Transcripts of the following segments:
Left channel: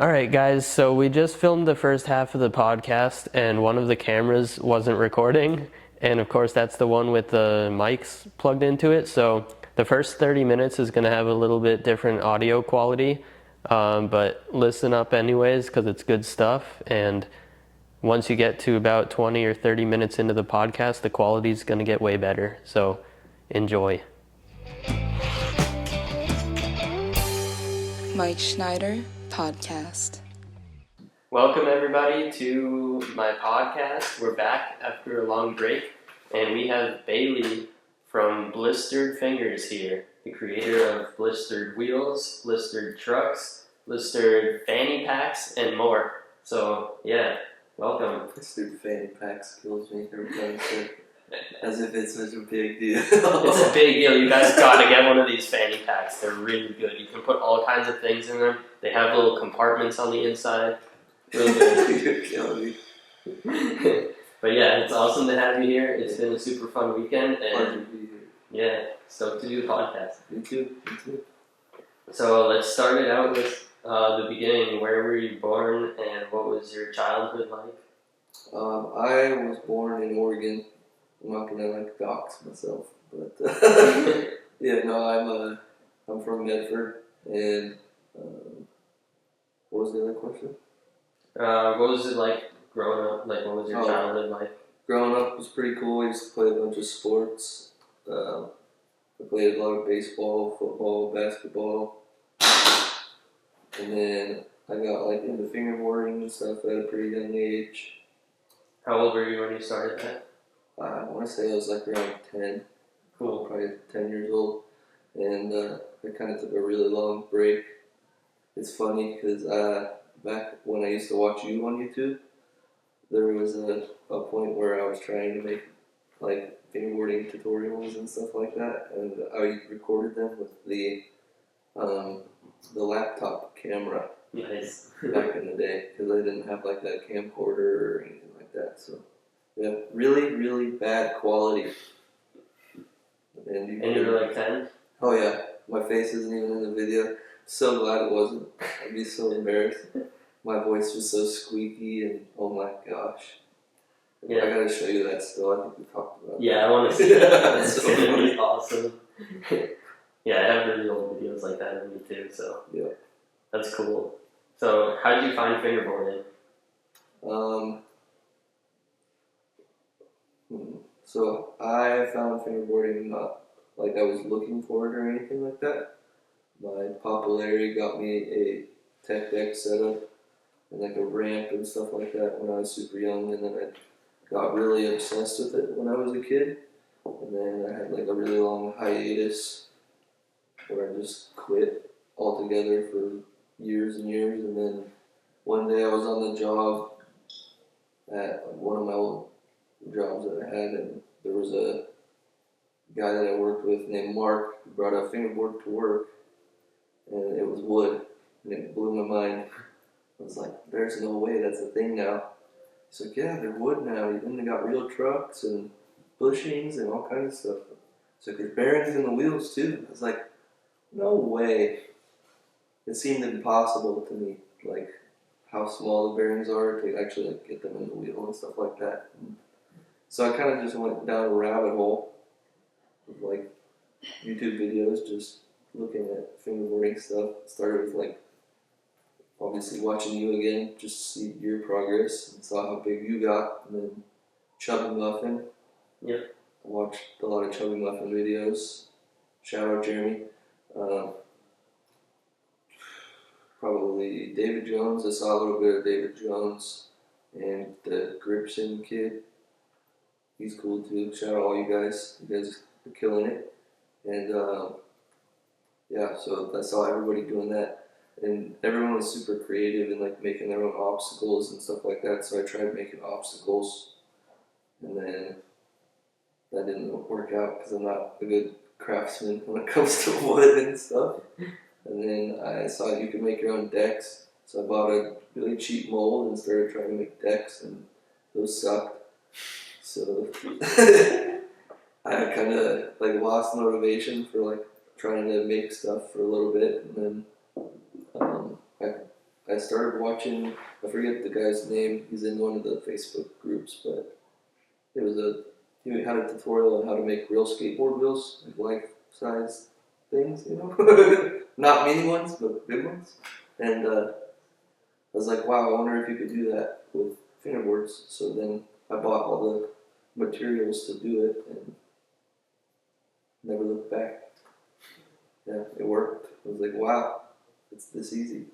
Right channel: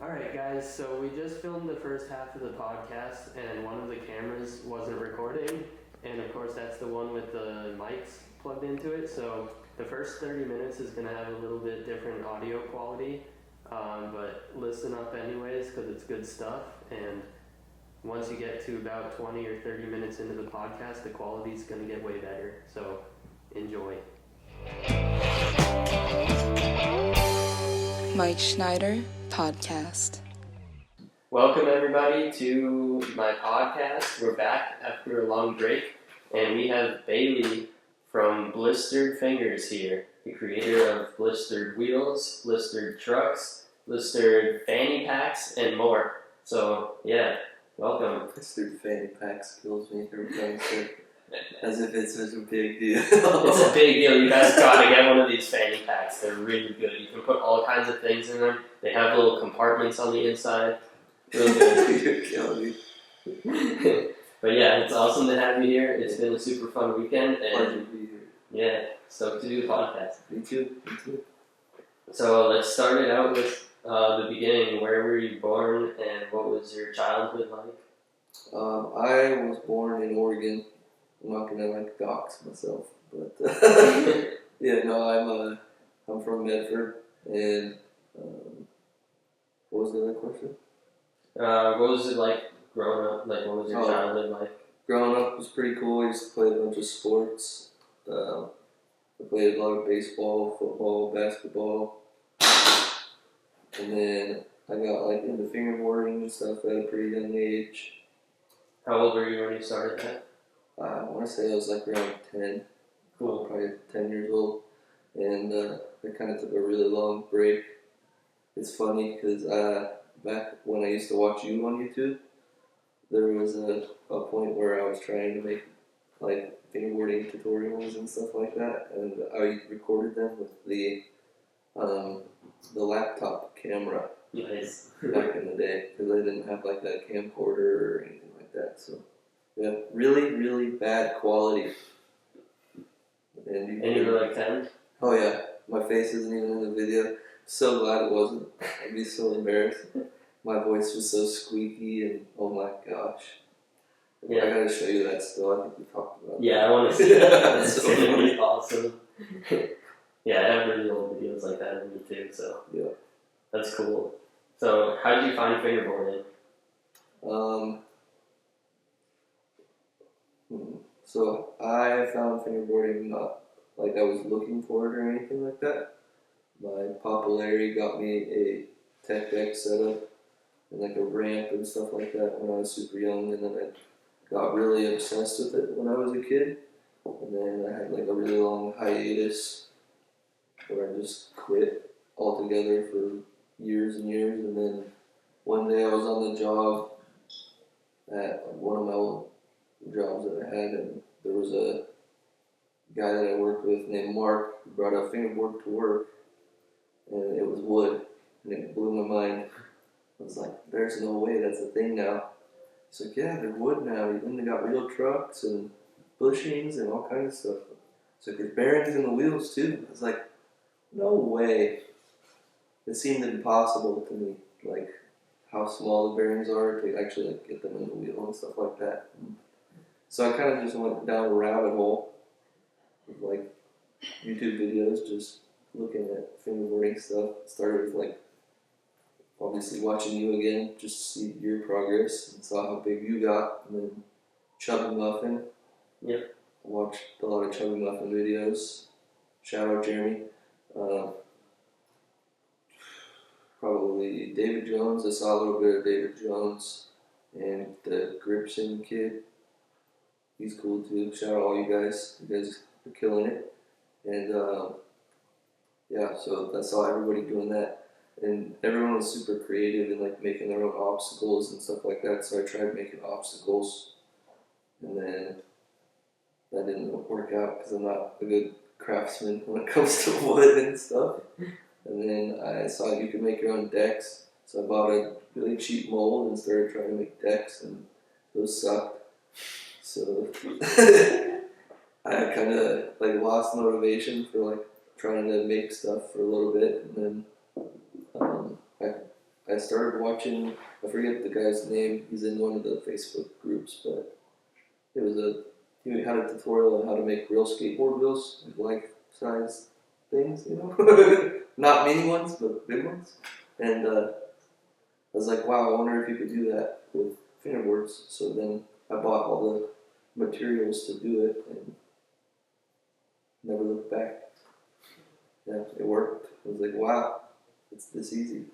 All right, guys, so we just filmed the first half of the podcast, and one of the cameras wasn't recording. And of course, that's the one with the mics plugged into it. So the first 30 minutes is going to have a little bit different audio quality, but listen up anyways, because it's good stuff. And once you get to about 20 or 30 minutes into the podcast, the quality is going to get way better. So enjoy. Mike Schneider Podcast. Welcome everybody to my podcast. We're back after a long break, and we have Bailey from Blistered Fingers here, the creator of Blistered Wheels, Blistered Trucks, Blistered Fanny Packs, and more. So yeah, welcome. Blistered Fanny Packs kills me every time I say it. As if it's such a big deal. It's a big deal. You guys gotta get one of these fanny packs. They're really good. You can put all kinds of things in them. They have little compartments on the inside. Real good. You're killing me. But yeah, it's awesome to have you here. It's been a super fun weekend, Pleasure and to be here. yeah, stoked to do the podcast. Me too. Me too. So let's start it out with the beginning. Where were you born, and what was your childhood like? I was born in Oregon. I'm not gonna dox myself, but yeah, no, I'm from Medford, and what was the other question? What was it like growing up? Like, what was your childhood like? Growing up was pretty cool. I used to play a bunch of sports. I played a lot of baseball, football, basketball, and then I got into fingerboarding and stuff at a pretty young age. How old were you when you started that? I want to say I was around 10. Cool. Probably 10 years old. And I kind of took a really long break. It's funny because back when I used to watch you on YouTube, there was a point where I was trying to make fingerboarding tutorials and stuff like that, and I recorded them with the laptop camera. Nice. Back in the day, because I didn't have that camcorder or anything like that. So yeah, really, really bad quality. And you were 10? Oh yeah, my face isn't even in the video. So glad it wasn't. I'd be so embarrassed. My voice was so squeaky, and oh my gosh. Yeah. I gotta show you that still. I think we talked about Yeah, I want to see that. That's really awesome. Yeah, I have really old videos like that of me too, so yeah. That's cool. So, how did you find fingerboarding? So I found fingerboarding not like I was looking for it or anything like that. My popularity got me a tech deck setup and a ramp and stuff like that when I was super young, and then I got really obsessed with it when I was a kid. And then I had a really long hiatus where I just quit altogether for years and years, and then one day I was on the job at one of my old jobs that I had, and there was a guy that I worked with named Mark who brought a fingerboard to work, and it was wood, and it blew my mind. I was like, there's no way that's a thing now. He's like, yeah, they're wood now, and they got real trucks and bushings and all kinds of stuff. It's like, there's bearings in the wheels too. I was like, no way. It seemed impossible to me, how small the bearings are to actually get them in the wheel and stuff like that. So I kind of just went down a rabbit hole of YouTube videos, just looking at fingerboarding stuff. Started with obviously watching you again, just to see your progress, and saw how big you got, and then Chubby Muffin. Yep. I watched a lot of Chubby Muffin videos. Shout out Jeremy. Probably David Jones. I saw a little bit of David Jones and the Gripson kid. He's cool too. Shout out all you guys. You guys are killing it. And yeah, so I saw everybody doing that. And everyone was super creative and making their own obstacles and stuff like that. So I tried making obstacles. And then that didn't work out because I'm not a good craftsman when it comes to wood and stuff. And then I saw you could make your own decks, so I bought a really cheap mold and started trying to make decks, and those sucked. So I kind of lost motivation for trying to make stuff for a little bit, and then I started watching, I forget the guy's name, he's in one of the Facebook groups, but he had a tutorial on how to make real skateboard wheels, like life-size things, you know? Not mini ones, but big ones. And I was like, wow, I wonder if you could do that with fingerboards. So then I bought all the materials to do it and never looked back. Yeah, it worked. I was like, wow, it's this easy.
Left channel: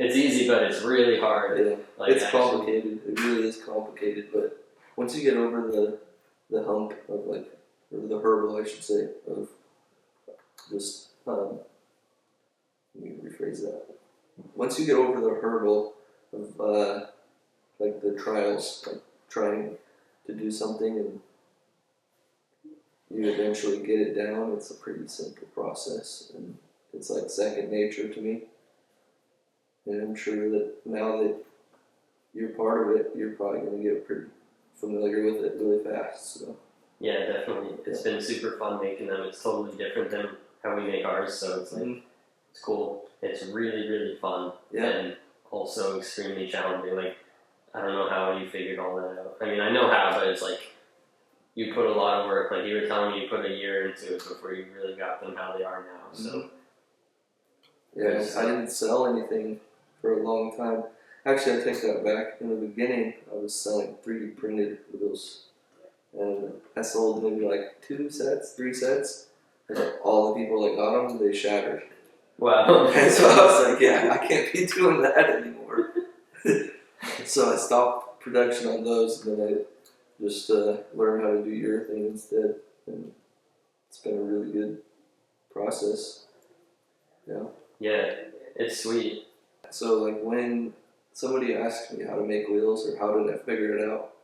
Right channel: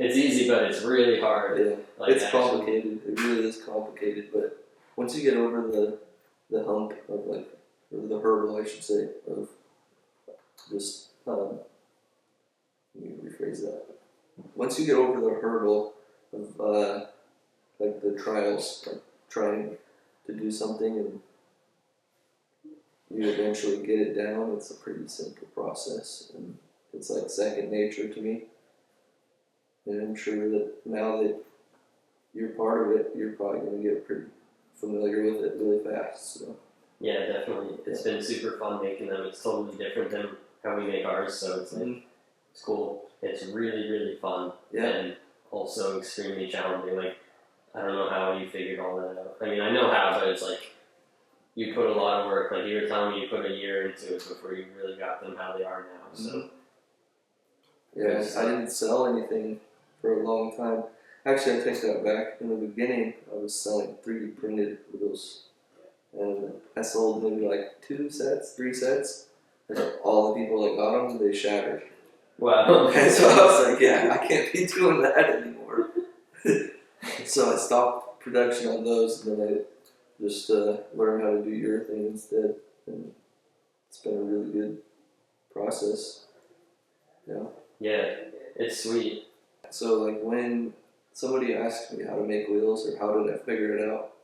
It's easy, but it's really hard. Yeah, Like, it's complicated. It really is complicated, but once you get over the hump of like, or the hurdle, I should say, of just let me rephrase that. Once you get over the hurdle of like the trials, like trying to do something and you eventually get it down, it's a pretty simple process and it's like second nature to me. And I'm sure that now that you're part of it, you're probably going to get pretty familiar with it really fast. So. Yeah, definitely. It's been super fun making them. It's totally different than how we make ours, so it's like, it's cool. It's really, really fun. Yeah. And also extremely challenging. Like, I don't know how you figured all that out. I mean, I know how, but it's like, you put a lot of work. Like, you were telling me you put a year into it before you really got them how they are now, so. Yeah, I didn't sell anything for a long time. Actually, I take that back. In the beginning, I was selling 3D printed wheels. And I sold maybe like 2 sets, 3 sets. And all the people that got them, they shattered. Wow. And so I was like, yeah, I can't be doing that anymore. So I stopped production on those, and then I just learned how to do urethane instead. And it's been a really good process. Yeah. Yeah, it's sweet. So like when somebody asks me how to make wheels or how did I figure it out,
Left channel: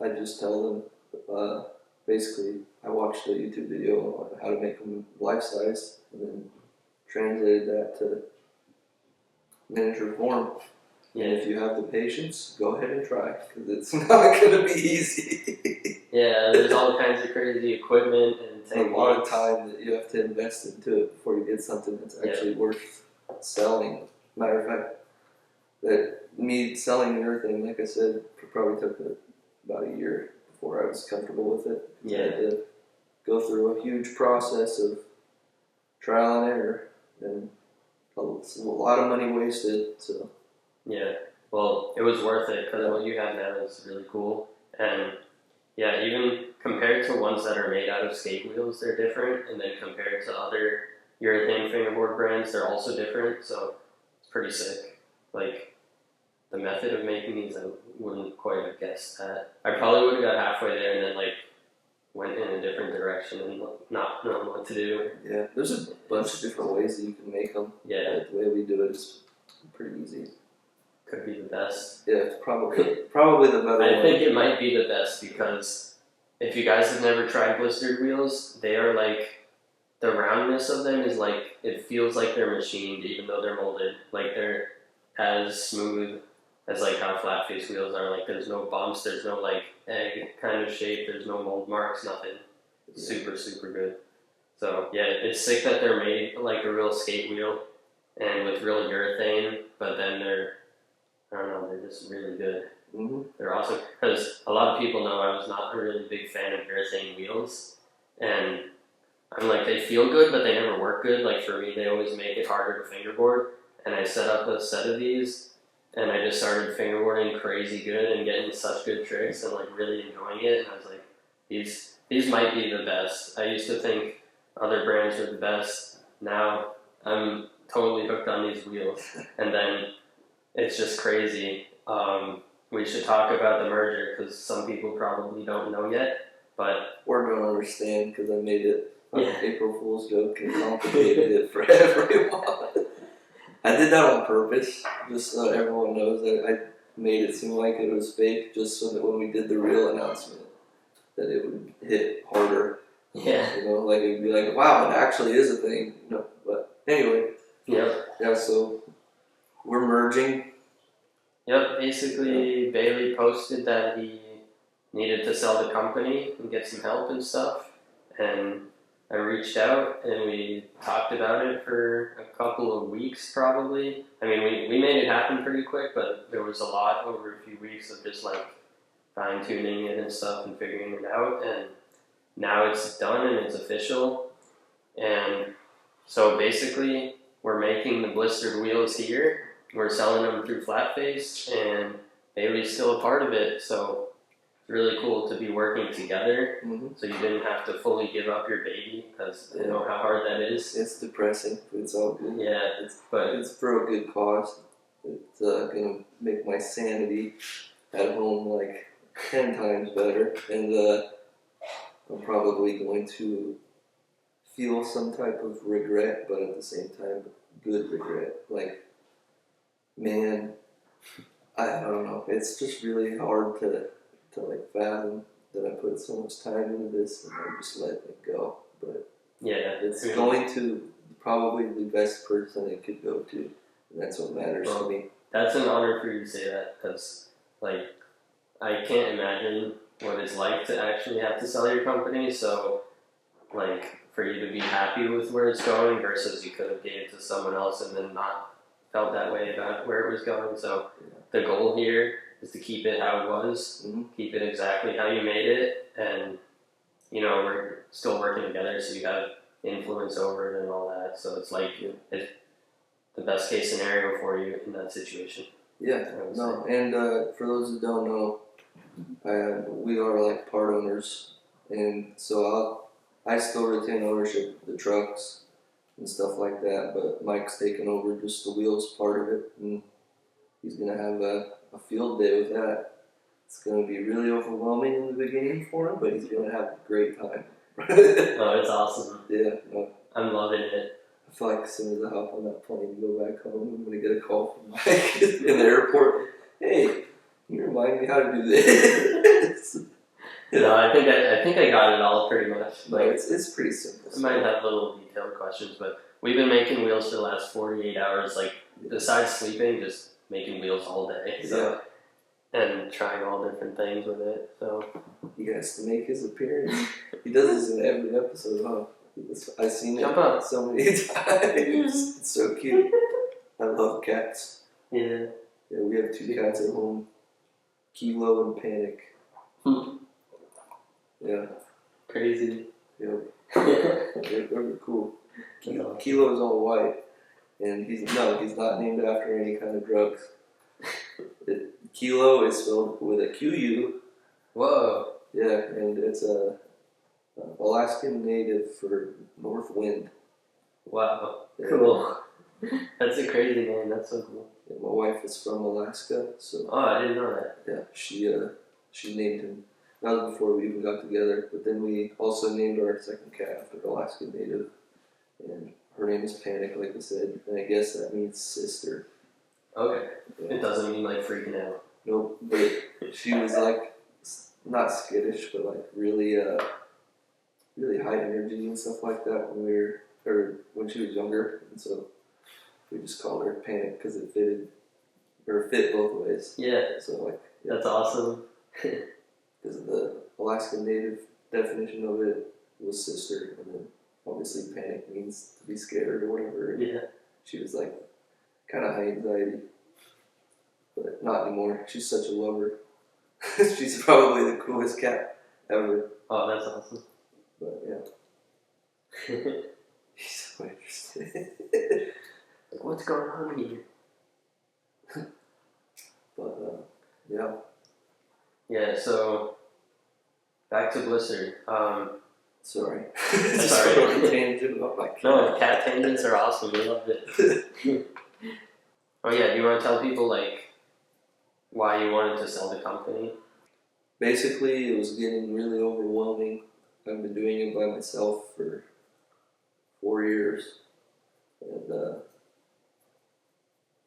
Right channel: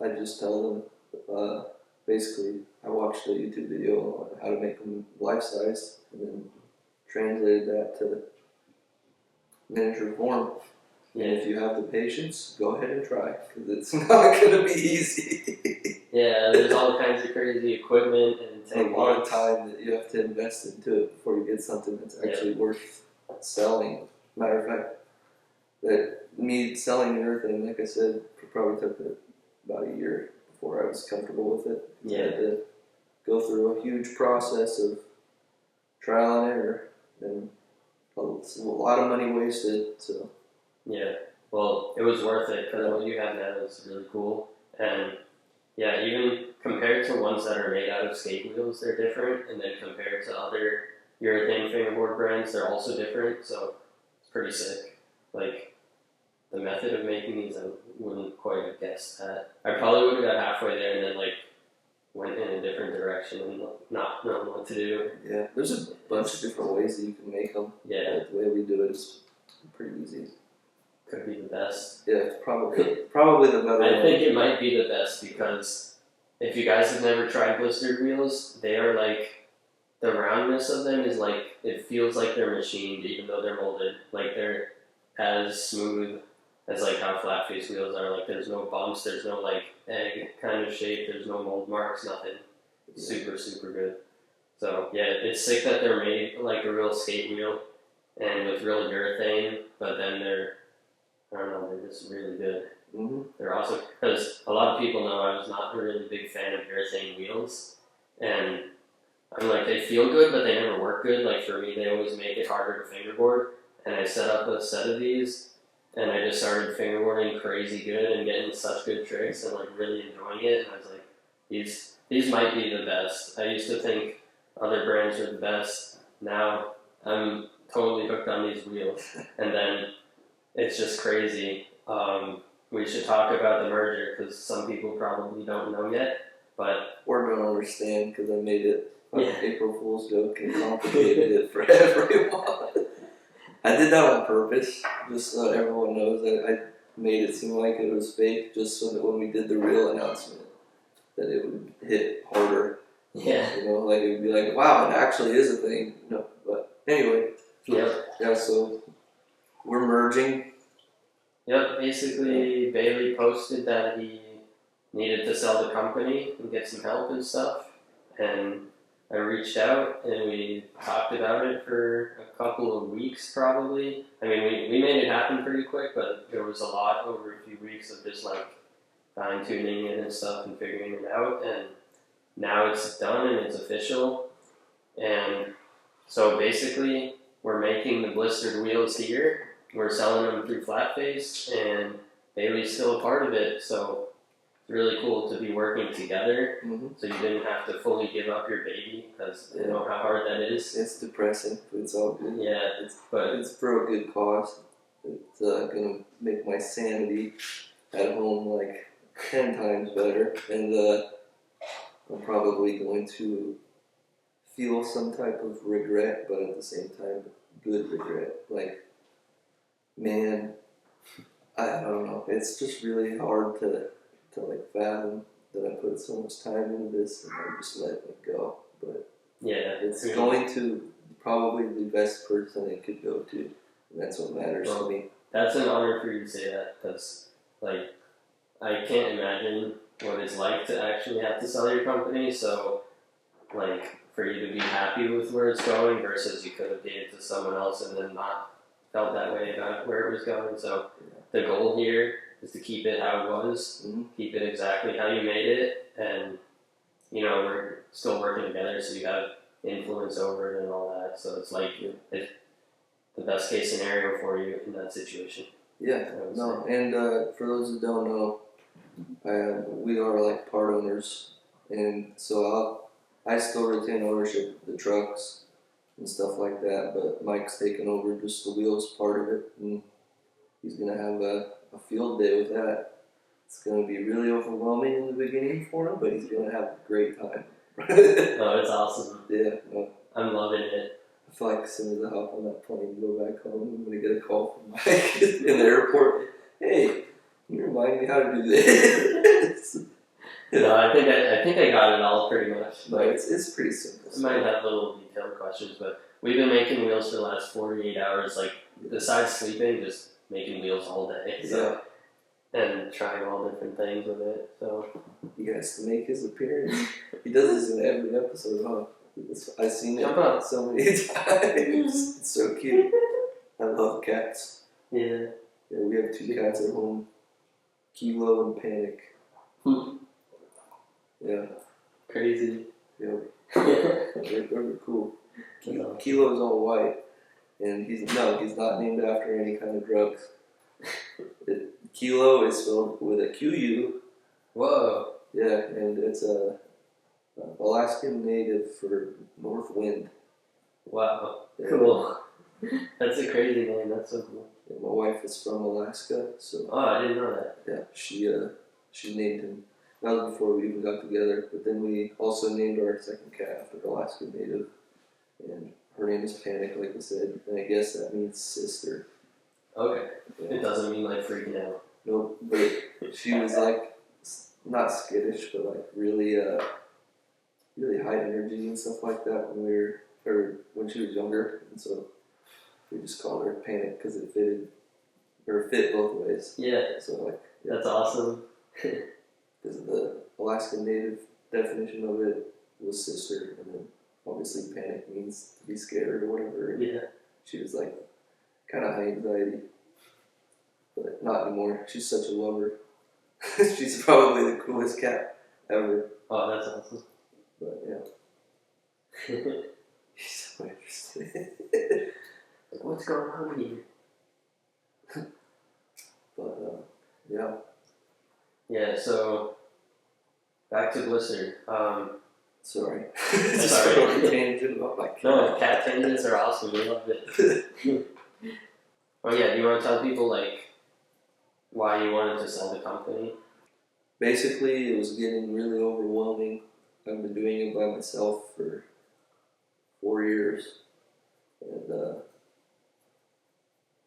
I just tell them basically I watched a YouTube video on how to make them life size and then translated that to miniature form. Yeah. And if you have the patience, go ahead and try because it's not going to be easy. Yeah, there's all kinds of crazy equipment and A lot of time that you have to invest into it before you get something that's actually worth selling. Matter of fact, that me selling urethane, like I said, probably took about a year before I was comfortable with it. Yeah. I had to go through a huge process of trial and error and a lot of money wasted. So yeah, well, it was worth it because what you have now is really cool. And yeah, even compared to ones that are made out of skate wheels, they're different. And then compared to other urethane fingerboard brands, they're also different. So it's pretty sick. Like, the method of making these, I wouldn't quite have guessed that. I probably would have got halfway there and then like went in a different direction and not knowing what to do. yeah, there's a bunch of different ways that you can make them. Yeah, The way we do it is pretty easy. could be the best. Yeah, it's probably the better I one. think it might be the best because if you guys have never tried blistered wheels, they are like, the roundness of them is like, it feels like they're machined even though they're molded. Like they're as smooth as like how Flatface wheels are. Like there's no bumps, there's no like egg kind of shape, there's no mold marks, nothing. It's super, super good. So yeah, it's sick that they're made like a real skate wheel and with real urethane, but then I don't know, they're just really good. Mm-hmm. They're awesome because a lot of people know I was not a really big fan of urethane wheels, and I'm like, they feel good, but they never work good. Like for me, they always make it harder to fingerboard. And I set up a set of these, and I just started fingerboarding crazy good and getting such good tricks and like really enjoying it. And I was like, these might be the best. I used to think other brands were the best. Now I'm totally hooked on these wheels, and then it's just crazy. We should talk about the merger because some people probably don't know yet, but We're going to understand because I made it an Yeah. April Fool's joke and complicated it for everyone. I did that on purpose, just so everyone knows that I made it seem like it was fake, just so that when we did the real announcement, that it would hit harder. yeah, You know, like it would be like, wow, it actually is a thing. No, but anyway, yep. yeah. So we're merging. Yep, basically Bailey posted that he needed to sell the company and get some help and stuff, and I reached out and we talked about it for a couple of weeks probably. I mean, we made it happen pretty quick, but there was a lot over a few weeks of just like fine tuning it and stuff and figuring it out. And now it's done and it's official. And so basically, we're making the blistered wheels here. We're selling them through Flatface, and Bailey's still a part of it. So it's really cool to be working together. Mm-hmm. So you didn't have to fully give up your baby, because you know how hard that is. It's depressing, but it's all good. Yeah, but it's for a good cause. It's gonna make my sanity at home like 10 times better, and I'm probably going to feel some type of regret, but at the same time, good regret. Like, man, I don't know. It's just really hard to like fathom that I put so much time into this and I'm just letting it go. But yeah, it's going to probably the best person it could go to, and that's what matters to me. That's an honor for you to say that, because like I can't imagine what it's like to actually have to sell your company. So like for you to be happy with where it's going versus you could have gave it to someone else and then not felt that way about where it was going. So the goal here is to keep it how it was, keep it exactly how you made it, and you know, we're still working together, so you have influence over it and all that. So it's like it's the best case scenario for you in that situation. Yeah, no, and for those who don't know, we are like part owners, and so I still retain ownership of the trucks and stuff like that, but Mike's taken over just the wheels part of it, and he's going to have a field day with that. It's going to be really overwhelming in the beginning for him, but he's going to have a great time. Oh, it's awesome. Yeah, no. I'm loving it. I feel like as soon as I hop on that plane and go back home, I'm going to get a call from Mike in the airport. Hey, can you remind me how to do this? No, I think I got it all pretty much. Like, it's pretty simple. I might have little detailed questions, but we've been making wheels for the last 48 hours. Like, besides sleeping, just making wheels all day. So, and trying all different things with it. So he has to make his appearance. He does this in every episode, huh? I've seen it so many times. It's so cute. I love cats. Yeah, we have 2 cats at home. Kilo and Panic. Yeah. Crazy. Yep. They're cool. Kilo's all white, and he's not named after any kind of drugs. Kilo is spelled with a QU. Whoa. Yeah, and it's a Alaskan native for north wind. Wow. Yeah. Cool. That's a crazy name. That's so cool. And my wife is from Alaska, so. Oh, I didn't know that. Yeah, she named him. That was before we even got together, but then we also named our second cat after the Alaskan native, and her name is Panic, like I said, and I guess that means sister. Okay. Yeah. It doesn't mean like freaking out. Nope, but she was like, not skittish, but like really high energy and stuff like that when she was younger, and so we just called her Panic because it fit both ways. Yeah. So like. Yeah. That's awesome. Because the Alaskan native definition of it was sister, and then obviously Panic means to be scared or whatever. Yeah. She was like kind of high anxiety, but not anymore. She's such a lover. She's probably the coolest cat ever. Oh, that's awesome. But yeah. He's so interesting. Like, what's going on here? But yeah. Yeah, so back to Blistered. Sorry. Sorry. Tangent about my cat. No, cat tangents are awesome. We love it. Oh yeah, do you want to tell people like why you wanted to sell the company? Basically, it was getting really overwhelming. I've been doing it by myself for 4 years, and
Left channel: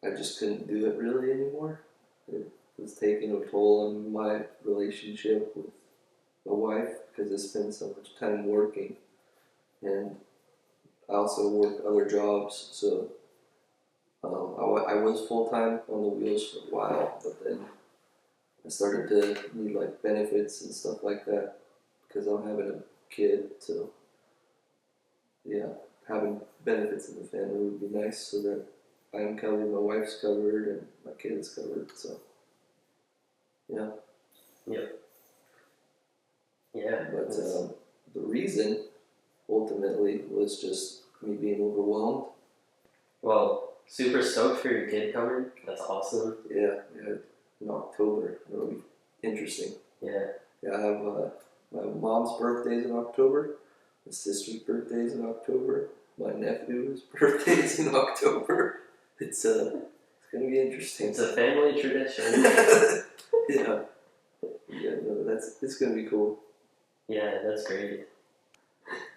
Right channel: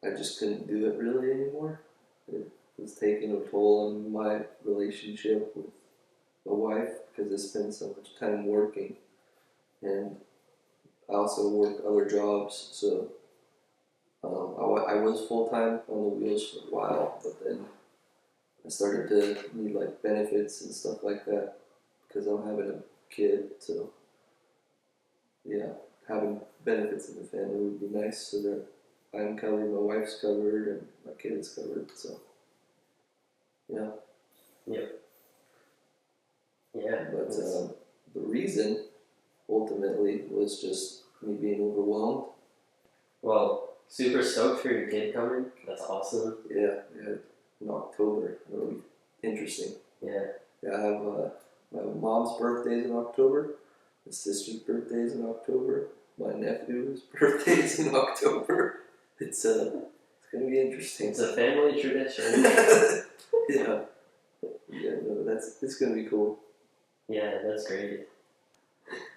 I just couldn't do it really anymore. It was taking a toll on my relationship with my wife because I spend so much time working, and I also work other jobs, so I was full-time on the wheels for a while, but then I started to need like benefits and stuff like that because I'm having a kid, so having benefits in the family would be nice, so that I'm covered, my wife's covered, and my kid is covered. So, yeah. Yep. Yeah. But the reason, ultimately, was just me being overwhelmed. Well, super stoked for your kid coming. That's awesome. Yeah, in October. It'll be interesting. Yeah. Yeah, I have my mom's birthday's in October, my sister's birthday's in October, my nephew's birthday's in October. It's gonna be interesting. It's a family tradition. Yeah. Yeah, no, it's gonna be cool. Yeah, that's great.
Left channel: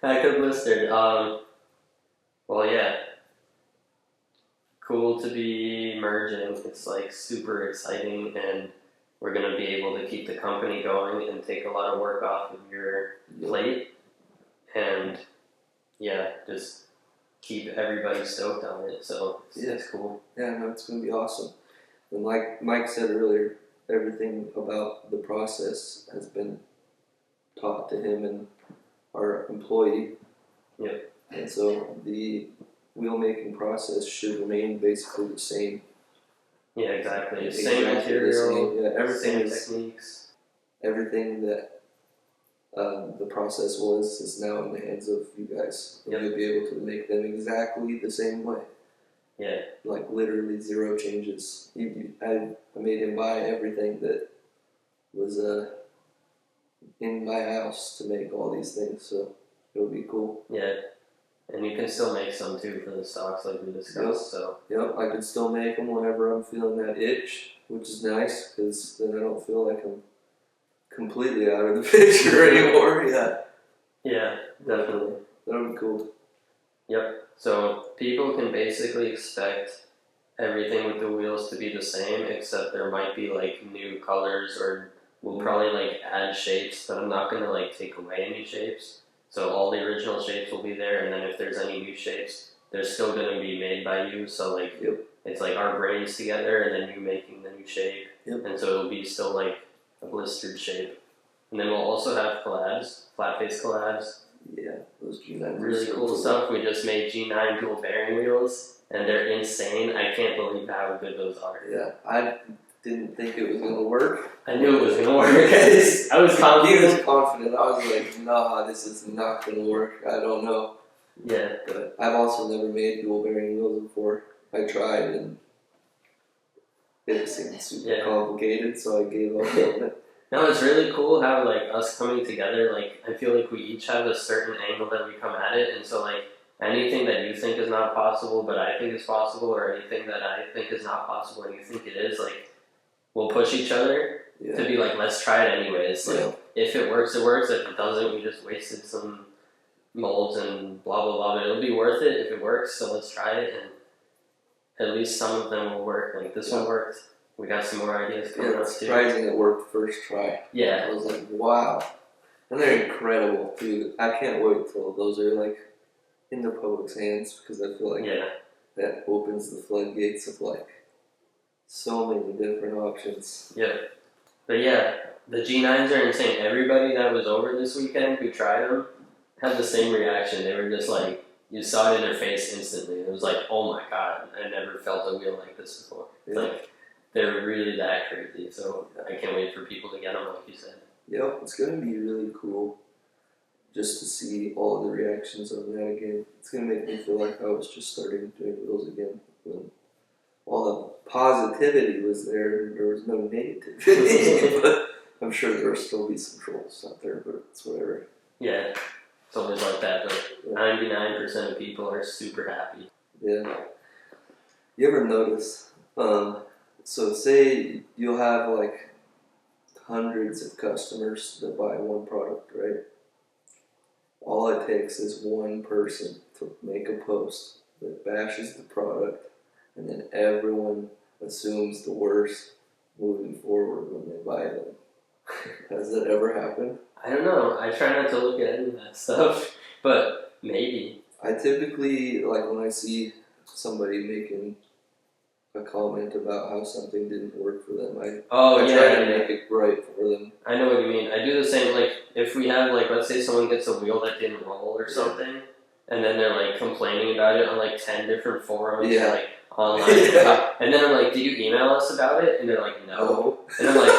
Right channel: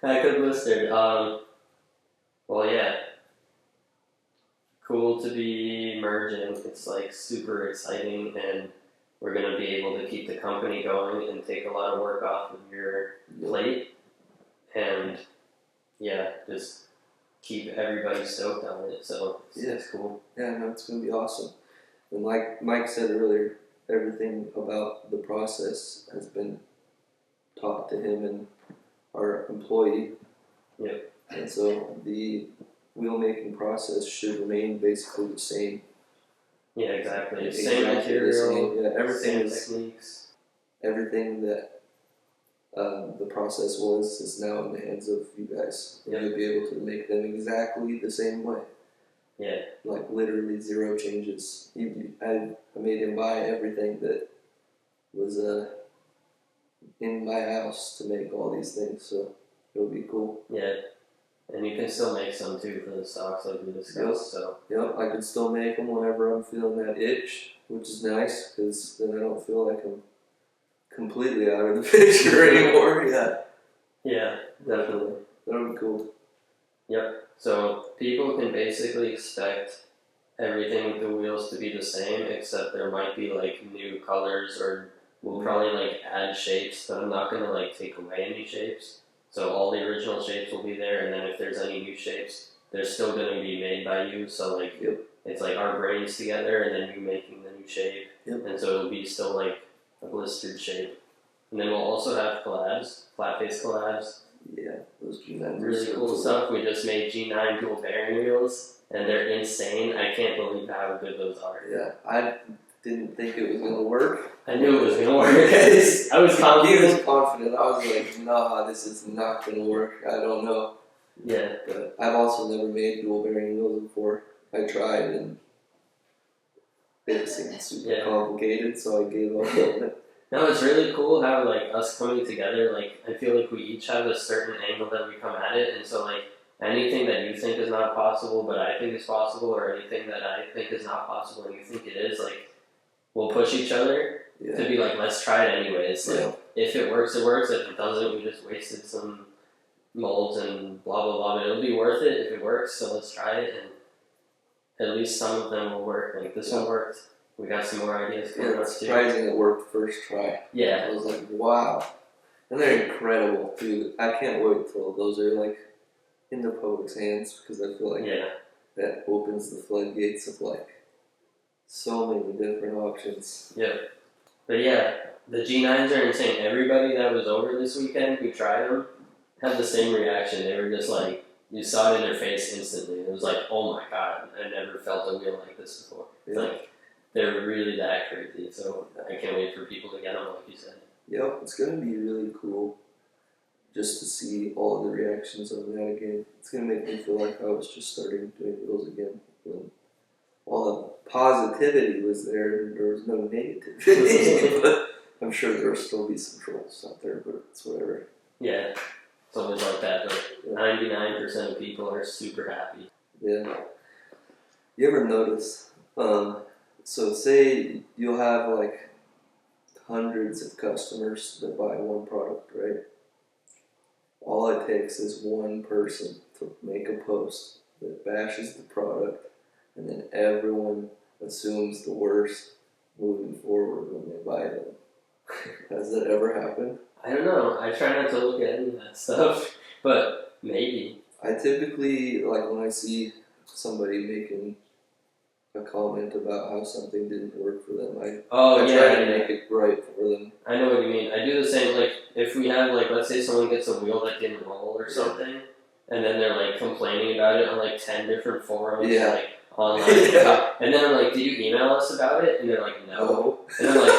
Back to Blistered. Well, yeah. Cool to be merging. It's like super exciting, and we're gonna be able to keep the company going and take a lot of work off of your plate, and yeah, just keep everybody stoked on it. So it's cool. Yeah, no, it's gonna be awesome. And like Mike said earlier, everything about the process has been taught to him and our employee. Yep. And so the wheel making process should remain basically the same. Yeah, exactly. Same material, same, yeah, everything same techniques. Everything that the process was is now in the hands of you guys. Yep. You'll be able to make them exactly the same way. Yeah. Like literally zero changes. I made him buy everything that was in my house to make all these things, so it'll be cool. Yeah. And you can still make some too for the stocks like we discussed. So. Yep, I can still make them whenever I'm feeling that itch, which is nice because then I don't feel like I'm completely out of the picture anymore. Yeah. Yeah, definitely. That'll be cool. Yep. So people can basically expect everything with the wheels to be the same, except there might be like new colors, or we'll probably like add shapes, but I'm not gonna like take away any shapes. So all the original shapes will be there, and then if there's any new shapes, they're still gonna be made by you. So like it's like our brains together, and then you making the new shape, and so it'll be still like a blistered shape. And then we'll also have collabs, Flatface collabs. Yeah, those G9s. Really cool stuff. We just made G9 dual bearing wheels, and they're insane. I can't believe how good those are. Yeah, I didn't think it was gonna work. I knew it was gonna work. I was confident. He was confident. I was like, nah, this is not gonna work. I don't know. Yeah. But I've also never made dual bearing wheels before. I tried and it seemed super complicated, so I gave up on it. No, it's really cool how like us coming together, like I feel like we each have a certain angle that we come at it, and so like anything that you think is not possible but I think is possible, or anything that I think is not possible and you think it is, like we'll push each other to be like, let's try it anyways. Like if it works, it works. If it doesn't, we just wasted some molds and blah blah blah, but it'll be worth it if it works, so let's try it, and at least some of them will work. Like this one worked. We got some more ideas coming up too. It's surprising it worked first try. Yeah. I was like, wow. And they're incredible too. I can't wait till those are like in the public's hands, because I feel like that opens the floodgates of like so many different options. Yeah. But yeah, the G9s are insane. Everybody that was over this weekend who tried them had the same reaction. They were just like, you saw it in their face instantly. It was like, oh my god, I never felt a wheel like this before. It's like, they're really that crazy, so I can't wait for people to get them, like you said. Yep, it's going to be really cool just to see all the reactions on that again. It's going to make me feel like I was just starting doing wheels again. When all the positivity was there, and there was no negativity. But I'm sure there will still be some trolls out there, but it's whatever. Yeah, it's always like that, but 99% of people are super happy. Yeah. You ever notice... So say you'll have like hundreds of customers that buy one product, right? All it takes is one person to make a post that bashes the product, and then everyone assumes the worst moving forward when they buy them. Has that ever happened? I don't know. I try not to look at any of that stuff, but maybe. I typically, like when I see somebody making a comment about how something didn't work for them, I try to make it right for them. I know what you mean. I do the same, like, if we have, like, let's say someone gets a wheel that didn't roll or something, and then they're like complaining about it on like 10 different forums, Yeah. like online. Yeah. And then I'm like, did you email us about it? And they're like, no. And I'm like,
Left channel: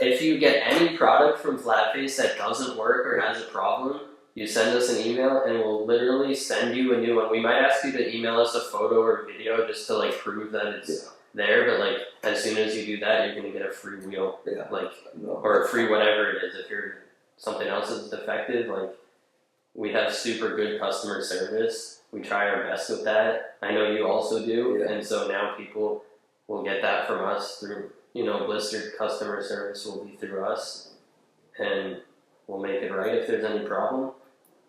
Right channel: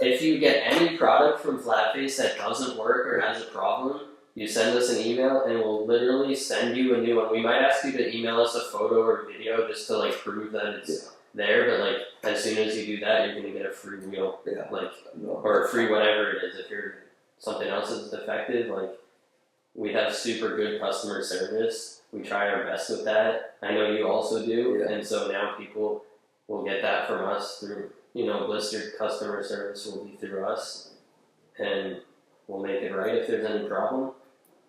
if you get any product from Flatface that doesn't work or has a problem, you send us an email and we'll literally send you a new one. We might ask you to email us a photo or video just to like prove that it's there, but like as soon as you do that, you're gonna get a free wheel, or a free whatever it is. If something else is defective, like we have super good customer service. We try our best with that. I know you also do, and so now people will get that from us through, Blistered customer service will be through us, and we'll make it right if there's any problem.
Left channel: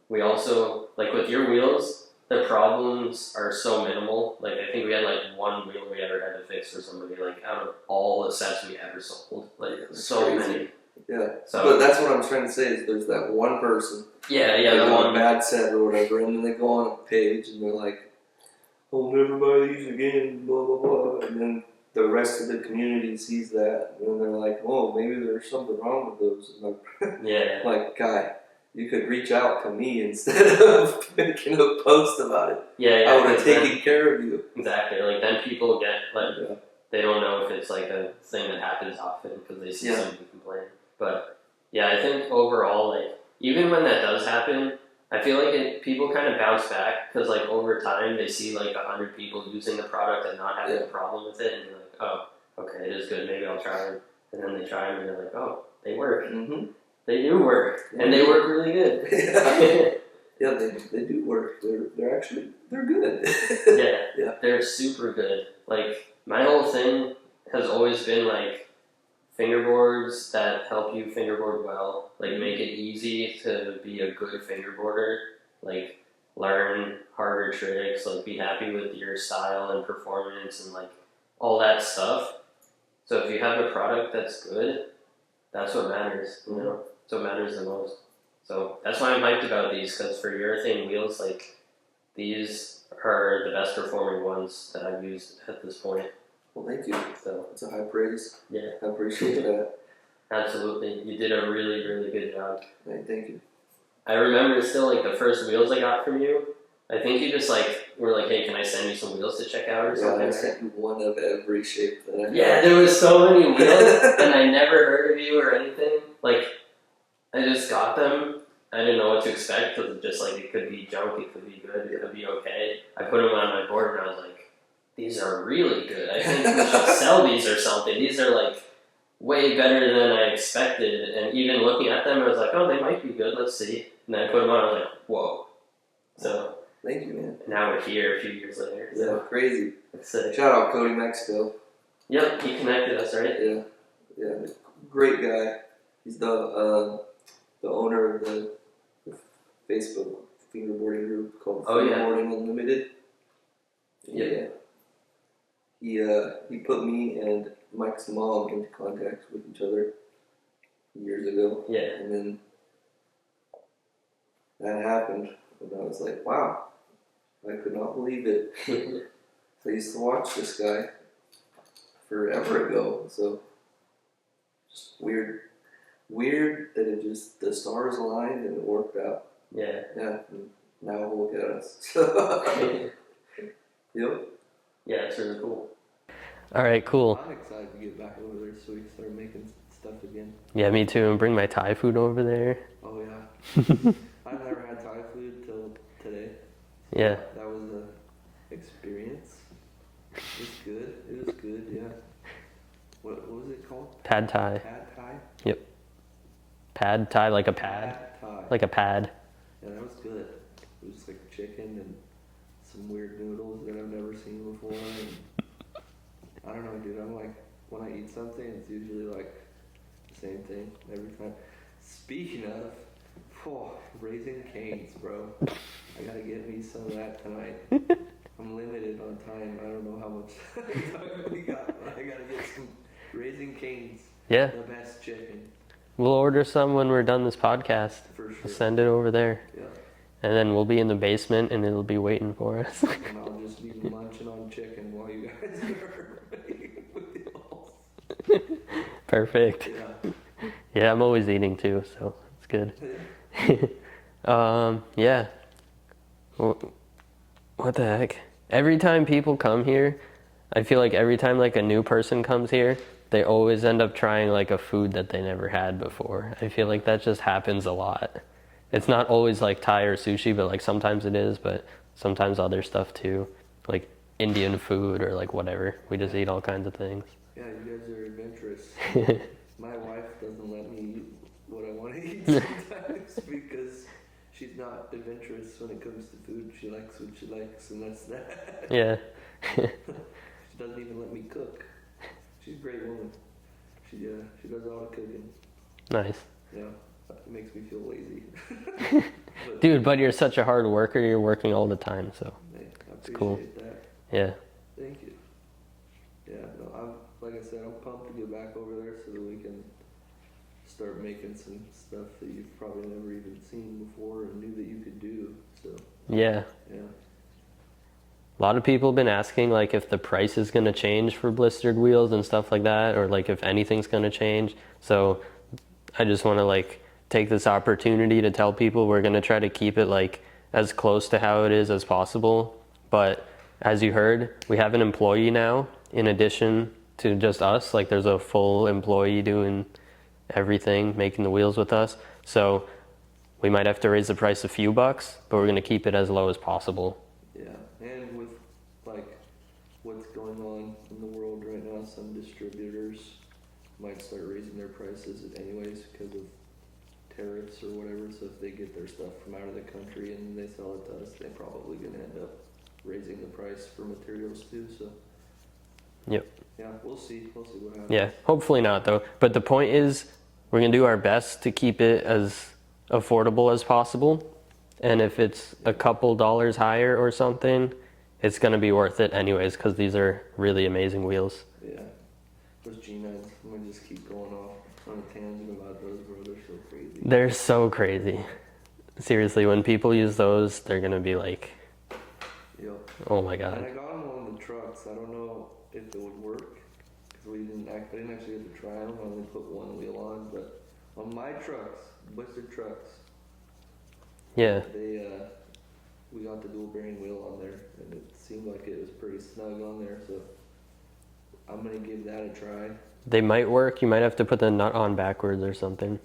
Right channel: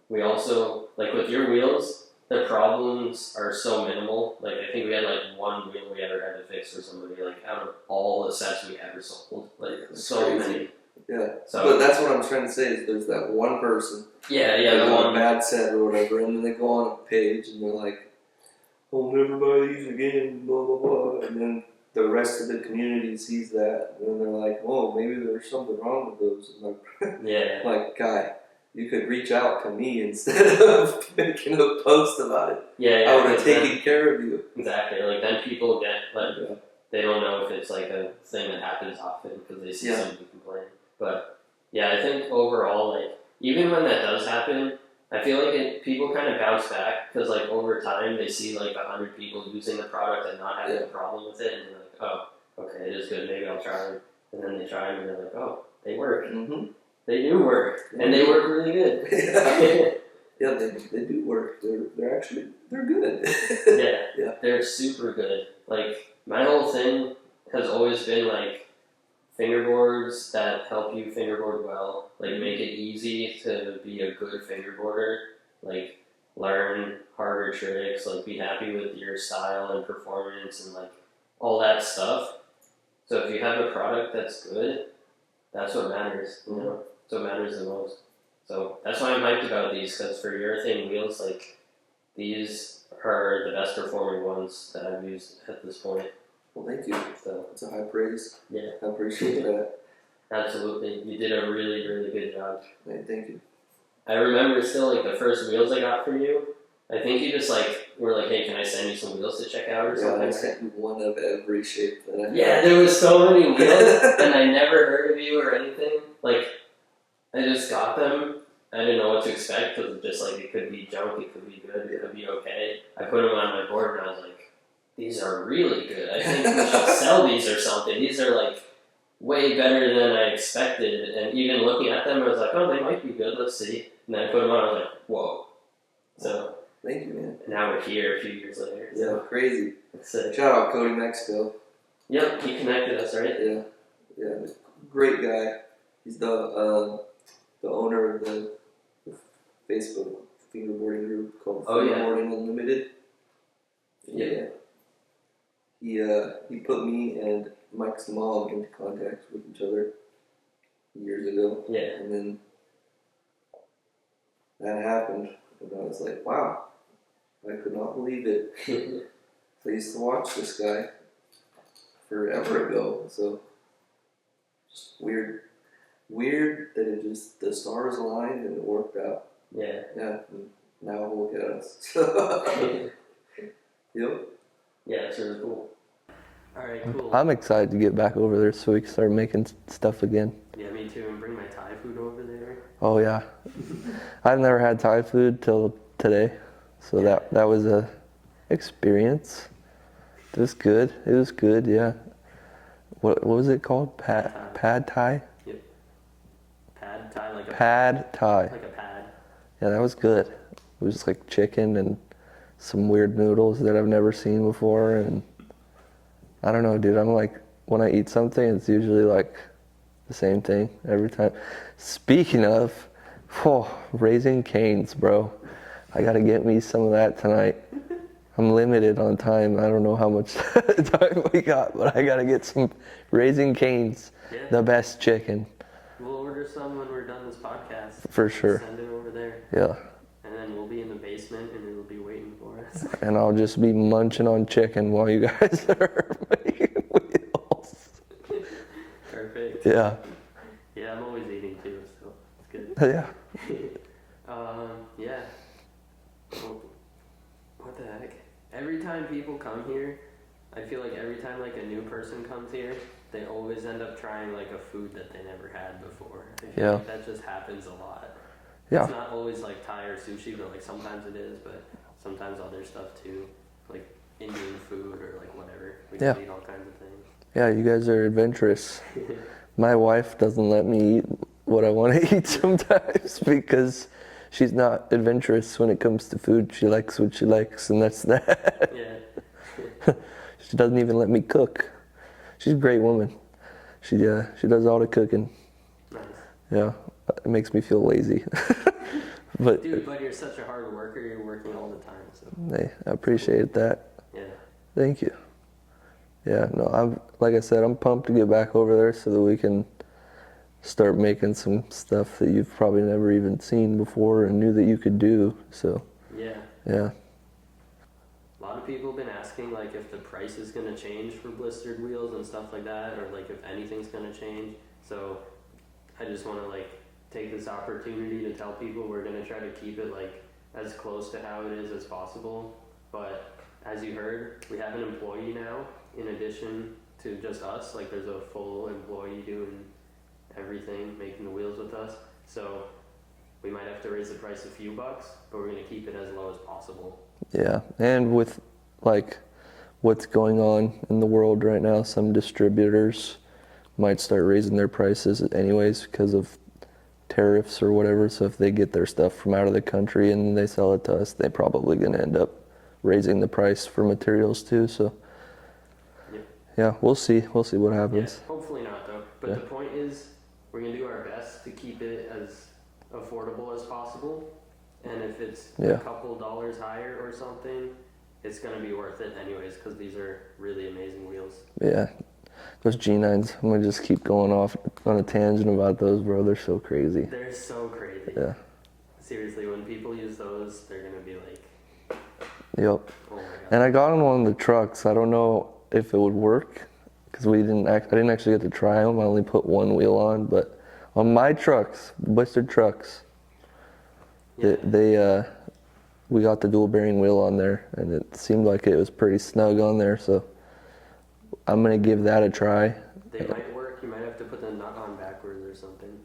We also, like with your wheels, the problems are so minimal. Like I think we had like one wheel we ever had to fix for somebody, like out of all the sets we ever sold. Like so many. Yeah. So, but that's what I'm trying to say is there's that one person. The one bad set or whatever, and then they go on a page and they're like, "I'll never buy these again," blah blah blah, and then the rest of the community sees that, and then they're like, "Oh, maybe there's something wrong with those." And like, like, guy, you could reach out to me instead of making a post about it. I would have taken care of you. Exactly. Like then people get like they don't know if it's like a thing that happens often because they see somebody complain. But yeah, I think overall, like even when that does happen, I feel like people kind of bounce back because like over time they see like 100 people using the product and not having a problem with it, and they're like, oh, okay, it is good. Maybe I'll try them. And then they try them and they're like, oh, they work. Mm-hmm. They do work, and they work really good. Yeah, they do work. They're good. Yeah, they're super good. Like my whole thing has always been like fingerboards that help you fingerboard well, like make it easy to be a good fingerboarder, like learn harder tricks, like be happy with your style and performance and like all that stuff. So if you have a product that's good, that's what matters, That's what matters the most. So that's why I'm hyped about these, because for urethane wheels, like these are the best performing ones that I've used at this point. Well, thank you. So it's a high praise. Yeah. I appreciate that. Absolutely. You did a really, really good job. Hey, thank you. I remember still like the first wheels I got from you. I think you just like were like, hey, can I send you some wheels to check out or something? I sent you one of every shape that I had. Yeah, there was so many wheels and I never heard of you or anything. Like, I just got them. I didn't know what to expect because just like it could be junk, it could be good, it could be okay. I put them on my board and I was like, these are really good. I think we should sell these or something. These are like way better than I expected. And even looking at them, I was like, oh, they might be good. Let's see. And then I put them on. I was like, whoa. So thank you, man. Now we're here a few years later. Yeah, crazy. That's sick. Shout out Cody Mexico. Yep, he connected us, right? Yeah, great guy. He's the owner of the Facebook fingerboarding group called Fingerboarding Unlimited. Yeah. He put me and Mike's mom into contact with each other years ago. Yeah. And then that happened, and I was like, wow, I could not believe it. So I used to watch this guy forever ago, so just weird that it just, the stars aligned and it worked out. Yeah. Yeah, and now look at us. Yep. Yeah, it's really cool. All right, cool. I'm excited to get back over there so we can start making stuff again. Yeah, me too. And bring my Thai food over there. Oh yeah. I've never had Thai food till today, so that was a experience. It was good. Yeah. What was it called? Pad Thai. Pad Thai. Yep. Pad Thai, like a pad Thai. Like a pad. Yeah, that was good. It was just like chicken and some weird noodles that I've never seen before, and I don't know, dude. I'm like, when I eat something, it's usually like the same thing every time. Speaking of, Raising Cane's, bro. I gotta get me some of that tonight. I'm limited on time. I don't know how much time we got, but I gotta get some Raising Cane's. Yeah. The best chicken. We'll order some when we're done this podcast. For sure. Send it over there. Yeah. And then we'll be in the basement and it'll be waiting for us. And I'll just be munching on chicken while you guys are making wheels. Perfect. Yeah. Yeah, I'm always eating too, so it's good. Yeah. Yeah. What the heck? Every time people come here, I feel like every time like a new person comes here, they always end up trying like a food that they never had before. I feel Yeah. like that just happens a lot. Yeah. It's not always like Thai or sushi, but like sometimes it is, but sometimes other stuff too. Like Indian food or like whatever. We just Yeah. eat all kinds of things. Yeah, you guys are adventurous. My wife doesn't let me eat what I want to eat sometimes because she's not adventurous when it comes to food. She likes what she likes, and that's that. Yeah. She doesn't even let me cook. She's a great woman. She does all the cooking. Nice. Yeah, it makes me feel lazy. But Dude, but you're such a hard worker. You're working all the time, so hey, I appreciate that. yeah. Thank you. Yeah, no, I'm like I said, I'm pumped to get back over there so that we can start making some stuff that you've probably never even seen before and knew that you could do. So Yeah. yeah, A lot of people have been asking like if the price is going to change for blistered wheels and stuff like that, or like if anything's going to change. So I just want to like take this opportunity to tell people we're going to try to keep it like as close to how it is as possible. But as you heard, we have an employee now in addition to just us. Like there's a full employee doing everything, making the wheels with us. So we might have to raise the price a few bucks, but we're going to keep it as low as possible. yeah. And with like what's going on in the world right now, some distributors might start raising their prices anyways because of tariffs or whatever. So if they get their stuff from out of the country and they sell it to us, they're probably going to end up raising the price for materials too. So Yep. yeah, we'll see. We'll see what happens. Yeah, hopefully not though. But the point is, we're gonna do our best to keep it as affordable as possible. And if it's a Yeah. couple dollars higher or something, it's gonna be worth it anyways, because these are really amazing wheels. Yeah. Those G9s, I'm gonna just keep going off on a tangent about those, bro. They're so crazy. They're so crazy. Yeah. Seriously, when people use those, they're gonna be like, Yep. oh my god. And I got on one of the trucks. I don't know if it would work because I didn't actually get to try them. I only put one wheel on, but on my trucks, blistered trucks, Yeah. we got the dual bearing wheel on there, and it seemed like it was pretty snug on there. So I'm gonna give that a try. They might work. You might have to put the nut on backwards or something.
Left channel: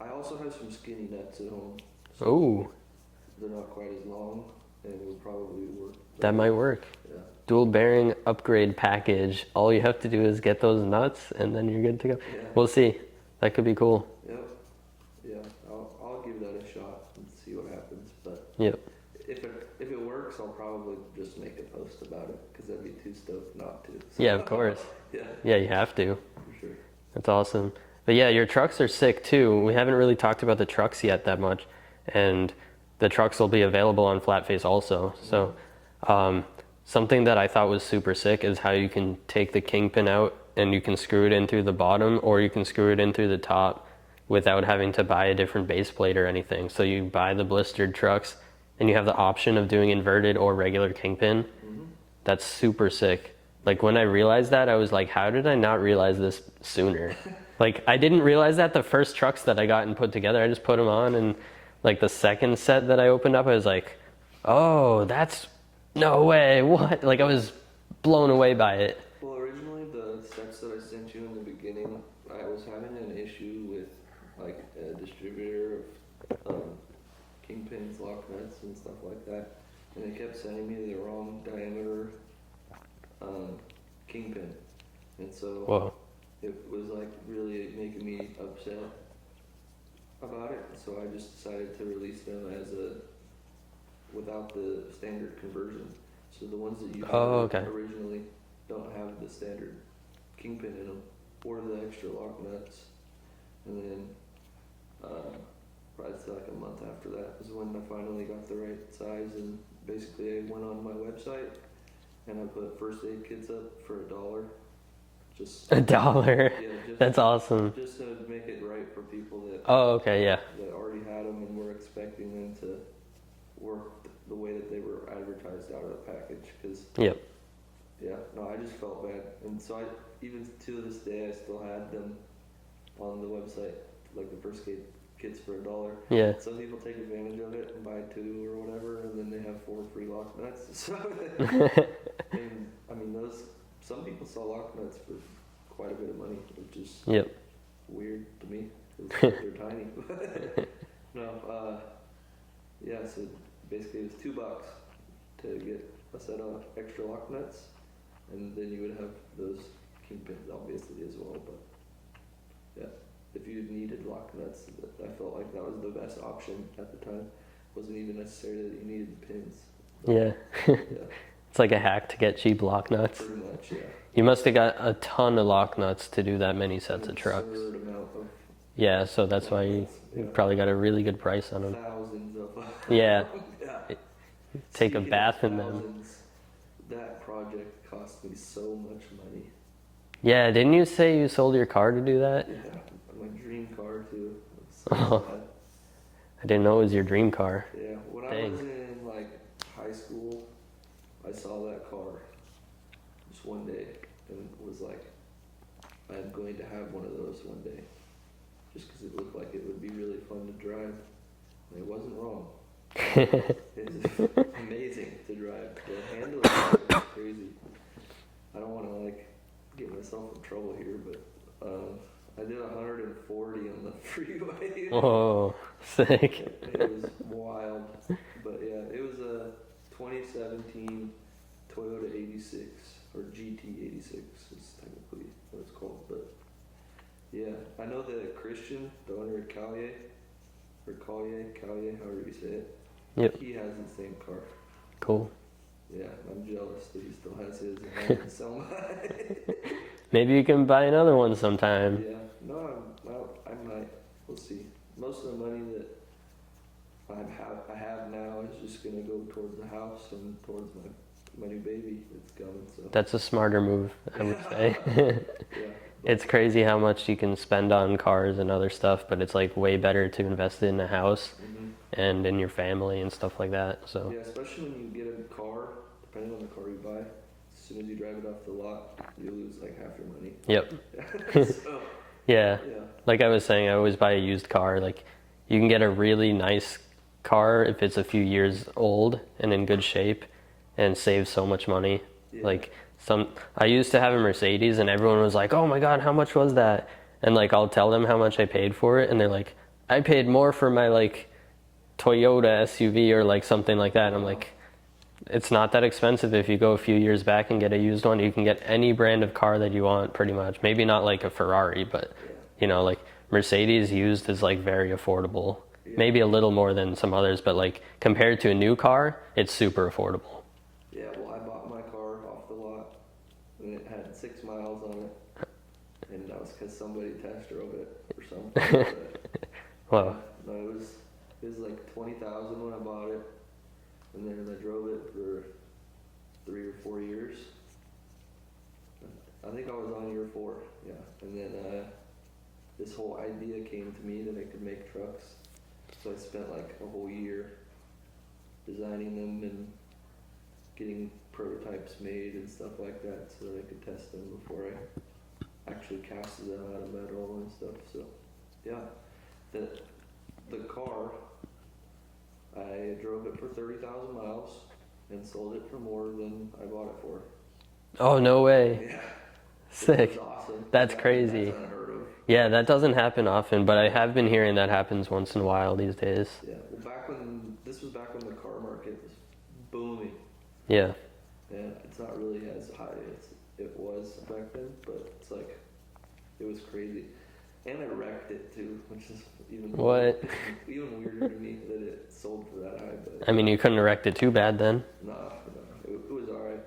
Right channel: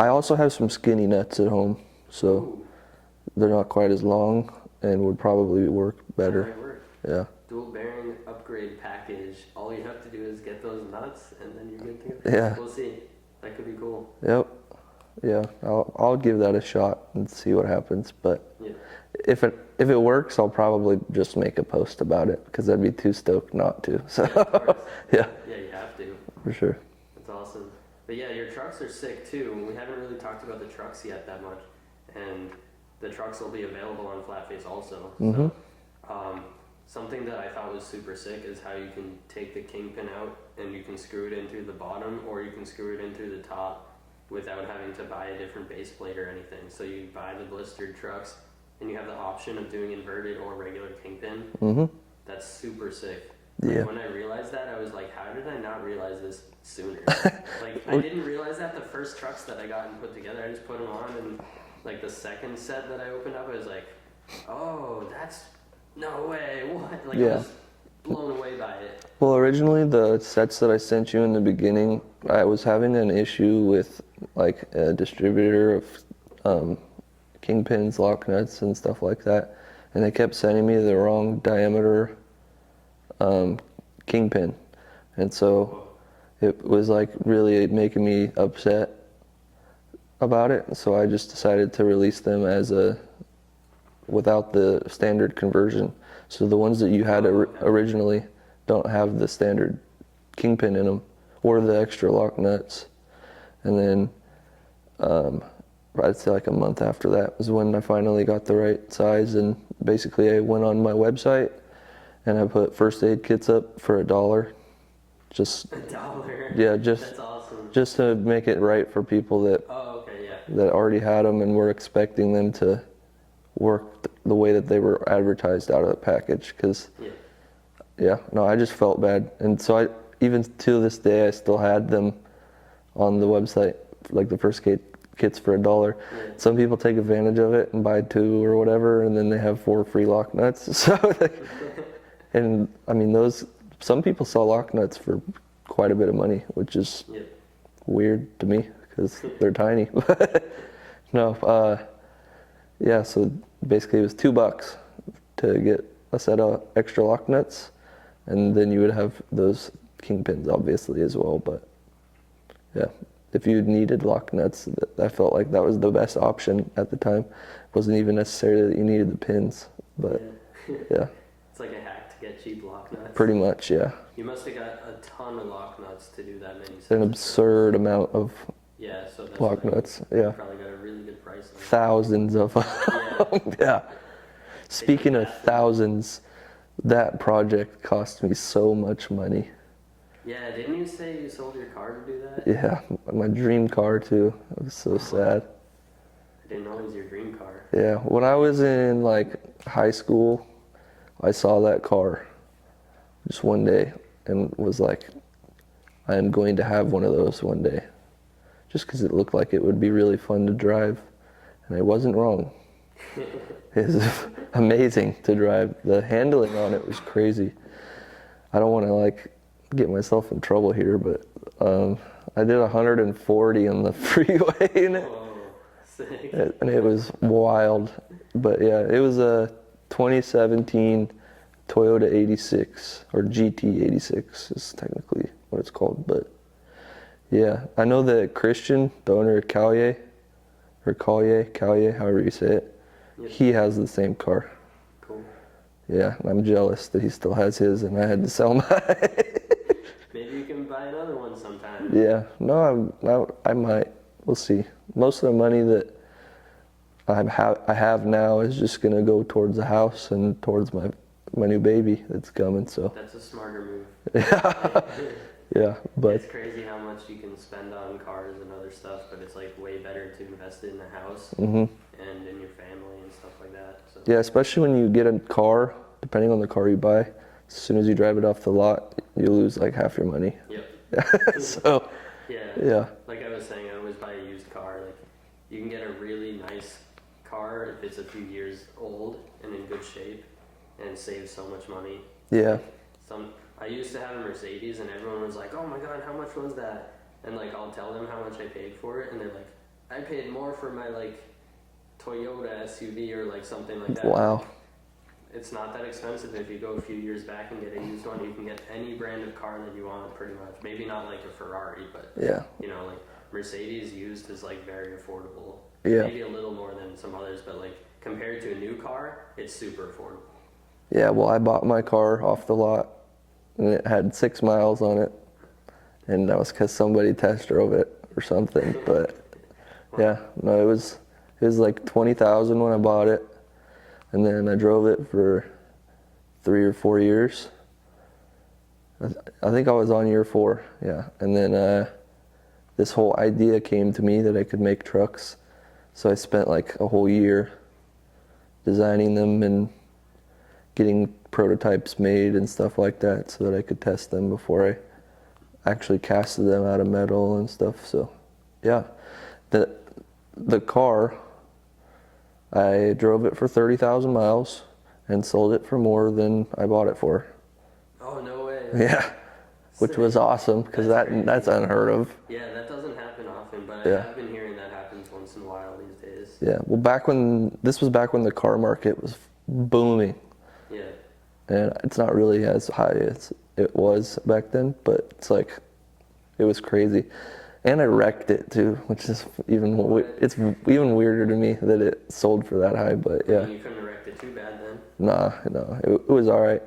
I also have some skinny nuts at home, so Ooh, they're not quite as long and would probably work better. that might work. Yeah. Dual bearing upgrade package. All you have to do is get those nuts and then you're good to go. Yeah. We'll see. That could be cool. Yep. Yeah. I'll give that a shot and see what happens. But Yep. if it works, I'll probably just make a post about it because I'd be too stoked not to. So. Yeah, of course. Yeah, Yeah, you have to. for sure. That's awesome. But yeah, your trucks are sick too. We haven't really talked about the trucks yet that much. And the trucks will be available on Flatface also. So something that I thought was super sick is how you can take the kingpin out and you can screw it in through the bottom or you can screw it in through the top without having to buy a different base plate or anything. So you buy the blistered trucks and you have the option of doing inverted or regular kingpin. That's super sick. Like Yeah. when I realized that, I was like, how did I not realize this sooner? Like I didn't realize that the first trucks that I got and put together, I just put them on, and like the second set that I opened up, I was like, oh, that's no way. What? Like I Yeah. was blown away by it. Well, originally the sets that I sent you in the beginning, I was having an issue with like a distributor of kingpins, lock nuts, and stuff like that, and they kept sending me the wrong diameter kingpin, and so Whoa. it was like really making me upset about it. So I just decided to release them as without the standard conversion. So the ones that you had okay. originally don't have the standard kingpin in them or the extra lock nuts. And then I'd say like a month after that was when I finally got the right size, and basically I went on my website and I put first aid kits up for $1. Just $1. yeah, just That's awesome. just to make it right for people that Oh, okay, yeah. already had them and were expecting them to work the way that they were advertised out of the package. Because Yep. yeah, no, I just felt bad, and so even to this day I still had them on the website, like the first kits for $1. Yeah. Some people take advantage of it and buy 2 or whatever, and then they have 4 free lock nuts. So, and I mean, some people sell lock nuts for quite a bit of money, which is Yep. weird to me because they're tiny. No, yeah. So basically, it was $2 to get a set of extra lock nuts, and then you would have those kingpins, obviously, as well. But yeah, if you needed lock nuts, I felt like that was the best option at the time. It wasn't even necessarily that you needed the pins. But, Yeah. yeah, It's like a hack to get cheap lock nuts. pretty much, yeah. You must have got a ton of lock nuts to do that many sets An of trucks. absurd amount of Yeah, so that's lock why you nuts. Yeah, probably got a really good price on it. thousands of. Yeah. Yeah. Take a Speaking of bath in them. thousands, that project cost me so much money. Yeah, didn't you say you sold your car to do that? Yeah, my dream car too. It was so sad. I didn't know it was your dream car. Yeah, when I was in like high school, I saw that car just one day and was like, I am going to have one of those one day. Just because it looked like it would be really fun to drive. And I wasn't wrong. It was amazing to drive. The handling on it was crazy. I don't want to like get myself in trouble here, but I did 140 on the freeway and Oh, sick. it was wild. But yeah, it was a 2017 Toyota 86 or GT 86 is technically what it's called. But yeah, I know that Christian, the owner of Callier, however you say it, Yep. he has the same car. Cool. Yeah, and I'm jealous that he still has his and I had to sell mine. Maybe you can buy another one sometime. Yeah, no, I might. We'll see. Most of the money that I have now is just gonna go towards the house and towards my new baby that's coming. So That's a smarter move. I would say. yeah, but It's crazy how much you can spend on cars and other stuff, but it's like way better to invest in a house and in your family and stuff like that. So yeah, especially when you get a car, depending on the car you buy, as soon as you drive it off the lot, you lose like half your money. Yep. So Yeah. Like I was saying, I always buy a used car. Like you can get a really nice car if it's a few years old and in good shape and save so much money. Yeah. Like I used to have a Mercedes and everyone was like, "Oh my God, how much was that?" And like I'll tell them how much I paid for it and they're like, "I paid more for my like Toyota SUV or like something like that." Wow. I'm like, it's not that expensive if you go a few years back and get a used one. You can get any brand of car that you want pretty much. Maybe not like a Ferrari, but yeah, you know, like Mercedes used is like very affordable. Yeah. Maybe a little more than some others, but like compared to a new car, it's super affordable. yeah. Well, I bought my car off the lot, and it had 6 miles on it, and that was because somebody test drove it or something. But Well, yeah, no, it was like 20,000 when I bought it, and then I drove it for 3 or 4 years. I think I was on year 4, yeah. And then this whole idea came to me that I could make trucks, so I spent like a whole year designing them and getting prototypes made and stuff like that so that I could test them before I actually casted them out of metal and stuff. So yeah, the car, I drove it for 30,000 miles and sold it for more than I bought it for. oh no way. Yeah, which Sick. was awesome because That's crazy. that's unheard of. Yeah, that doesn't happen often, but I Yeah. have been hearing that happens once in a while these days. Yeah, well, this was back when the car market was booming, Yeah. and it's not really as high as it was back then, but it's like, it was crazy. And I wrecked it too, which is even it's even weirder to me that it sold for that high. But I yeah. mean, you couldn't wreck it too bad then. No, it was all right.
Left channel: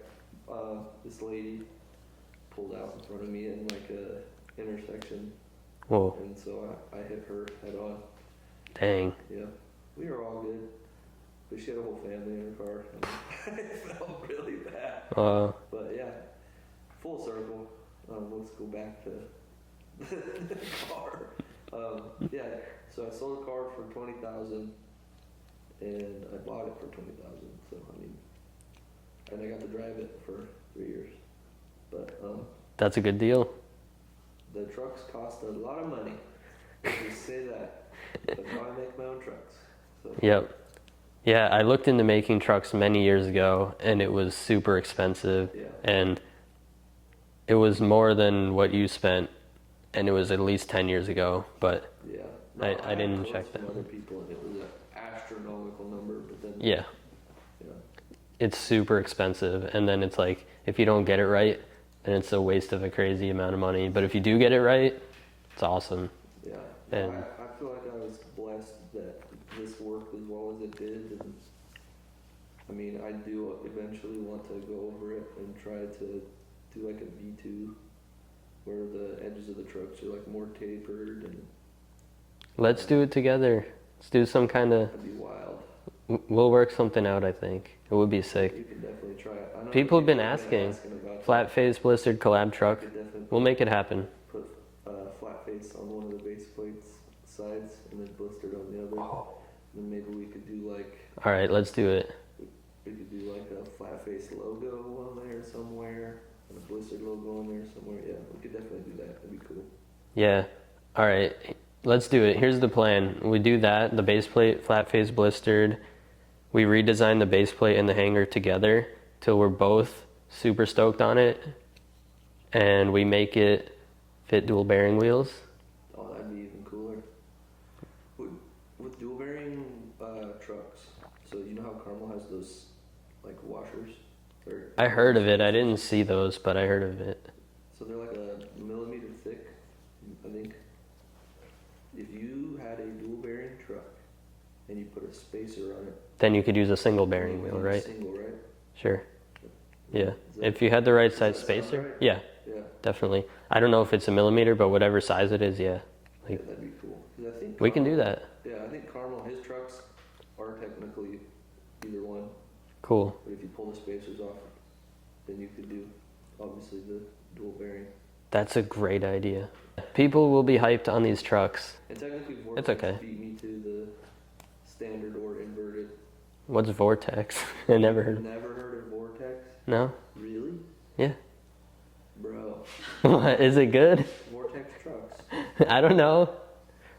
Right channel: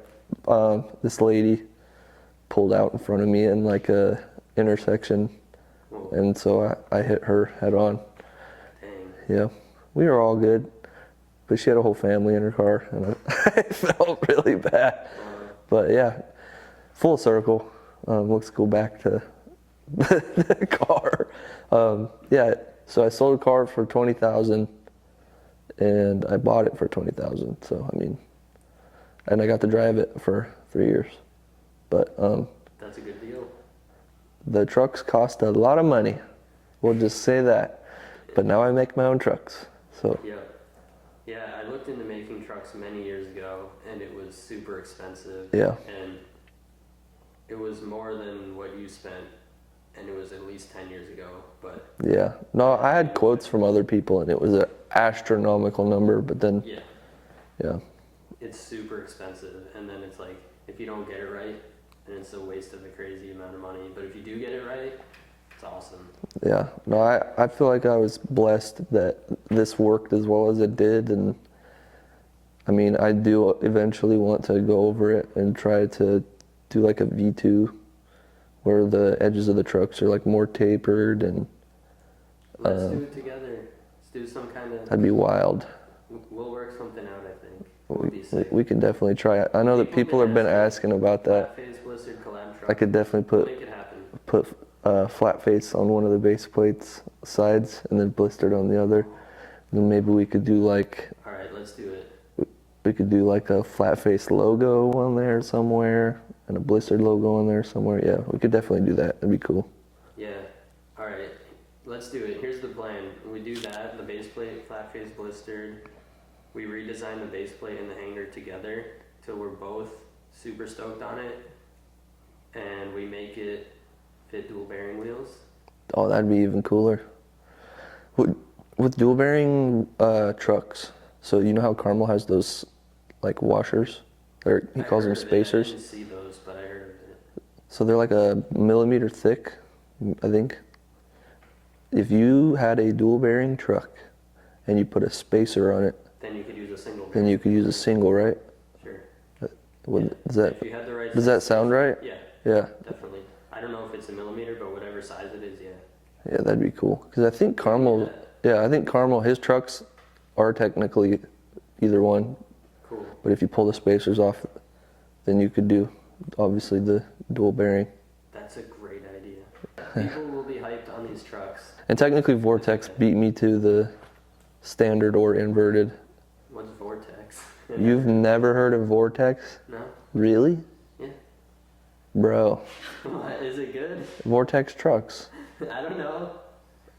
This lady pulled out in front of me in like a intersection, Whoa. and so I hit her head on. Dang. Yeah, we were all good, but she had a whole family in her car, and I felt really bad. But yeah, full circle. Let's go back to the car. Yeah, so I sold a car for 20,000, and I bought it for 20,000. So I mean, and I got to drive it for 3 years. But That's a good deal. the trucks cost a lot of money. We'll just say that. But now I make my own trucks. So Yep. Yeah, I looked into making trucks many years ago, and it was super expensive. Yeah. And it was more than what you spent, and it was at least 10 years ago. But yeah, no, I had didn't quotes check from other people, and it was an astronomical number. But then yeah, yeah, it's super expensive. And then it's like, if you don't get it right, then it's a waste of a crazy amount of money. But if you do get it right, it's awesome. yeah. No, Yeah. I feel like I was blessed that this worked as well as it did, and I mean, I do eventually want to go over it and try to do like a V2 where the edges of the trucks are like more tapered, and Let's do it together. Let's do some kind of, that'd be wild. we'll work something out, I think. It would be sick. We can definitely try it. I know People that have people been have been asking. asking about that. Flatface Blistered collab truck. I could definitely We'll make it happen. put flat face on one of the base plates sides and then blistered on the other. Then maybe we could do like All right, let's do it. a flat face logo on there somewhere and a blistered logo on there somewhere. Yeah, we could definitely do that. That'd be cool. Yeah. All right, let's do it. Here's the plan. We do that, the base plate, flat face blistered. We redesign the base plate and the hanger together till we're both super stoked on it. And we make it fit dual bearing wheels. Oh, that'd be even cooler. With dual bearing trucks, so you know how Carmel has those like washers? Or he I calls heard them of it. I spacers. didn't see those, but I heard of it. So they're like a millimeter thick, I think. If you had a dual bearing truck and you put a spacer on it, Then you could use a single bearing then you could wheel, use right? a single, right? Sure. Would- Yeah. Does that, If you had the right does size that sound spacer- right? Yeah, Yeah, definitely. I don't know if it's a millimeter, but whatever size it is, yeah. yeah, that'd be cool. Because I think We can do Carmel, that. yeah, I think Carmel, his trucks are technically either one. Cool. But if you pull the spacers off, then you could do obviously the dual bearing. That's a great idea. People will be hyped on these trucks. And technically, Vortex okay. beat me to the standard or inverted. What's Vortex? I You've never heard of Vortex? No? Really? Yeah. Bro, What, is it good? Vortex trucks. I don't know.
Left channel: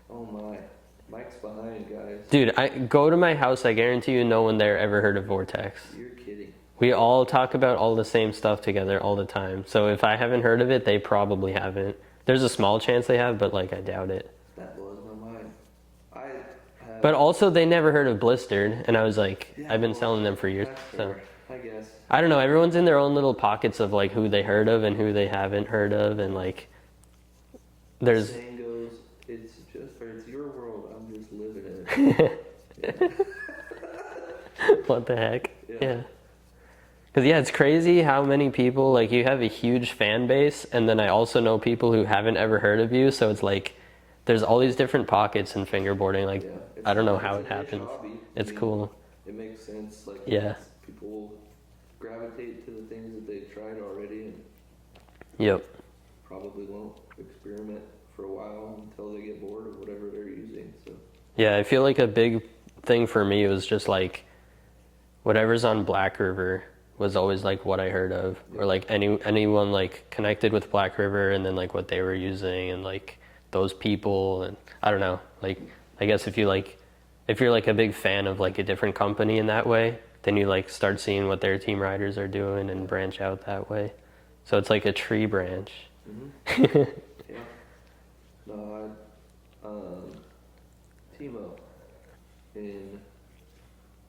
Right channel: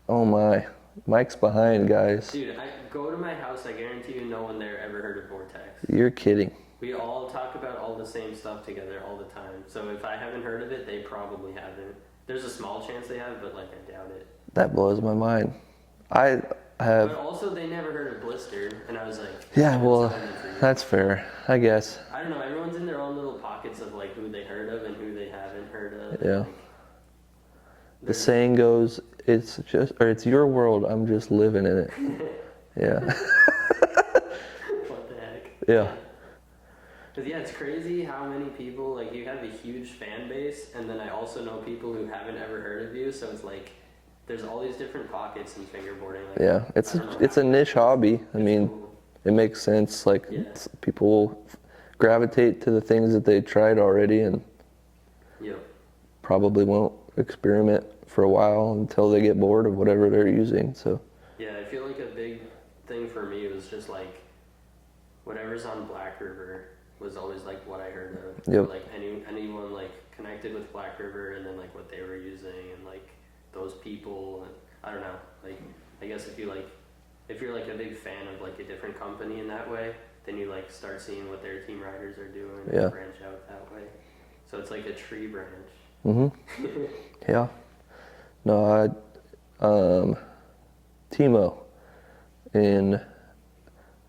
Oh my. Mike's behind, guys. Dude, I go to my house, I guarantee you no one there ever heard of Vortex. You're kidding. We all talk about all the same stuff together all the time. So if I haven't heard of it, they probably haven't. There's a small chance they have, but like I doubt it. That blows my mind. I have. But also they never heard of Blistered, and I was like, Yeah, I've been well, selling them for years. That's fair, I guess. I don't know, everyone's in their own little pockets of like who they heard of and who they haven't heard of, and Yeah. like The there's saying goes, it's your world, I'm just living in it. Yeah. what the heck? Yeah. Because yeah, it's crazy how many people, like you have a huge fan base, and then I also know people who haven't ever heard of you, so it's like there's all these different pockets in fingerboarding. Like Yeah. I don't know how it's a it niche happens. hobby. I It's mean, cool. it makes sense. Like, Yeah. people will gravitate to the things that they tried already and Yep. probably won't experiment for a while until they get bored of whatever they're using. So, Yeah, I feel like a big thing for me was just like whatever's on Black River was always like what I heard of, or Yep. like anyone like connected with Black River, and then like what they were using and like those people, and I don't know, like I guess if you're like a big fan of like a different company in that way, then you like start seeing what their team riders are doing and Yeah. branch out that way. So it's like a tree branch. yeah. No, Timo in,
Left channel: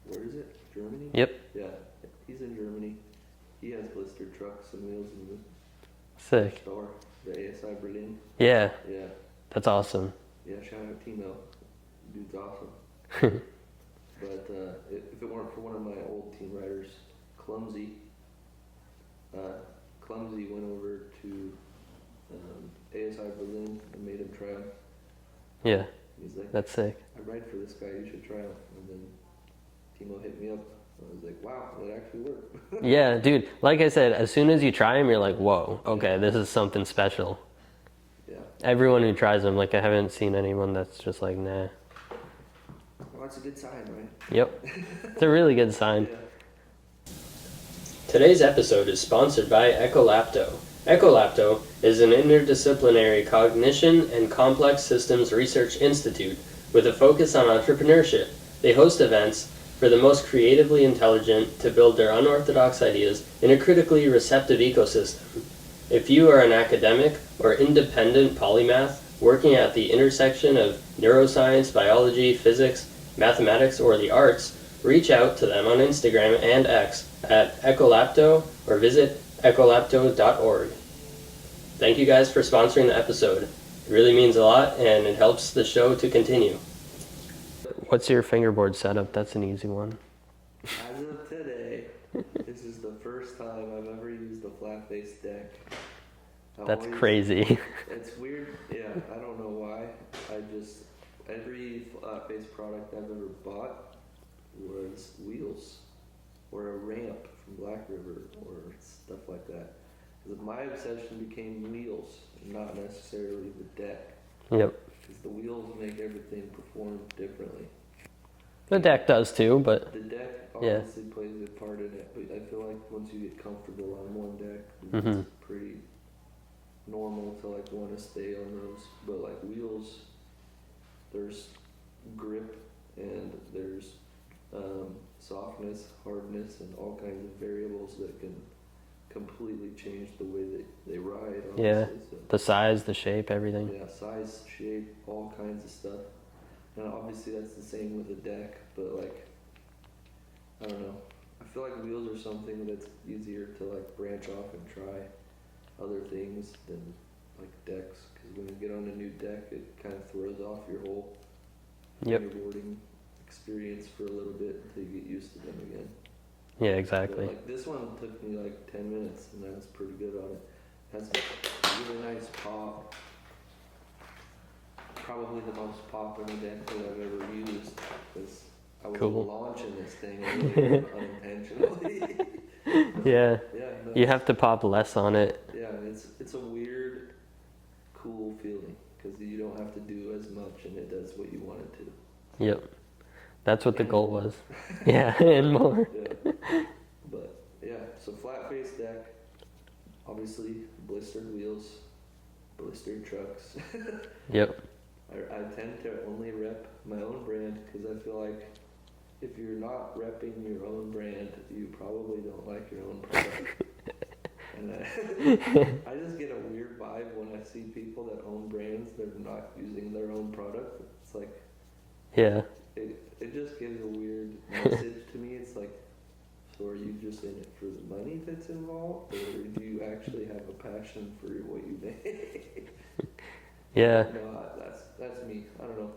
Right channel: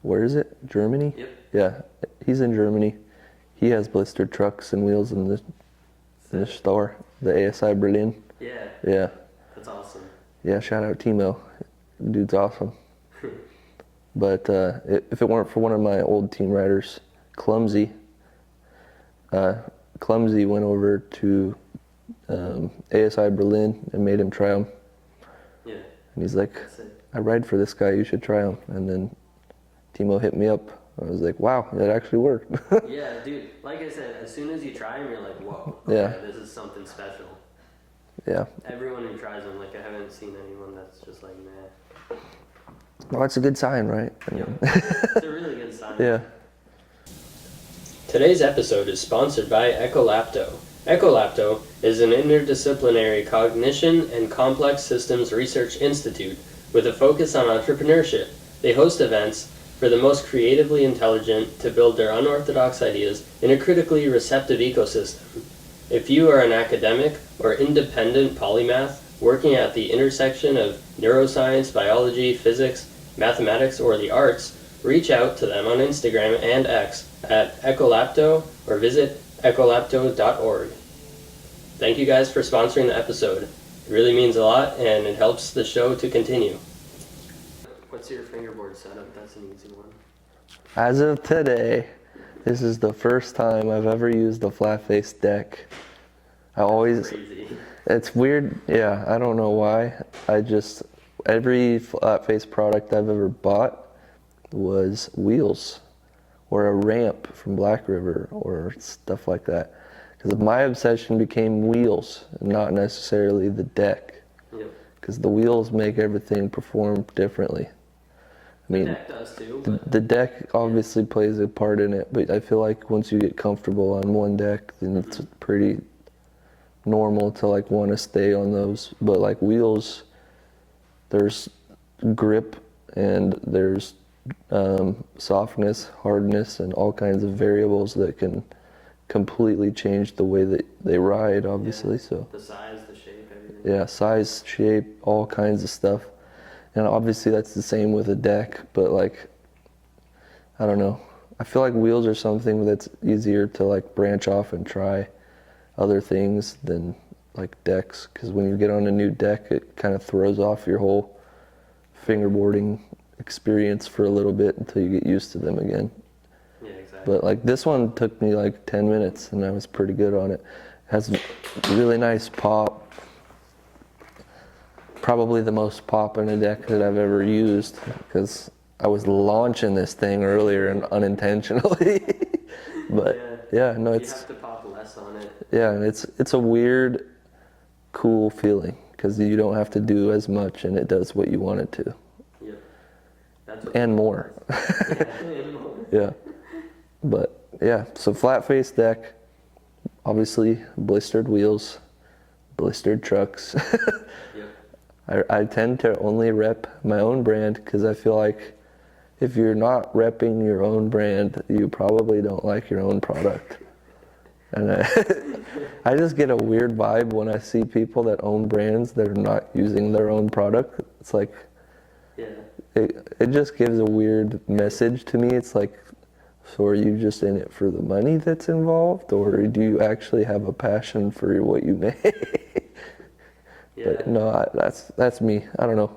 where is it? Germany? Yep. Yeah, he's in Germany. He has blistered trucks and wheels in the Sick. store, the ASI Berlin. Yeah, Yeah. that's awesome. Yeah, shout out Timo. Dude's awesome. But if it weren't for one of my old team riders, Clumsy went over to ASI Berlin and made him try them. Yeah, And he's like, that's sick. I ride for this guy, you should try him. And then Timo hit me up. I was like, wow, that actually worked. Yeah, dude, like I said, as soon as you try them, you're like, whoa, okay, Yeah. this is something special. Yeah. Everyone who tries them, like I haven't seen anyone that's just like, nah. Well, that's a good sign, right? Yep. It's a really good sign. Yeah. Today's episode is sponsored by Ecolapto. Ecolapto is an interdisciplinary cognition and complex systems research institute with a focus on entrepreneurship. They host events for the most creatively intelligent to build their unorthodox ideas in a critically receptive ecosystem. If you are an academic or independent polymath working at the intersection of neuroscience, biology, physics, mathematics, or the arts, reach out to them on Instagram and X at Ecolapto or visit ecolapto.org. Thank you guys for sponsoring the episode. It really means a lot and it helps the show to continue. What's your fingerboard setup? That's an easy one. As of today, this is the first time I've ever used a Flatface deck. That's crazy. It's weird. Yeah, I don't know why. Every Flatface product I've ever bought was wheels or a ramp from Black River or stuff like that. Because my obsession became wheels and not necessarily the deck. Yep. Because the wheels make everything perform differently. The deck does too, but the deck obviously plays a part in it, but I feel like once you get comfortable on one deck, then it's pretty normal to like want to stay on those. But like wheels, there's grip and there's softness, hardness, and all kinds of variables that can completely change the way that they ride, obviously. So the size, the shape, everything. yeah, size, shape, all kinds of stuff. And obviously that's the same with a deck, but like, I don't know. I feel like wheels are something that's easier to like branch off and try other things than like decks, because when you get on a new deck, it kind of throws off your whole fingerboarding experience for a little bit until you get used to them again. Yeah, exactly. But like this one took me like 10 minutes and I was pretty good on it. It has really nice pop. Probably the most pop in a deck that I've ever used, because I was launching this thing earlier and unintentionally. But no, you have to pop less on it. Yeah, and it's a weird, cool feeling because you don't have to do as much and it does what you want it to. Yep. That's what the and goal more. is. Yeah, and more. Yeah. But yeah, so flat face deck, obviously blistered wheels, blistered trucks. Yep. I tend to only rep my own brand because I feel like if you're not repping your own brand, you probably don't like your own product. And I just get a weird vibe when I see people that own brands that are not using their own product. It's like, yeah, it just gives a weird message to me. It's like, so are you just in it for the money that's involved, or do you actually have a passion for what you make? Yeah. No, that's me. I don't know.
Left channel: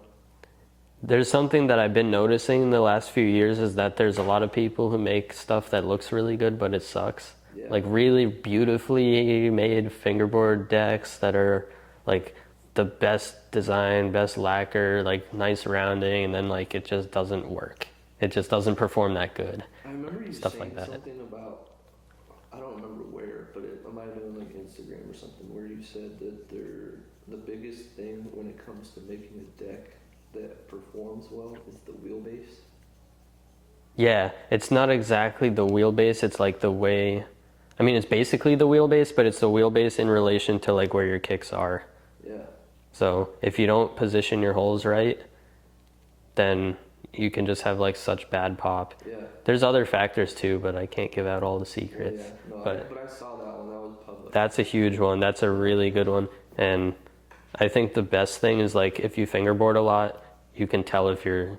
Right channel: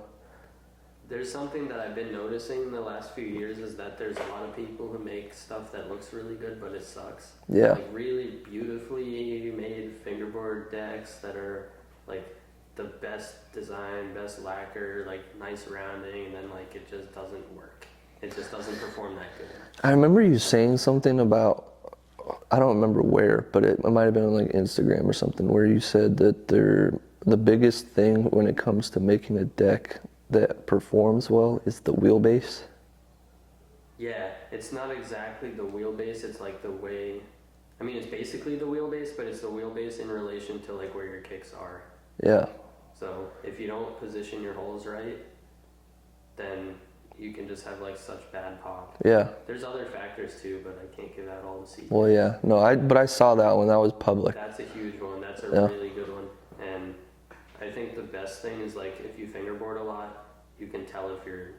There's something that I've been noticing in the last few years is that there's a lot of people who make stuff that looks really good, but it sucks. Yeah. Like really beautifully made fingerboard decks that are like the best design, best lacquer, like nice rounding, and then like it just doesn't work. It just doesn't perform that good. I remember you saying something about, I don't remember where, but it might have been on like Instagram or something, where you said that the biggest thing when it comes to making a deck that performs well is the wheelbase. Yeah, it's not exactly the wheelbase, it's like the way, I mean it's basically the wheelbase, but it's the wheelbase in relation to like where your kicks are. Yeah. So if you don't position your holes right, then you can just have like such bad pop. Yeah. There's other factors too, but I can't give out all the secrets. Well, yeah. No, but I saw that one. That was public. That's a huge one. That's a really good one. And I think the best thing is like if you fingerboard a lot, you can tell if your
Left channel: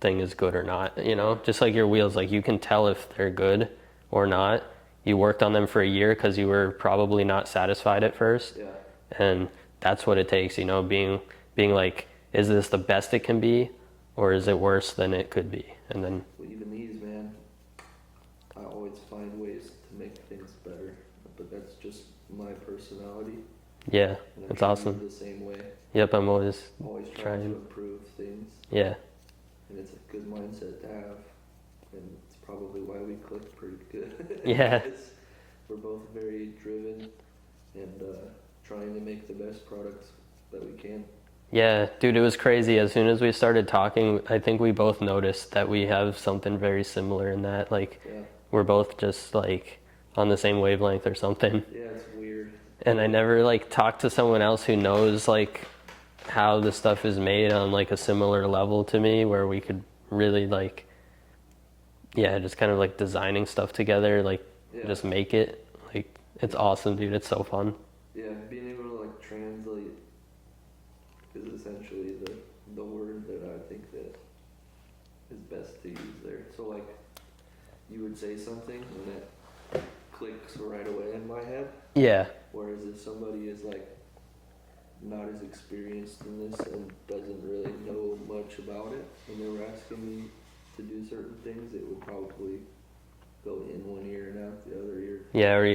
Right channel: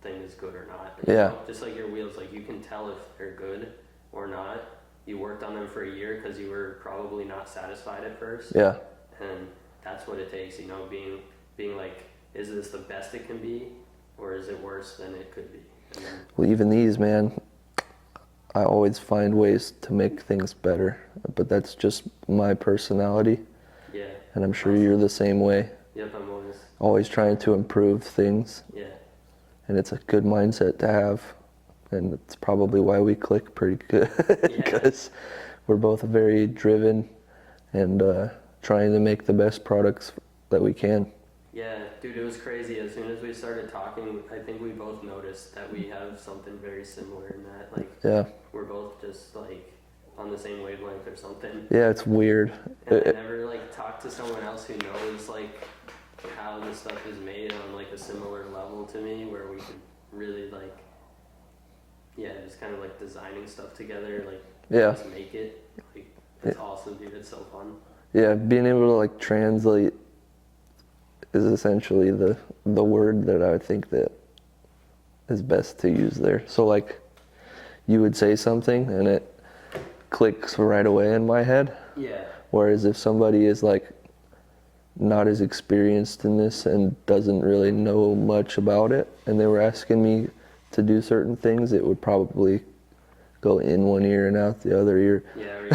thing is good or not. You know, just like your wheels, like you can tell if they're good or not. You worked on them for a year because you were probably not satisfied at first. Yeah. And that's what it takes, you know, being like, is this the best it can be, or is it worse than it could be? And then, well, even these, man, I always find ways to make things better, but that's just my personality. Yeah. And I'm sure you're the same way. Yep, I'm always trying to improve things. Yeah. And it's a good mindset to have, and it's probably why we click pretty good. Yeah. Because we're both very driven and trying to make the best products that we can. Yeah, dude, it was crazy. As soon as we started talking, I think we both noticed that we have something very similar in that. Like, we're both just like on the same wavelength or something. Yeah, it's weird. And I never like talked to someone else who knows like how the stuff is made on like a similar level to me, where we could really like, yeah, just kind of like designing stuff together, like just make it. Like it's awesome, dude. It's so fun. Yeah, being able to like translate is essentially the word that I think that is best to use there. So like you would say something and it clicks right away in my head. Yeah. Whereas if somebody is like not as experienced in this and doesn't really know much about it, and they were asking me to do certain things, it would probably go in one ear and out the other ear. Yeah, or you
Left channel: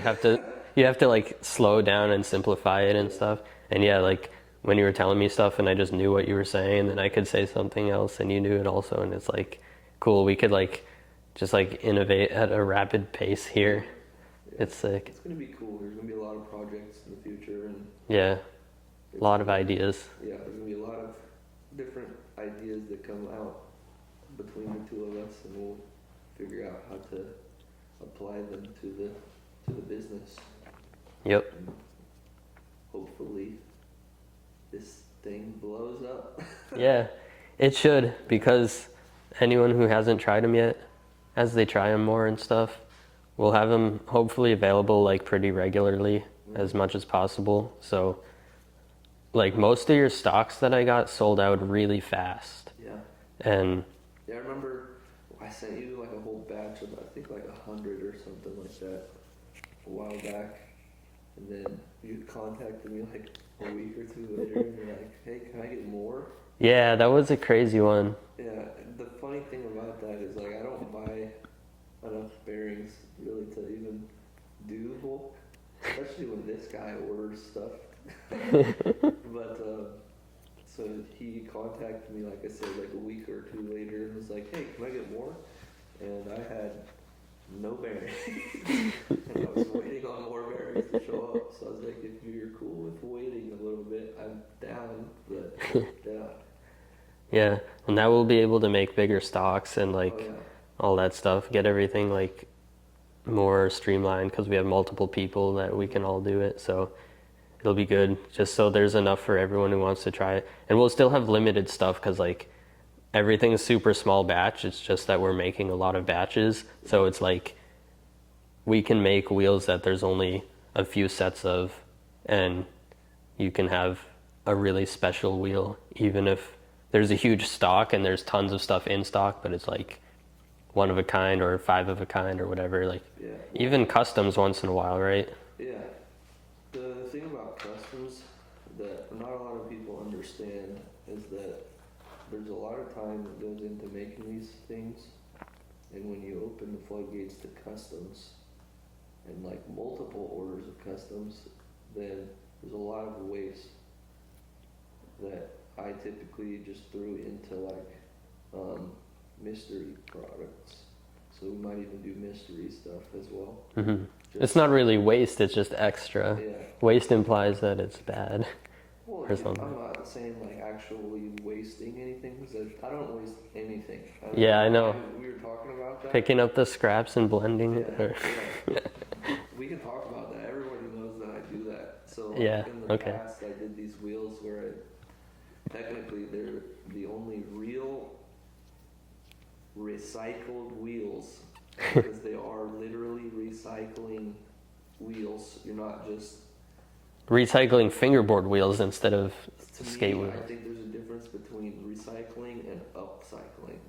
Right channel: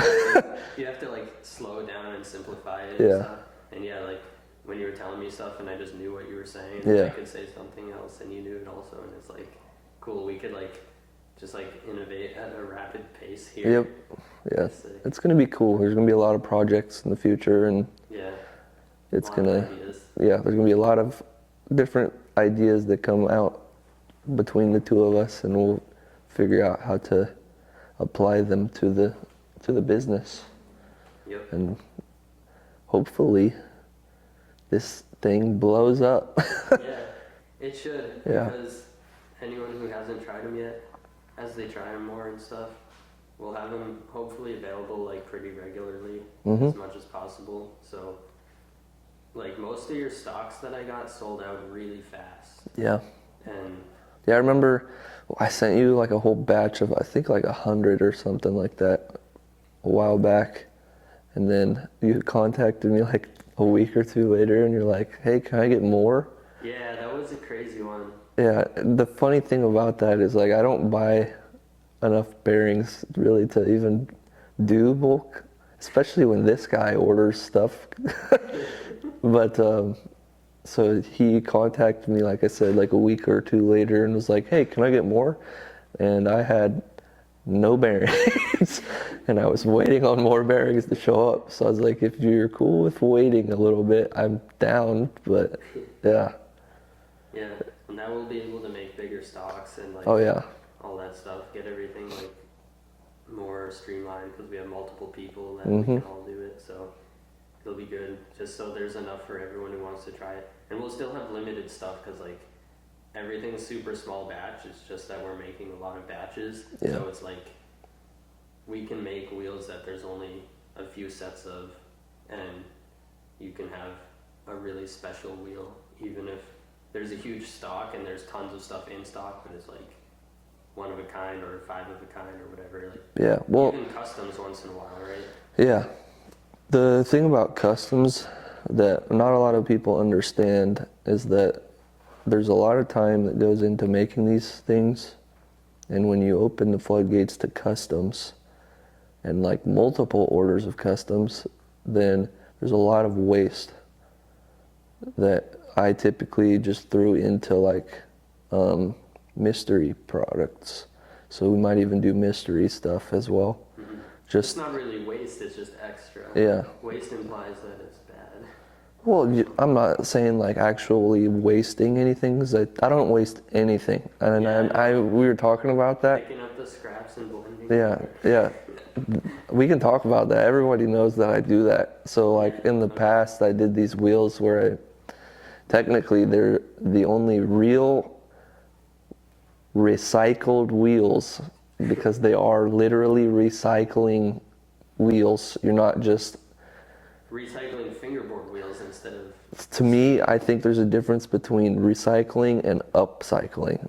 have to like slow down and simplify it and stuff. And yeah, like when you were telling me stuff and I just knew what you were saying, and then I could say something else and you knew it also, and it's like cool. We could like just like innovate at a rapid pace here. Yep. Yeah, that's sick. It's gonna be cool. There's gonna be a lot of projects in the future, and yeah, a lot of ideas. Yeah, there's gonna be a lot of different ideas that come out between the two of us, and we'll figure out how to apply them to the business. Yep. And hopefully this thing blows up. Yeah, it should, because anyone who hasn't tried them yet, as they try them more and stuff, we'll have them hopefully available like pretty regularly, as much as possible. So like most of your stocks that I got sold out really fast. Yeah. And yeah, I remember I sent you like a whole batch of, I think like 100 or something like that a while back. And then you contacted me like a week or two later and you're like, hey, can I get more? yeah, that was a crazy one. Yeah, the funny thing about that is like I don't buy enough bearings really to even do bulk, especially when this guy orders stuff. But so he contacted me, like I said, like a week or two later and was like, hey, can I get more? And I had no bearings and I was waiting on more bearings to show up. So I was like, if you're cool with waiting a little bit, I'm down. But yeah. Yeah, and now we'll be able to make bigger stocks and like all that stuff, get everything like more streamlined, because we have multiple people that we can all do it. So it'll be good, just so there's enough for everyone who wants to try it. And we'll still have limited stuff, because like everything's super small batch. It's just that we're making a lot of batches. So it's like we can make wheels that there's only a few sets of, and you can have a really special wheel, even if there's a huge stock and there's tons of stuff in stock, but it's like one of a kind or 5 of a kind or whatever. Like even customs once in a while, right? Yeah. The thing about customs that not a lot of people understand is that there's a lot of time that goes into making these things, and when you open the floodgates to customs and like multiple orders of customs, then there's a lot of waste that I typically just threw into like mystery products. So we might even do mystery stuff as well. It's not really waste, it's just extra. Yeah. Waste implies that it's bad. Well, I'm not saying like actually wasting anything, because I don't waste anything. And I know. We were talking about that. Picking up the scraps and blending. Yeah. We can talk about that. Everybody knows that I do that. So like in the past, I did these wheels where technically they're the only real recycled wheels, because they are literally recycling wheels. You're not just recycling fingerboard wheels instead of... To me, I think there's a difference between recycling and upcycling.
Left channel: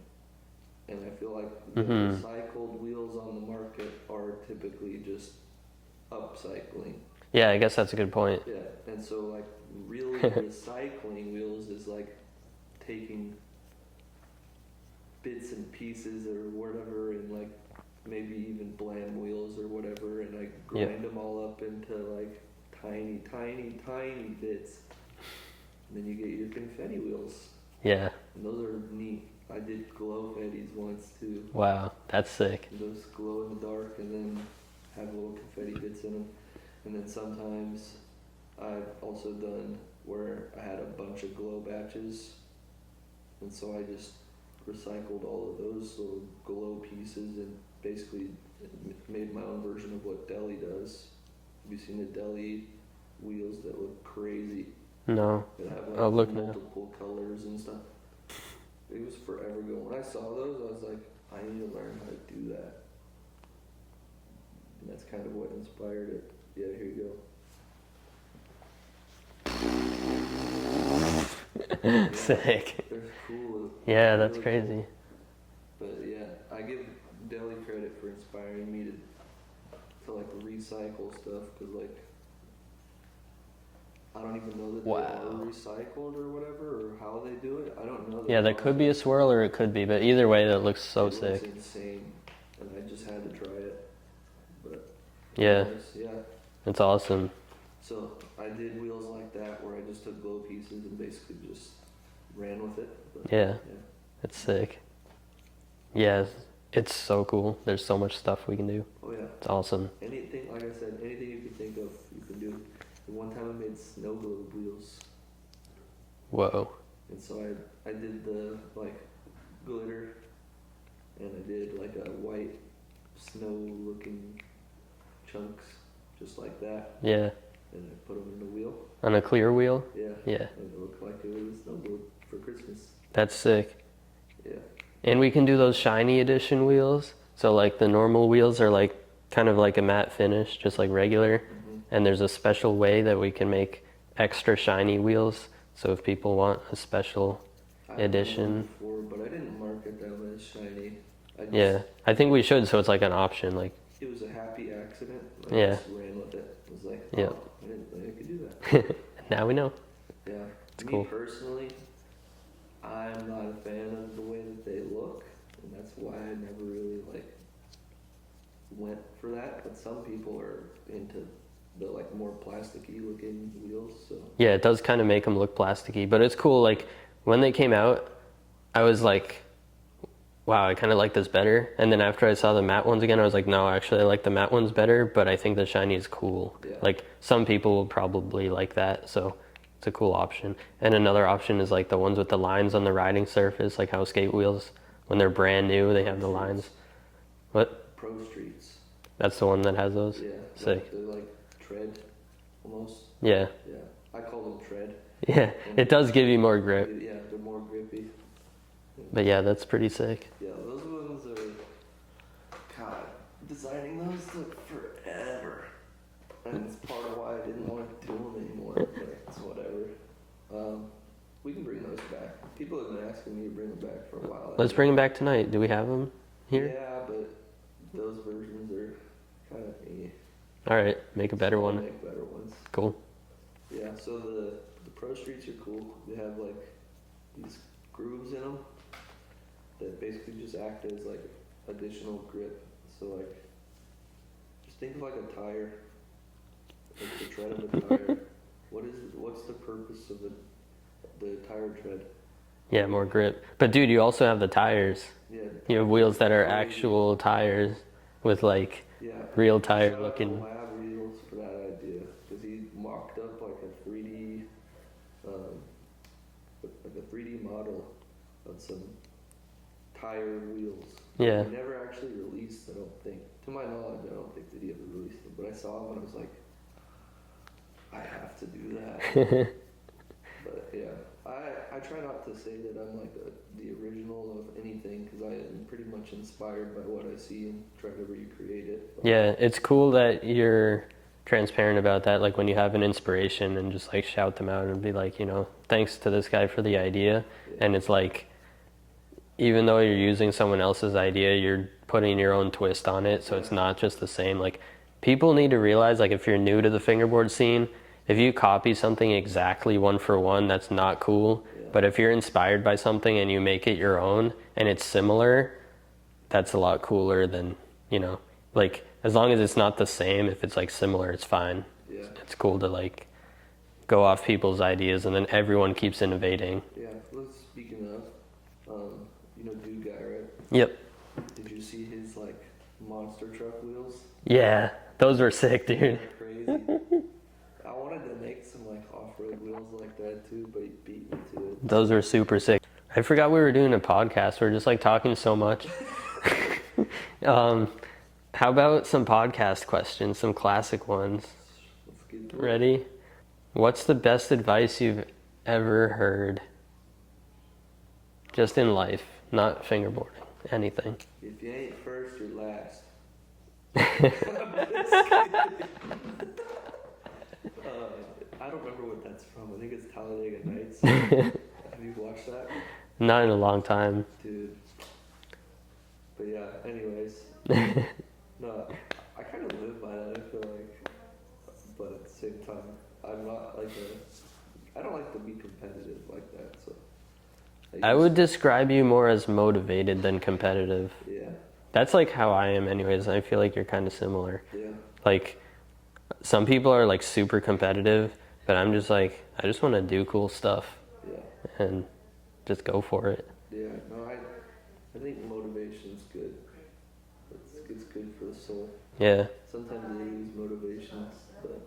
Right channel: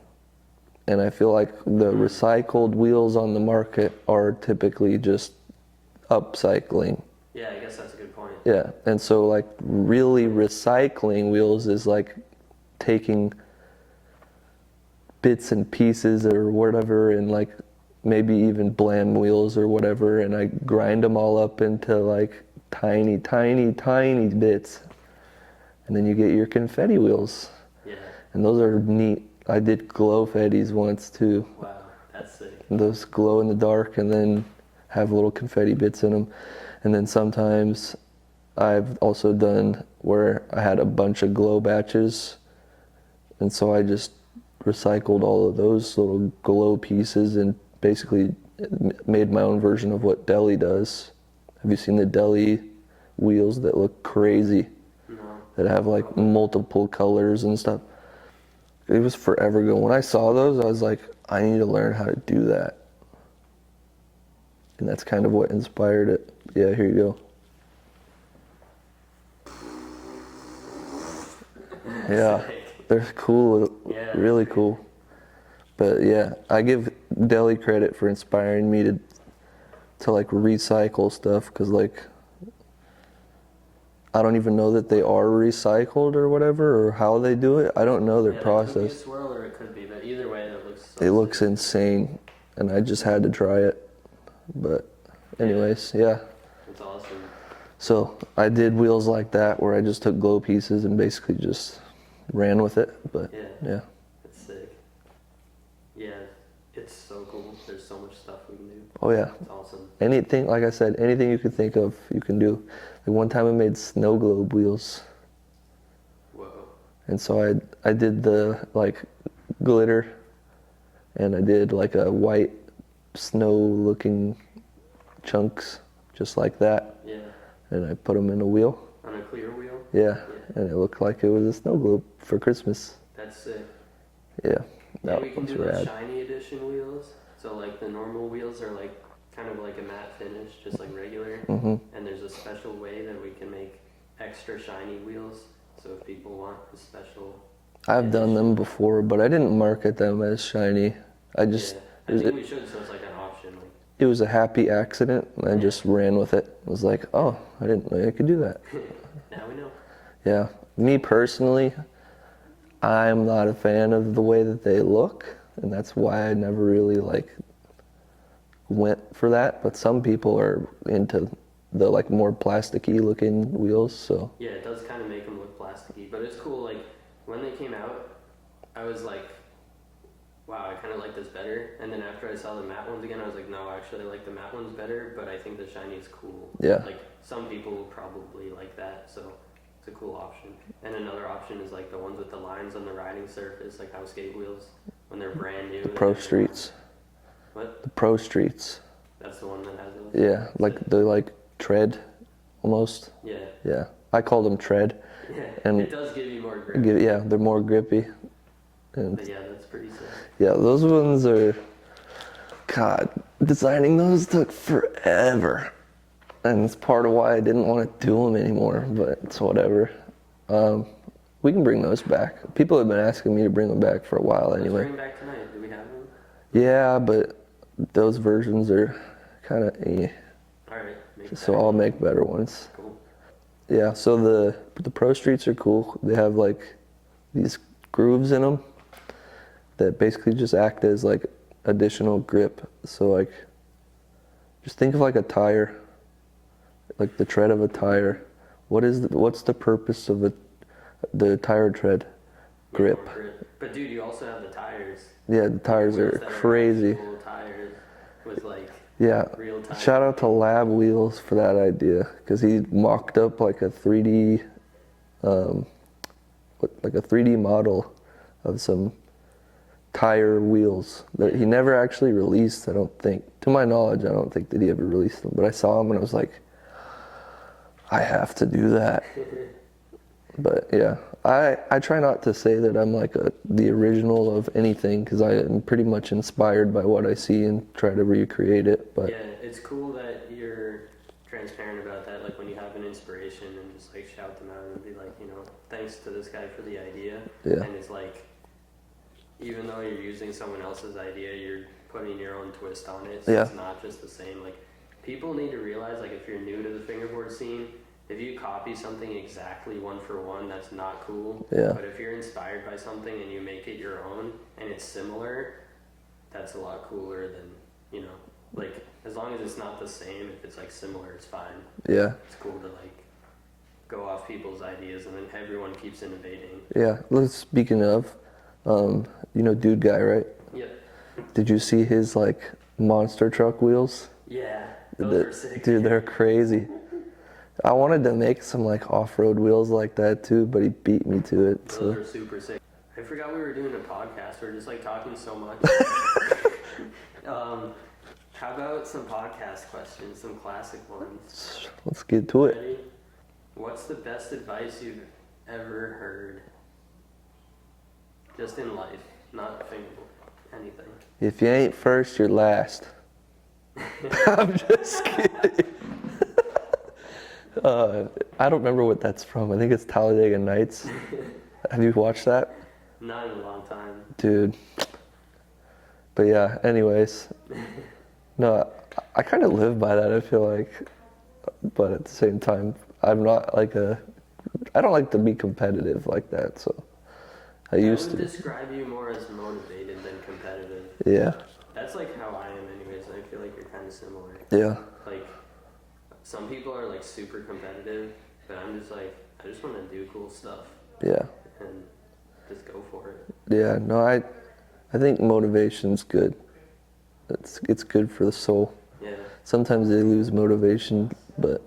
And I feel like the recycled wheels on the market are typically just upcycling. Yeah, I guess that's a good point. Yeah, and so like really recycling wheels is like taking bits and pieces or whatever, and like maybe even blam wheels or whatever, and I grind them all up into like tiny bits, and then you get your confetti wheels. Yeah. And those are neat. I did glow fetties once too. Wow, that's sick. And those glow in the dark and then have little confetti bits in them. And then sometimes I've also done where I had a bunch of glow batches, and so I just recycled all of those little glow pieces and basically made my own version of what Deli does. Have you seen the Deli wheels that look crazy? No. that have like Oh, look. multiple colors and stuff. It was forever ago. When I saw those, I was like, I need to learn how to do that. And that's kind of what inspired it. Yeah, here you go. Yeah, Sick. they're cool. Yeah, that's really crazy. cool. But yeah, I give Deli credit for inspiring me to like recycle stuff, because like I don't even know that they are recycled or whatever, or how they do it. I don't know their Yeah, there process. could be a swirl or it could be, but either way, that looks so It sick. looks insane, and I just had to try it. But anyways, yeah. It's awesome. So I did wheels like that where I just took glow pieces and basically just ran with it. But Yeah. yeah. It's sick. Yeah, it's so cool. There's so much stuff we can do. Oh yeah. It's awesome. Anything, like I said, anything you could think of, you can do. Like one time I made snow globe wheels, Whoa. and so I did the like glitter, and I did like a white snow looking chunks just like that, Yeah. and I put them in a wheel. On a clear wheel? Yeah. Yeah. And it looked like it was a snow globe for Christmas. That's sick. Yeah. And we can do those rad. shiny edition wheels. So like the normal wheels are like kind of like a matte finish, just like regular. Mm-hmm. And there's a special way that we can make extra shiny wheels. So if people want a special I've done them edition. before, but I didn't market them as shiny. I just Yeah, I think we should, so it's like an option. Like, it was a happy accident. I Yeah. just ran with it. I was like, oh, I didn't know I could do that. now we know. Yeah. Me cool. personally, I'm not a fan of the way that they look, and that's why I never really like went for that. But some people are into the like more plasticky looking wheels, so Yeah, it does kind of make them look plasticky, but it's cool. Like when they came out, I was like, wow, I kind of like this better. And then after I saw the matte ones again, I was like, no, actually I like the matte ones better, but I think the shiny is cool. Yeah. Like some people will probably like that, so it's a cool option. And another option is like the ones with the lines on the riding surface, like how skate wheels, when they're brand new, they Pro have the lines. Streets. What? The Pro Streets. That's the one that has those? Yeah, like Sick. they like tread almost. Yeah. Yeah. I call them tread. Yeah, And- it does give you more grip. Yeah, they're more grippy. And But yeah, that's pretty sick. yeah, those ones are, God, designing those took forever. And it's part of why I didn't want to do them anymore, but it's whatever. We can bring those back. People have been asking me to bring them back for a while. Let's anyway. bring them back tonight. Do we have them? Yeah, but those versions are kind of All right, make a better so I'll one. make better ones. Cool. Yeah, so the Pro Streets are cool. They have like these grooves in them that basically just act as like additional grip. So like, just think of like a tire, like the tread of a tire. What's the purpose of the tire tread? Yeah, Grip. more grip. But dude, you also have the tires. Yeah, the You tires have wheels are that are crazy. actual tires with like Yeah. real tires. Shout out to Lab Wheels for that idea, because he mocked up like a 3D, like a 3D model of some tire wheels that Yeah. he never actually released. I don't think, to my knowledge, I don't think that he ever released them. But I saw them and I was like, I have to do that. But yeah, I try not to say that I'm like the original of anything, because I am pretty much inspired by what I see and try to recreate it. But Yeah, it's cool that you're transparent about that. Like when you have an inspiration and just like shout them out and be like, you know, thanks to this guy for the idea. Yeah. And it's like, even though you're using someone else's idea, you're putting your own twist on it. So Yeah. it's not just the same. Like people need to realize, like if you're new to the fingerboard scene, if you copy something exactly one for one, that's not cool. Yeah. But if you're inspired by something and you make it your own and it's similar, that's a lot cooler than, you know, like as long as it's not the same, if it's like similar, it's fine. yeah, It's cool to like go off people's ideas and then everyone keeps innovating. yeah. Speaking of, you know, Dude Guy, right? Yep. Did you see his like monster truck wheels? Yeah. Those were sick, Dude, dude. they're crazy. I wanted to make some like off-road wheels like that too, but he beat me to it. Those so- are super sick. I forgot we were doing a podcast. We're just like talking so much. How about some podcast questions, some classic ones? Let's get to it. Ready? What's the best advice you've ever heard? Just in life, not fingerboarding, anything. If you ain't first, you're last. I'm just kidding. I don't remember what that's from. I think it's Talladega Nights. Have you watched that? Not in a long time. Dude. But yeah, anyways. No, I kind of live by that, I feel like. But at the same time, I'm not like I don't like to be competitive like that, so. I would describe you more as motivated than competitive. Yeah. That's like how I am anyways. I feel like you're kind of similar. Yeah. Like, some people are like super competitive, but I'm just like, I just want to do cool stuff. Yeah. And just go for it. Yeah, no, I think motivation's good. It's good for the soul. Yeah. Sometimes they lose motivation, but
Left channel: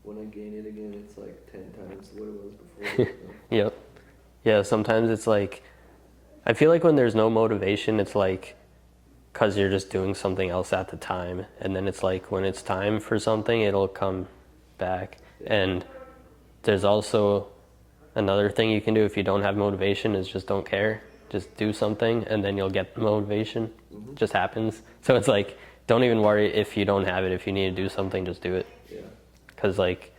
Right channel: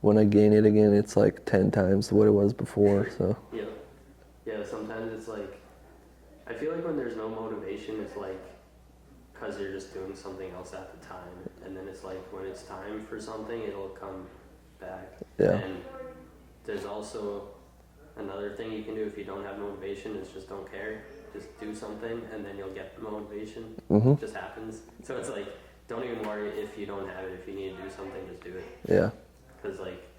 when I gain it again, it's like 10 times what it was before, so. Yep. Yeah, sometimes it's like, I feel like when there's no motivation, it's like, because you're just doing something else at the time. And then it's like, when it's time for something, it'll come back. Yeah. And there's also another thing you can do if you don't have motivation is just don't care. Just do something, and then you'll get the motivation. Mm-hmm. It just happens. So it's like, don't even worry if you don't have it. If you need to do something, just do it. Yeah. Because like,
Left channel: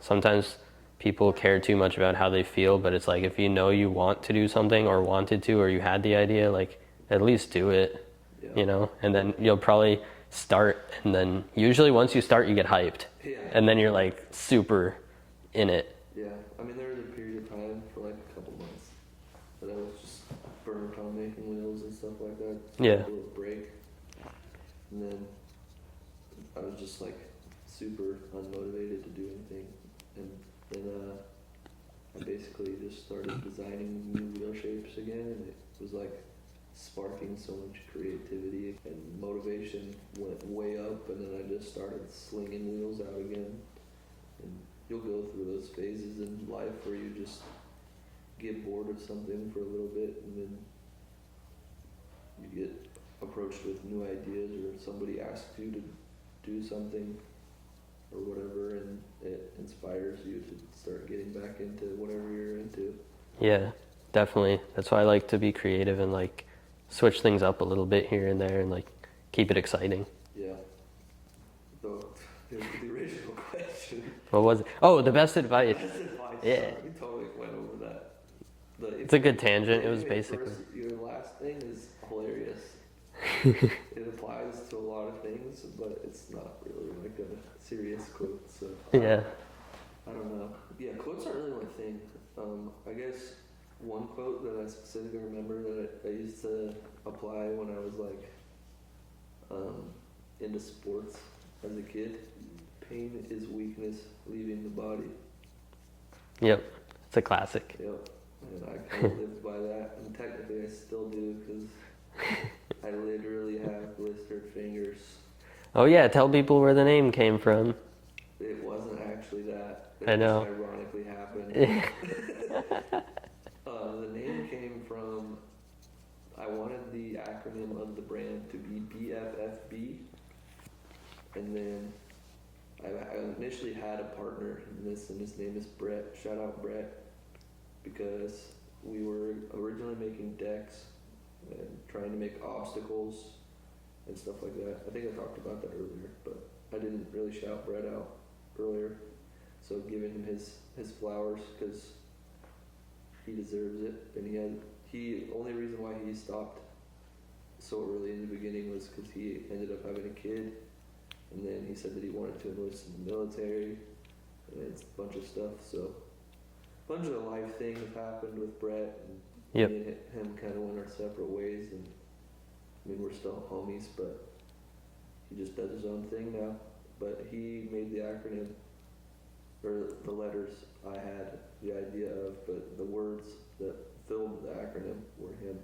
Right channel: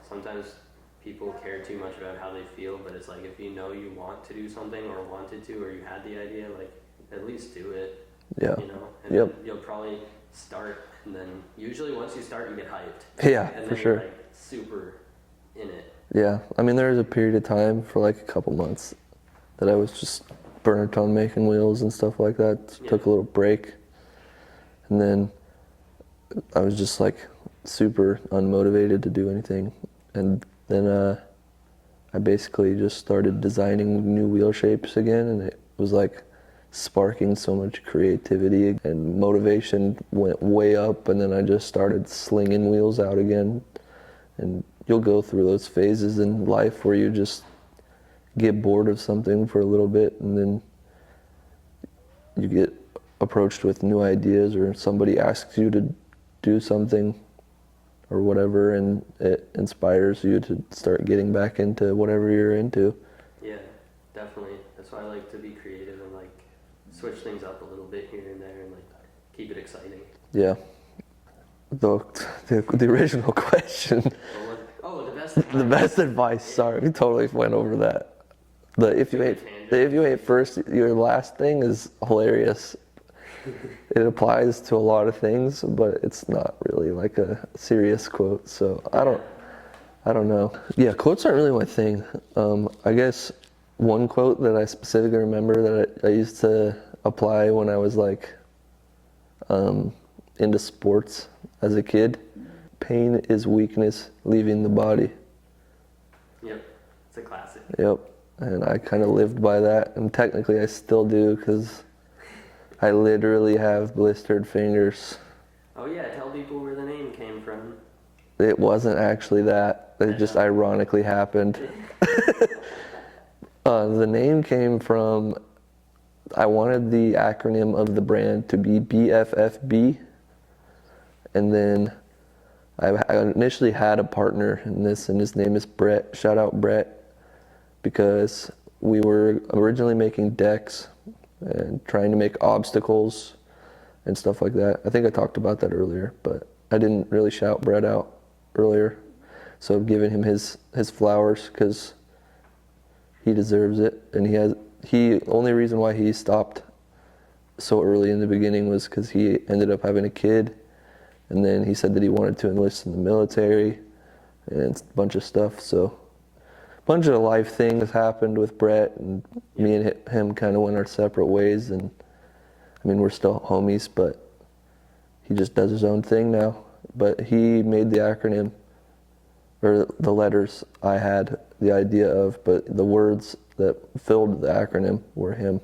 sometimes people care too much about how they feel, but it's like, if you know you want to do something or wanted to, or you had the idea, like, at least do it. Yeah. You know, and Yep. then you'll probably start, and then usually once you start, you get hyped. Yeah. And then for you're sure. like super in it. Yeah. I mean, there was a period of time for like a couple months that I was just burnt on making wheels and stuff like that. Yeah. Took a little break. And then I was just like super unmotivated to do anything. And then I basically just started designing new wheel shapes again, and it was like sparking so much creativity, and motivation went way up, and then I just started slinging wheels out again. And you'll go through those phases in life where you just get bored of something for a little bit, and then you get approached with new ideas, or somebody asks you to do something or whatever, and it inspires you to start getting back into whatever you're into. Yeah, definitely. That's why I like to be creative and like switch things up a little bit here and there and like keep it exciting. Yeah. The original question. What was it? Oh, the best advice. The best advice. Yeah. Sorry, we totally went over that. It's a good tangent. If you It was ain't first, your last thing is hilarious. It applies to a lot of things, but it's not really like a serious quote. So Yeah. I don't know. Yeah, quotes aren't really my thing. I guess one quote that I specifically remember that I used to apply when I was like into sports as a kid. Pain is weakness leaving the body. Yep, it's a classic. Yep. And I kind of lived by that, and technically I still do, because I literally have blistered fingers. Oh yeah, tell people where the name came from. It wasn't actually that. I It just know. ironically happened. The name came from, I wanted the acronym of the brand to be BFFB. And then I initially had a partner in this, and his name is Brett. Shout out Brett. Because we were originally making decks and trying to make obstacles and stuff like that. I think I talked about that earlier, but I didn't really shout Brett out earlier. So I've given him his flowers because he deserves it. And only reason why he stopped so early in the beginning was because he ended up having a kid, and then he said that he wanted to enlist in the military and a bunch of stuff. So bunch of life things happened with Brett, and Yep. me and him kind of went our separate ways. And I mean, we're still homies, but he just does his own thing now. But he made the acronym, or the letters I had the idea of, but the words that filled the acronym were him.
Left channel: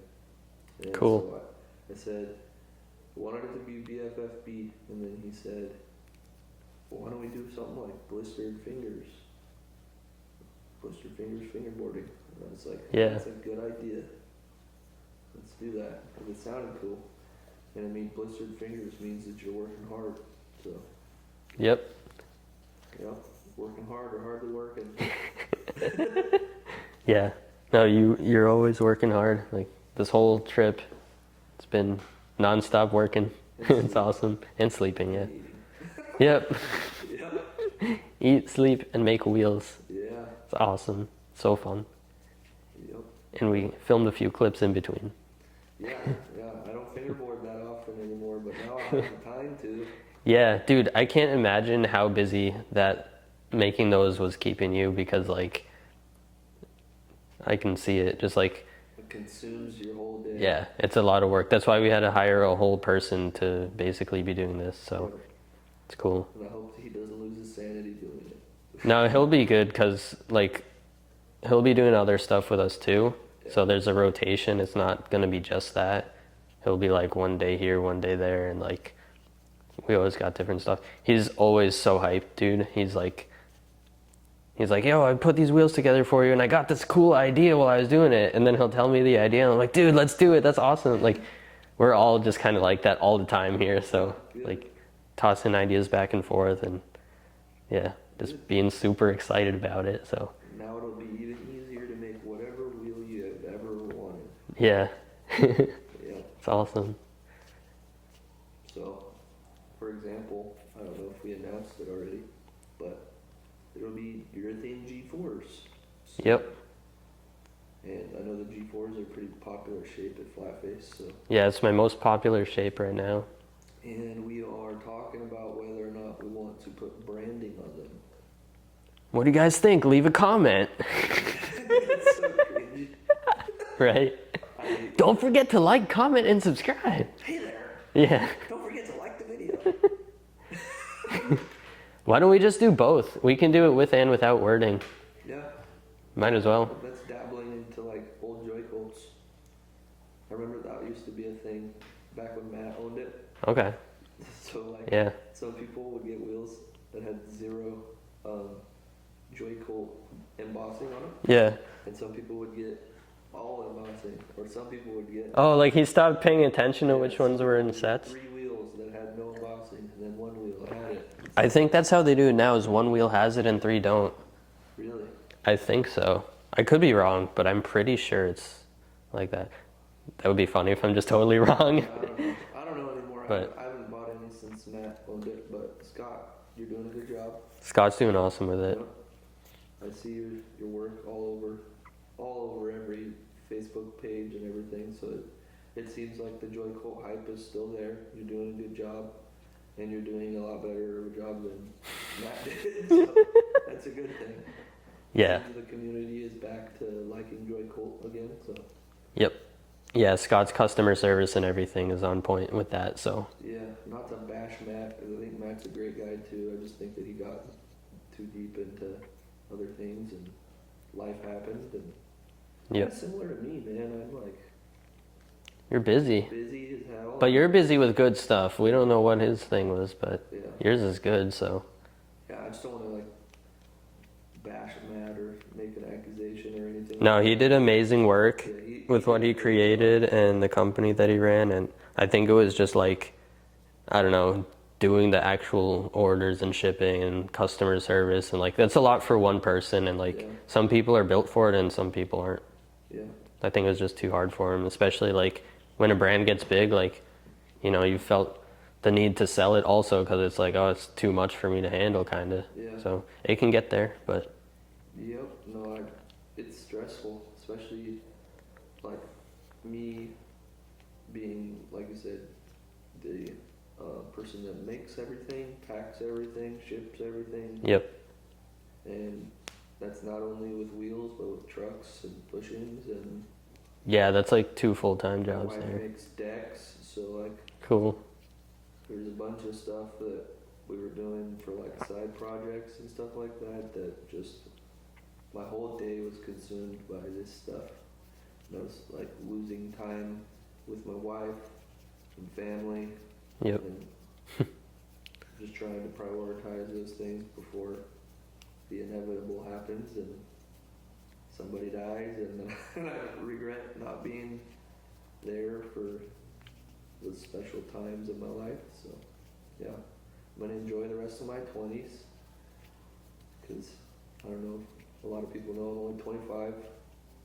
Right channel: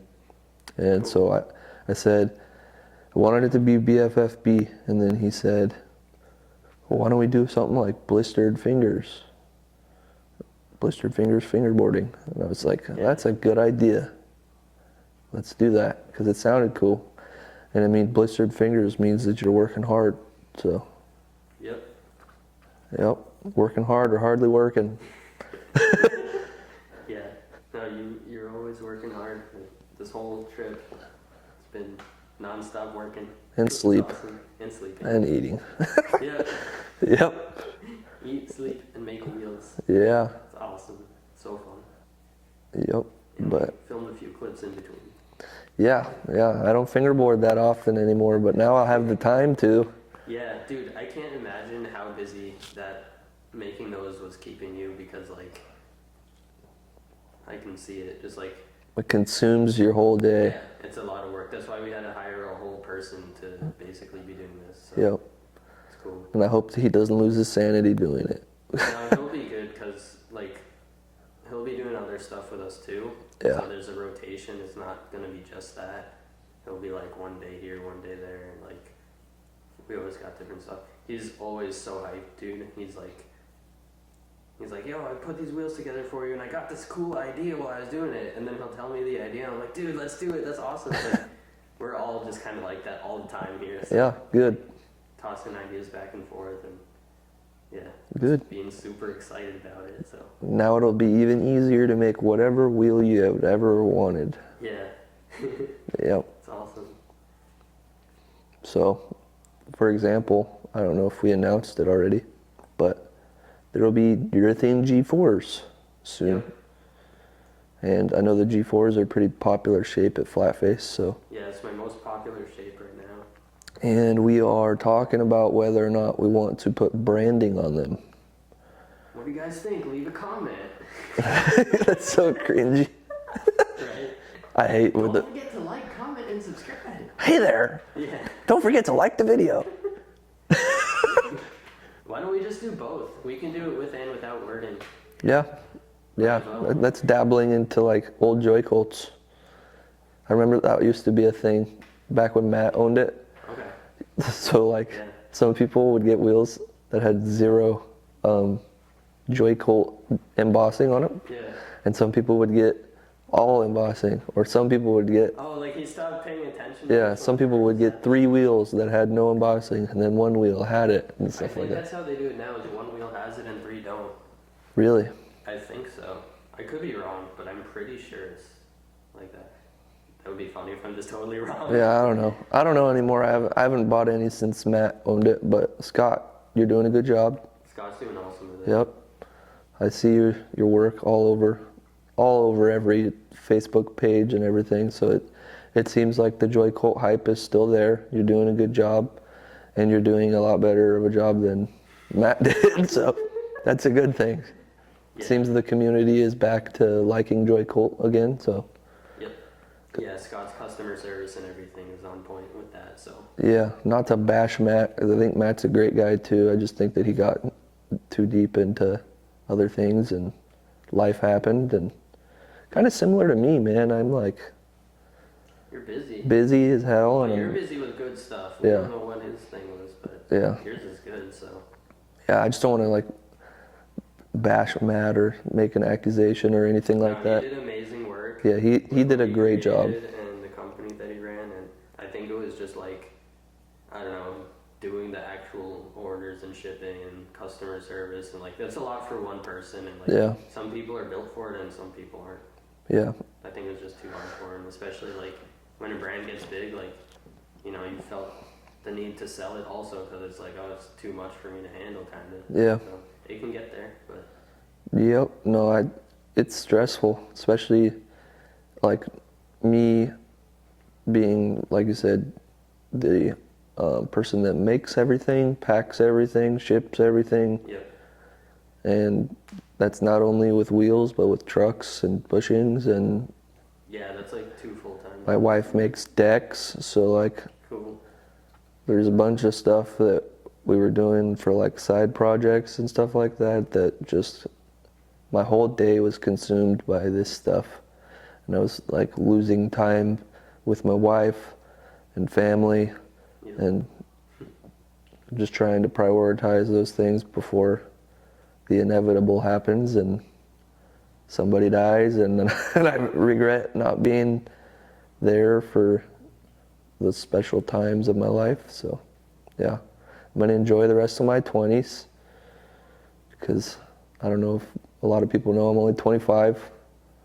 And Cool. so I said I wanted it to be BFFB, and then he said, well, why don't we do something like Blistered Fingers? Blistered Fingers fingerboarding. And I was like, Yeah. that's a good idea. Let's do that, because it sounded cool. And I mean, blistered fingers means that you're working hard. So, Yep. yep. working hard or hardly working. Yeah. No, you're always working hard. Like this whole trip, it's been nonstop working. And It's sleep. awesome. And sleeping. And yeah. eating. Yep. Yep. Eat, sleep, and make wheels. Yeah. It's awesome. So fun. Yep. And we But- filmed a few clips in between. Yeah. I don't fingerboard that often anymore, but now I'll have the time to. Yeah, dude, I can't imagine how busy that making those was keeping you because, like, I can see it. Just like, It consumes your whole day. yeah, it's a lot of work. That's why we had to hire a whole person to basically be doing this. So Yep. it's cool. And I hope that he doesn't lose his sanity doing it. No, he'll be good because, like, he'll be doing other stuff with us too. Yeah. So there's a rotation. It's not going to be just that. He'll be like one day here, one day there, and like we always got different stuff. He's always so hyped, dude. He's like, yo, I put these wheels together for you, and I got this cool idea while I was doing it. And then he'll tell me the idea, and I'm like, dude, let's do it. That's awesome. Like, we're all just kind of like that all the time here. So, Yeah, good. Like, tossing ideas back and forth, and yeah, just Good. being super excited about it. So, Now it'll be even easier to make whatever wheel you have ever wanted. yeah, Yep. it's awesome. So, for example, I don't know if we announced it already, but there will be urethane G4s soon. Yep. And I know the G4s are pretty popular shape at Flatface, so. Yeah, it's my most popular shape right now. And we are talking about whether or not we want to put branding on them. What do you guys think? Leave a comment, That's so cringy. right? I hate when Don't the- forget to like, comment, and subscribe. Hey there! Yeah. Don't forget to like the video. Why don't we just do both? We can do it with and without wording. Yeah. Might as well. That's dabbling into like old Joy Colts. I remember that used to be a thing back when Matt owned it. Okay. So like Yeah. some people would get wheels that had zero Joy Colt embossing on them, Yeah. and some people would get all embossing, or some people would get Oh, like he stopped paying attention to which some ones were people in would get sets? 3 wheels that had no embossing, and then 1 wheel had it. and I stuff think like that's how they do it now. Is one wheel has it and 3 don't. that. Really. I think so. I could be wrong, but I'm pretty sure it's like that. That would be funny if I'm just totally wrong. Yeah, I don't know. I don't know anymore. I haven't bought any since Matt owned it, but Scott, you're doing a good job. Scott's doing awesome with it. Yep. I see your work all over every Facebook page and everything. So it seems like the Joy Colt hype is still there. You're doing a good job, and you're doing a lot better of a job than Matt did. So that's a good thing. Yeah. Seems the community is back to liking Joy Colt again. So Yep. Yeah, Scott's customer service and everything is on point with that. So yeah, not to bash Matt, 'cause I think Matt's a great guy too. I just think that he got too deep into other things and life happened, and kind of similar to me, man. I'm like you're busy. busy as hell. But and- you're busy with good stuff. We Yeah. don't know what his thing was, but Yeah. yours is good. So Yeah, I just don't want to like bash Matt or make an accusation or anything no, like he that. did amazing work. Yeah, he with did what a he great job. created and the company that he ran, and I think it was just like, I don't know, doing the actual orders and shipping and customer service, and like that's a lot for one person, and like Yeah. some people are built for it and some people aren't. Yeah, I think it was just too hard for him, especially like when a brand gets big, like, you know, you felt the need to sell it also because it's like, oh, it's too much for me to handle, kind of. Yeah. So it can get there, but yep. No, it's stressful, especially like me being, like you said, the person that makes everything, packs everything, ships everything, yep. and that's not only with wheels but with trucks and bushings, and Yeah, that's like 2 full-time jobs. my wife makes decks, so like Cool. there's a bunch of stuff that we were doing for like side projects and stuff like that just my whole day was consumed by this stuff, and I was like losing time with my wife and family, Yep. and just trying to prioritize those things before the inevitable happens and somebody dies, and then and I regret not being there for the special times of my life. So yeah, I'm gonna enjoy the rest of my 20s because I don't know if a lot of people know I'm only 25.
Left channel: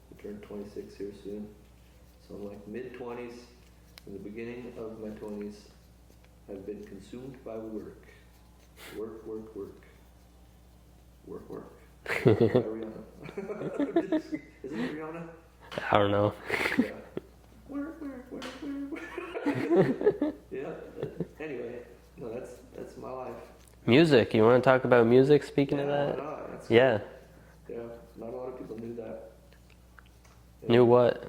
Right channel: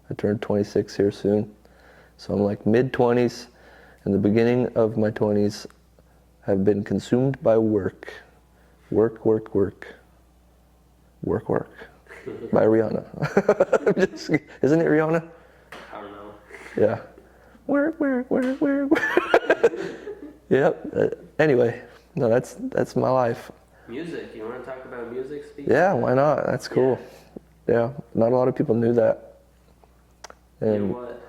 I turned 26 here soon. So I'm like mid-20s, and the beginning of my 20s have been consumed by work. Work, work, work. Work, work. By Rihanna. Isn't it Rihanna? I don't know. Yeah. Work, work, work, work, work. Yep. Anyway, no, that's my life. Music. You want to talk about music? Speaking Yeah, of that? why not? That's cool. Yeah. Yeah, not a lot of people knew that. And Knew what?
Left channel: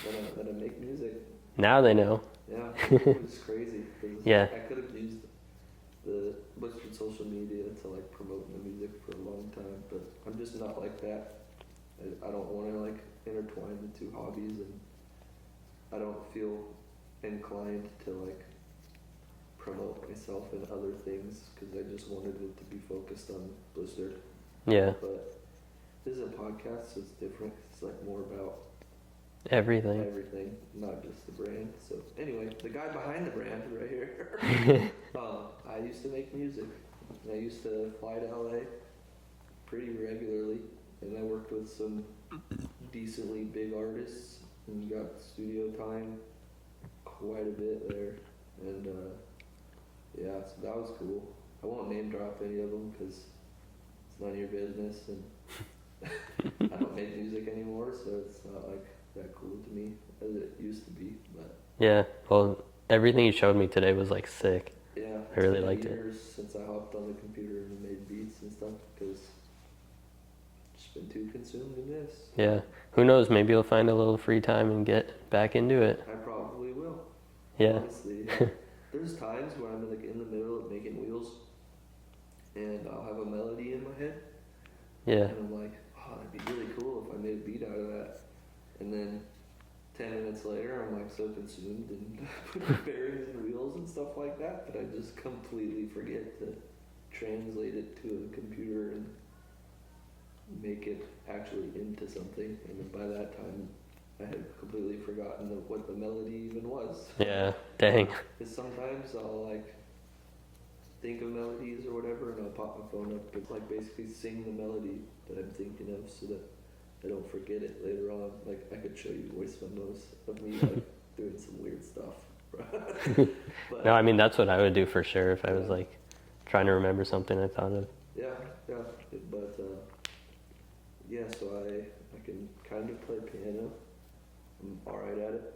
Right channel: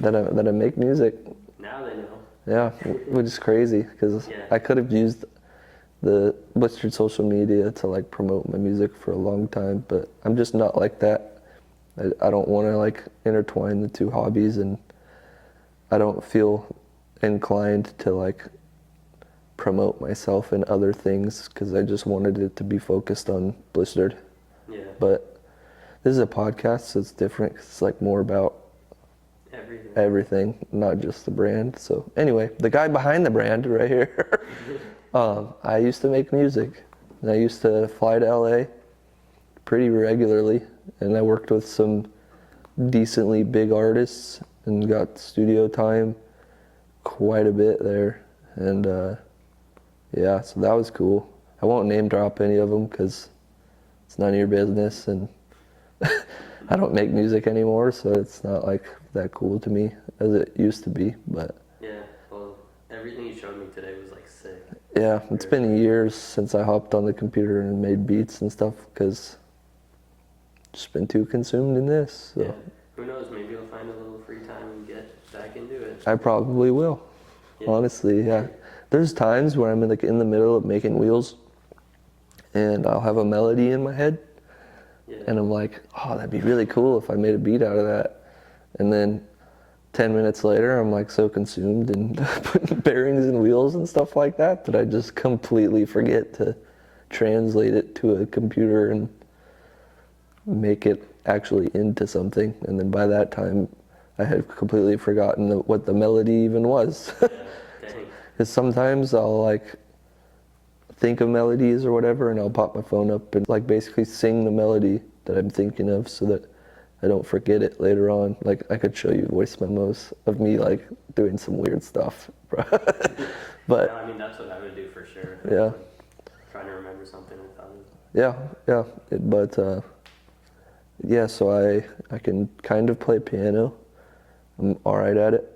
That I make music. Now they know. Yeah, which is crazy because Yeah. I could have used the Blistered social media to like promote my music for a long time, but I'm just not like that. I don't want to like intertwine the two hobbies, and I don't feel inclined to like promote myself in other things because I just wanted it to be focused on Blistered. Yeah. But this is a podcast, so it's different 'cause it's like more about everything, not just the brand. So anyway, the guy behind the brand right here, I used to make music. And I used to fly to LA pretty regularly, and I worked with some decently big artists and got studio time quite a bit there. And yeah, so that was cool. I won't name drop any of them because it's none of your business, and I don't make music anymore, so it's not like that cool to me as it used to be. But Yeah. Well, everything you showed me today was like sick. yeah, it's really been liked it. years since I hopped on the computer and made beats and stuff because just been too consumed in this. So Yeah. Who knows? Maybe you'll find a little free time and get back into it. I probably will. Yeah. Honestly, yeah. There's times where I'm in the middle of making wheels, and I'll have a melody in my head, Yeah. and I'm like, oh, that'd be really cool if I made a beat out of that. And then 10 minutes later, I'm like so consumed in putting bearings and wheels and stuff like that I just completely forget to translate it to a computer and make it actually into something. And then by that time, I had completely forgotten what the melody even was. Yeah. Dang. Because sometimes I'll like think of melodies or whatever, and I'll pop my phone up and like basically sing the melody that I'm thinking of so that I don't forget it later on. Like I could show you voice memos of me like doing some weird stuff. But No, I mean, that's what I would do for sure if I Yeah. was like trying to remember something I thought of. yeah, yeah, so I can kind of play piano. I'm all right at it.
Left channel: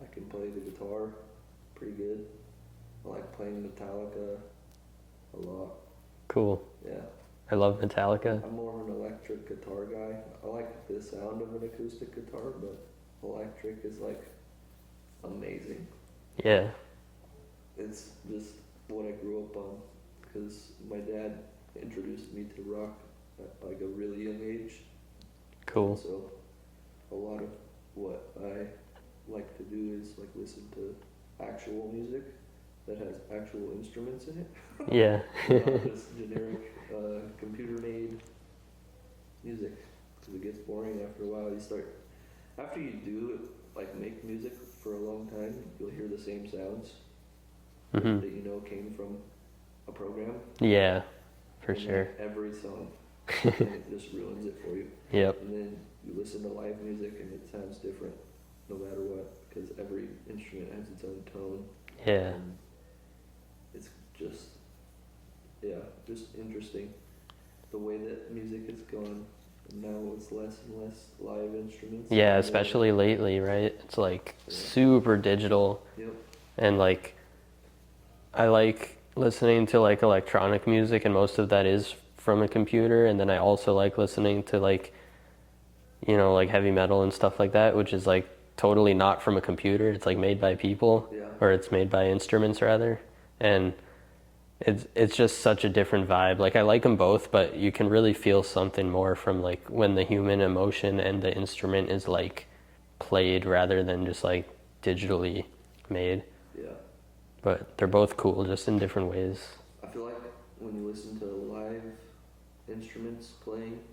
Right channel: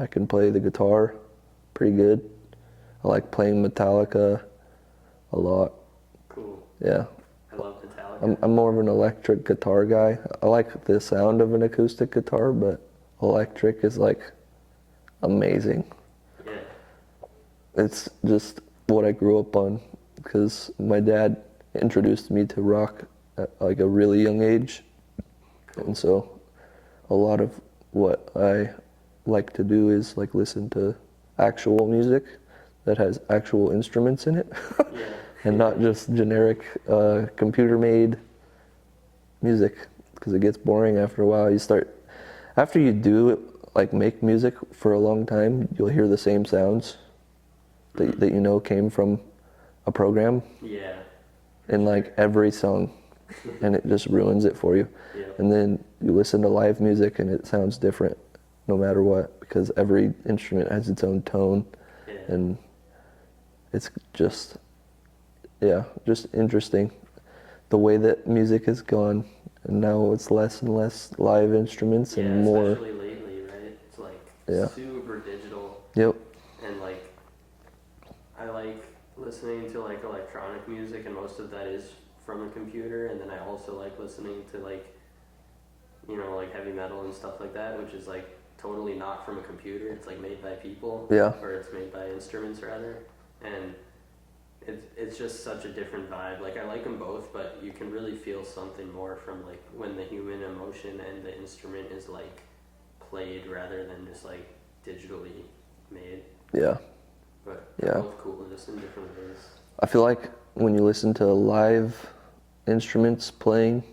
I can play the guitar pretty good. I like playing Metallica a lot. Cool. Yeah. I love Metallica. I'm more of an electric guitar guy. I like the sound of an acoustic guitar, but electric is like amazing. Yeah. It's just what I grew up on because my dad introduced me to rock at like a really young age. Cool. And so a lot of what I like to do is like listen to actual music that has actual instruments in it. Yeah. And not just generic computer-made music, because it gets boring after a while. After you do like make music for a long time, you'll hear the same sounds that you know came from a program Yeah. For in sure. like every song, and it just ruins it for you. Yep. And then you listen to live music, and it sounds different no matter what, because every instrument has its own tone. Yeah. And it's just interesting the way that music has gone, and now it's less and less live instruments. Yeah, and more, especially lately, right? It's like Yeah. super digital, Yep. and like I like listening to like electronic music, and most of that is from a computer. And then I also like listening to like, you know, like heavy metal and stuff like that, which is like totally not from a computer. It's like made by people, Yeah. or it's made by instruments rather, and it's just such a different vibe. Like I like them both, but you can really feel something more from like when the human emotion and the instrument is like played rather than just like digitally made. Yeah. But they're Yeah. both cool, just in different ways. I feel like when you listen to live instruments playing,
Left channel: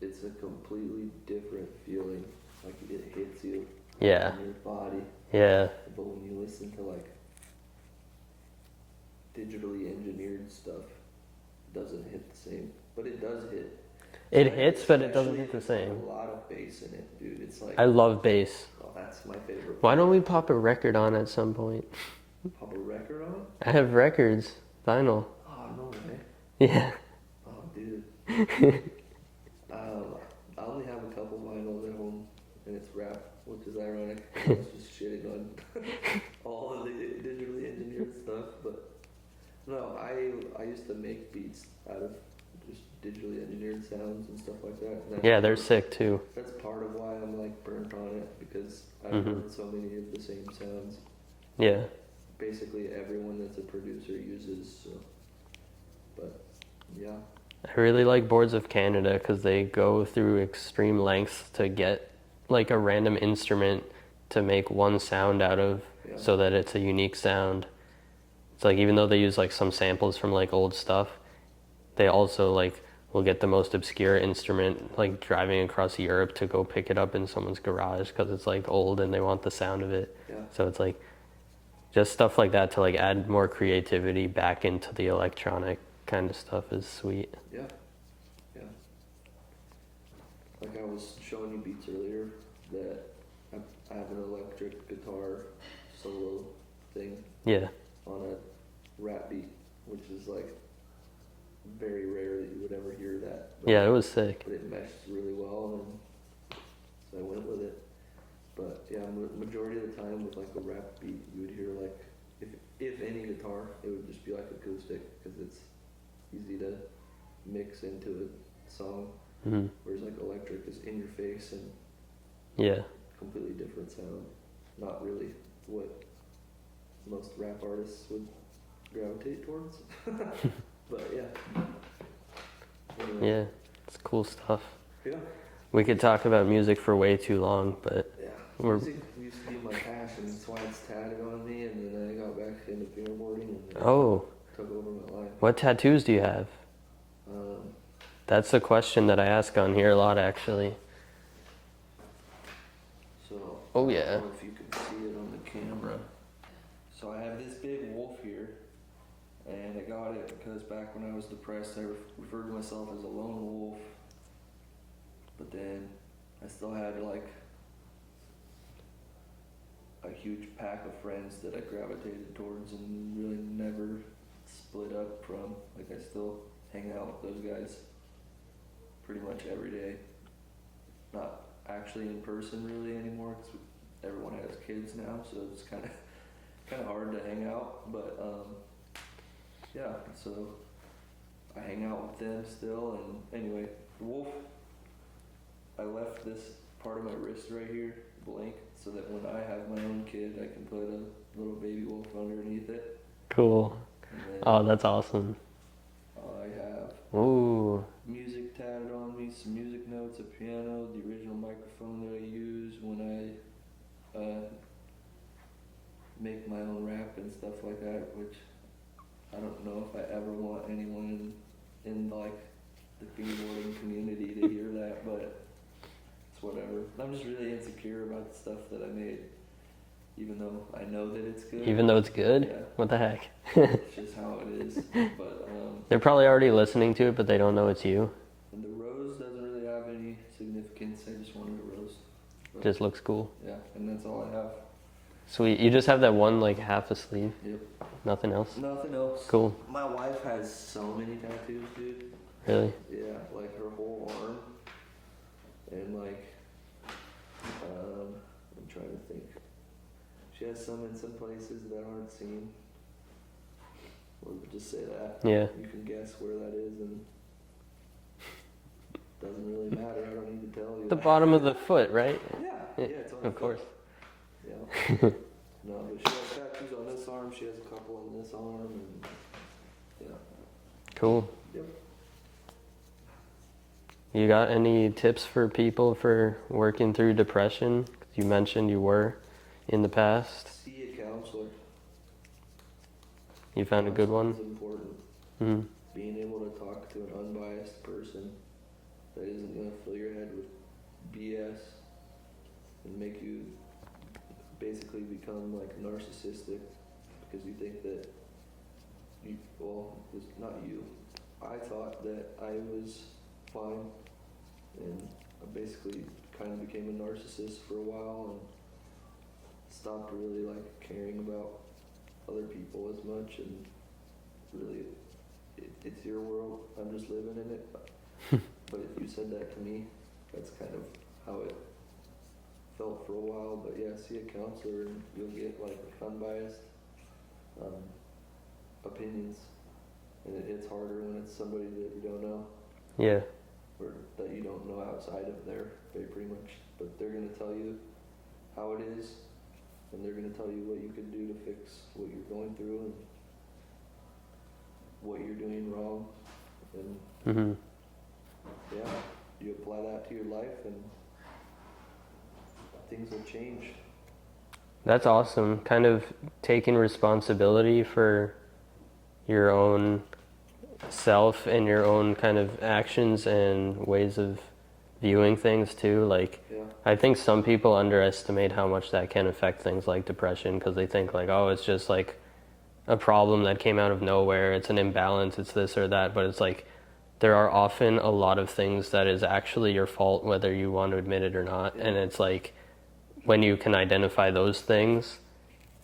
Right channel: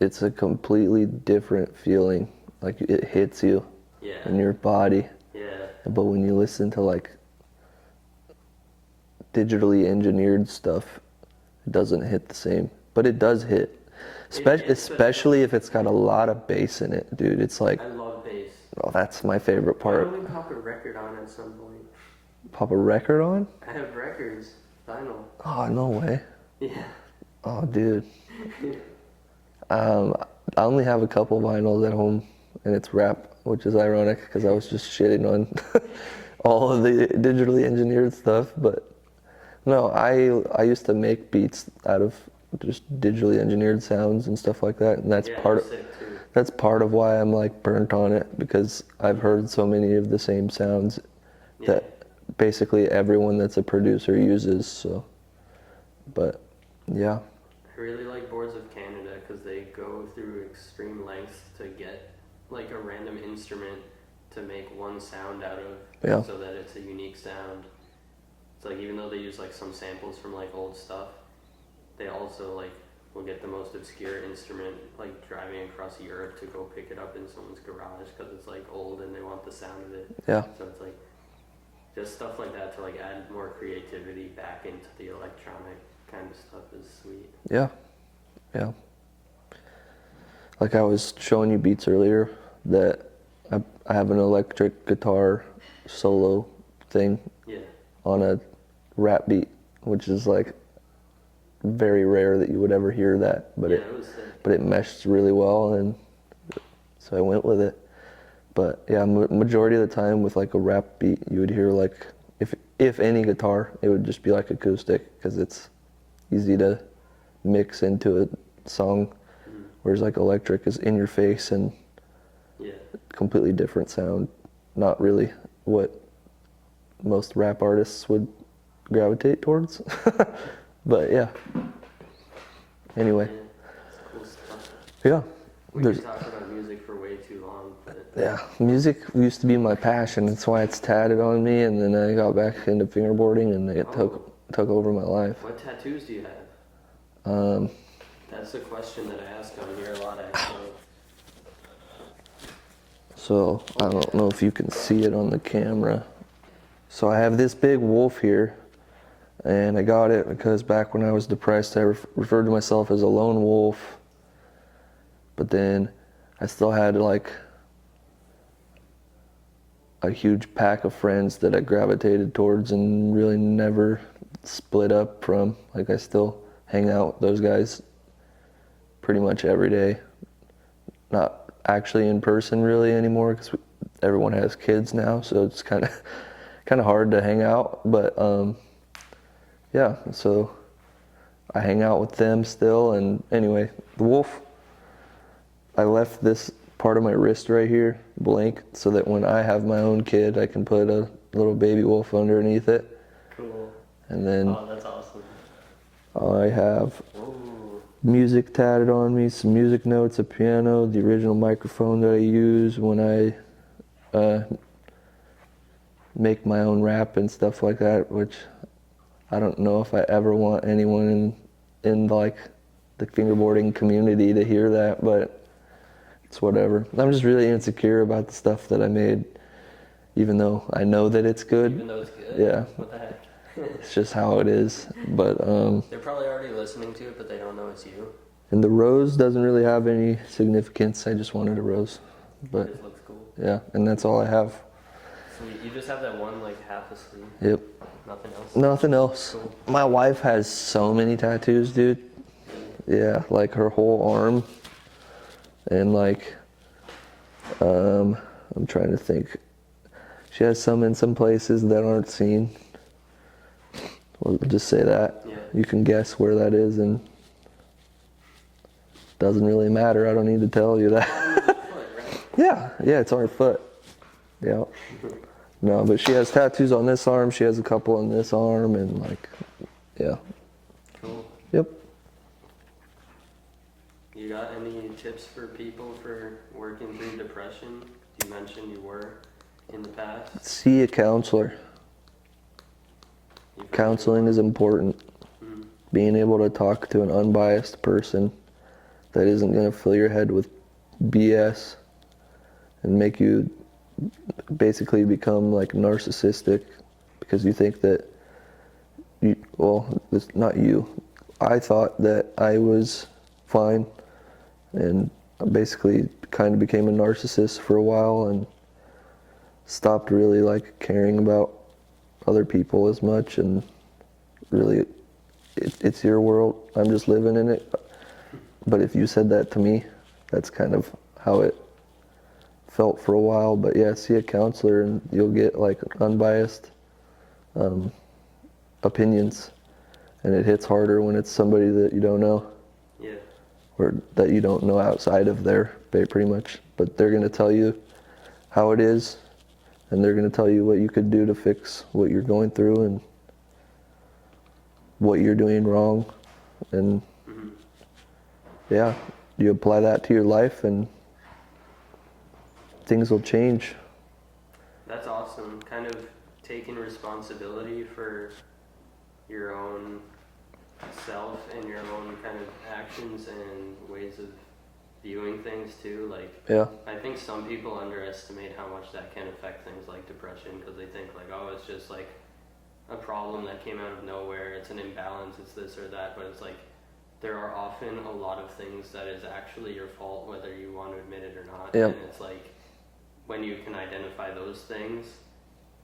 it's a completely different feeling. Like it hits you Yeah. in your body. Yeah. But when you listen to like digitally engineered stuff, it doesn't hit the same. But it does hit. It hits, but it Especially if doesn't it's got a lot of bass in it, dude. It's like, I love bass. oh, that's my favorite Why part. don't we pop a record on at some point? Pop a record on? I have records, vinyl. Oh, no way. Yeah. Oh, dude. I only have a couple vinyls at home, and it's rap, which is ironic because I was just shitting on all of the digitally engineered stuff. But no, I used to make beats out of just digitally engineered sounds and stuff like that, and that's Yeah, part they're of, sick too. that's part of why I'm like burnt on it, because I've heard so many of the same sounds Yeah. that basically everyone that's a producer uses. So, but yeah. I really like Boards of Canada because they go through extreme lengths to get like a random instrument to make one sound out of, Yeah. so that it's a unique sound. It's like, even though they use like some samples from like old stuff, they also like will get the most obscure instrument, like driving across Europe to go pick it up in someone's garage because it's like old and they want the sound of it. Yeah. So it's like just stuff like that to like add more creativity back into the electronic kind of stuff is sweet. Yeah, yeah. Like I was showing you beats earlier, that I have an electric guitar solo thing Yeah. on a rap beat, which is like very rare that you would ever hear that. But Yeah, it was sick. but it meshed really well, and so I went with it. But yeah, majority of the time with like a rap beat, you would hear like, if any guitar, it would just be like acoustic, because it's easy to mix into a song, whereas like electric is in your face and Yeah. completely different sound. Not really what most rap artists would gravitate towards. But yeah. Anyway. Yeah. It's cool stuff. Yeah. We There's- could talk about music for way too long, but Yeah, music used to be my passion. That's why it's tatted on me, and then I got back into fingerboarding, and it took over my life. what tattoos do you have? That's the question that I ask on here a lot, actually. So Oh, I don't yeah. know if you can see it on the camera. So I have this big wolf here, and I got it because back when I was depressed, I referred to myself as a lone wolf. But then I still had like a huge pack of friends that I gravitated towards and really never split up from. Like I still hang out with those guys pretty much every day. Not actually in person really anymore, because everyone has kids now, so it's kind of hard to hang out. But yeah, so I hang out with them still. And anyway, the wolf, I left this part of my wrist right here blank, so that when I have my own kid, I can put a little baby wolf underneath it. Cool. And then Oh, that's awesome. I have Ooh. music tatted on me, some music notes, a piano, the original microphone that I use when I make my own rap and stuff like that, which I don't know if I ever want anyone in like the fingerboarding community to hear that, but it's whatever. I'm just really insecure about the stuff that I made, even though I know that it's good. Even though it's good? Yeah. What the heck? It's just how it is. But They're probably already listening to it, but they don't know it's you. and the rose doesn't really have any significance. I just wanted a rose. It But just looks cool. yeah, and that's all I have. Sweet. You just have that one like half a sleeve. Yep. Nothing else. Nothing else. Cool. My wife has so many tattoos, dude. Really? Yeah, like her whole arm. And like, I'm trying to think. She has some in some places that aren't seen. We'll just say that. Yeah. You can guess where that is, and doesn't really matter. I don't need to tell you that. Bottom of the foot, right? Yeah, it's on her foot. Yeah. No, but she has tattoos on this arm. She has a couple on this arm, and like, yeah. Cool. Yep. You got any tips for people for working through depression? You mentioned you were in the past. See a counselor. You found a good Counseling one? is important. Mhm. Being able to talk to an unbiased person that isn't going to fill your head with BS and make you basically become like narcissistic because you think that it's not you. I thought that I was fine, and I basically kind of became a narcissist for a while and stopped really like caring about other people as much, and really it's your world, I'm just living in it. But if you said that to me, that's kind of how it felt for a while. But yeah, see a counselor and you'll get like unbiased opinions, and it hits harder when it's somebody that you don't know. Yeah. Or that you don't know outside of there, pretty much. But they're gonna tell you how it is, and they're gonna tell you what you could do to fix what you're going through and what you're doing wrong. And yeah, you apply that to your life and things will change. That's awesome. Kind of taking responsibility for your own self and your own kind of actions and ways of viewing things too. Like, Yeah. I think some people underestimate how much that can affect things like depression, because they think like, oh, it's just like a problem that came out of nowhere, it's an imbalance, it's this or that. But it's like, there are often a lot of things that is actually your fault, whether you want to admit it or not. Yeah. And it's like, when you can identify those things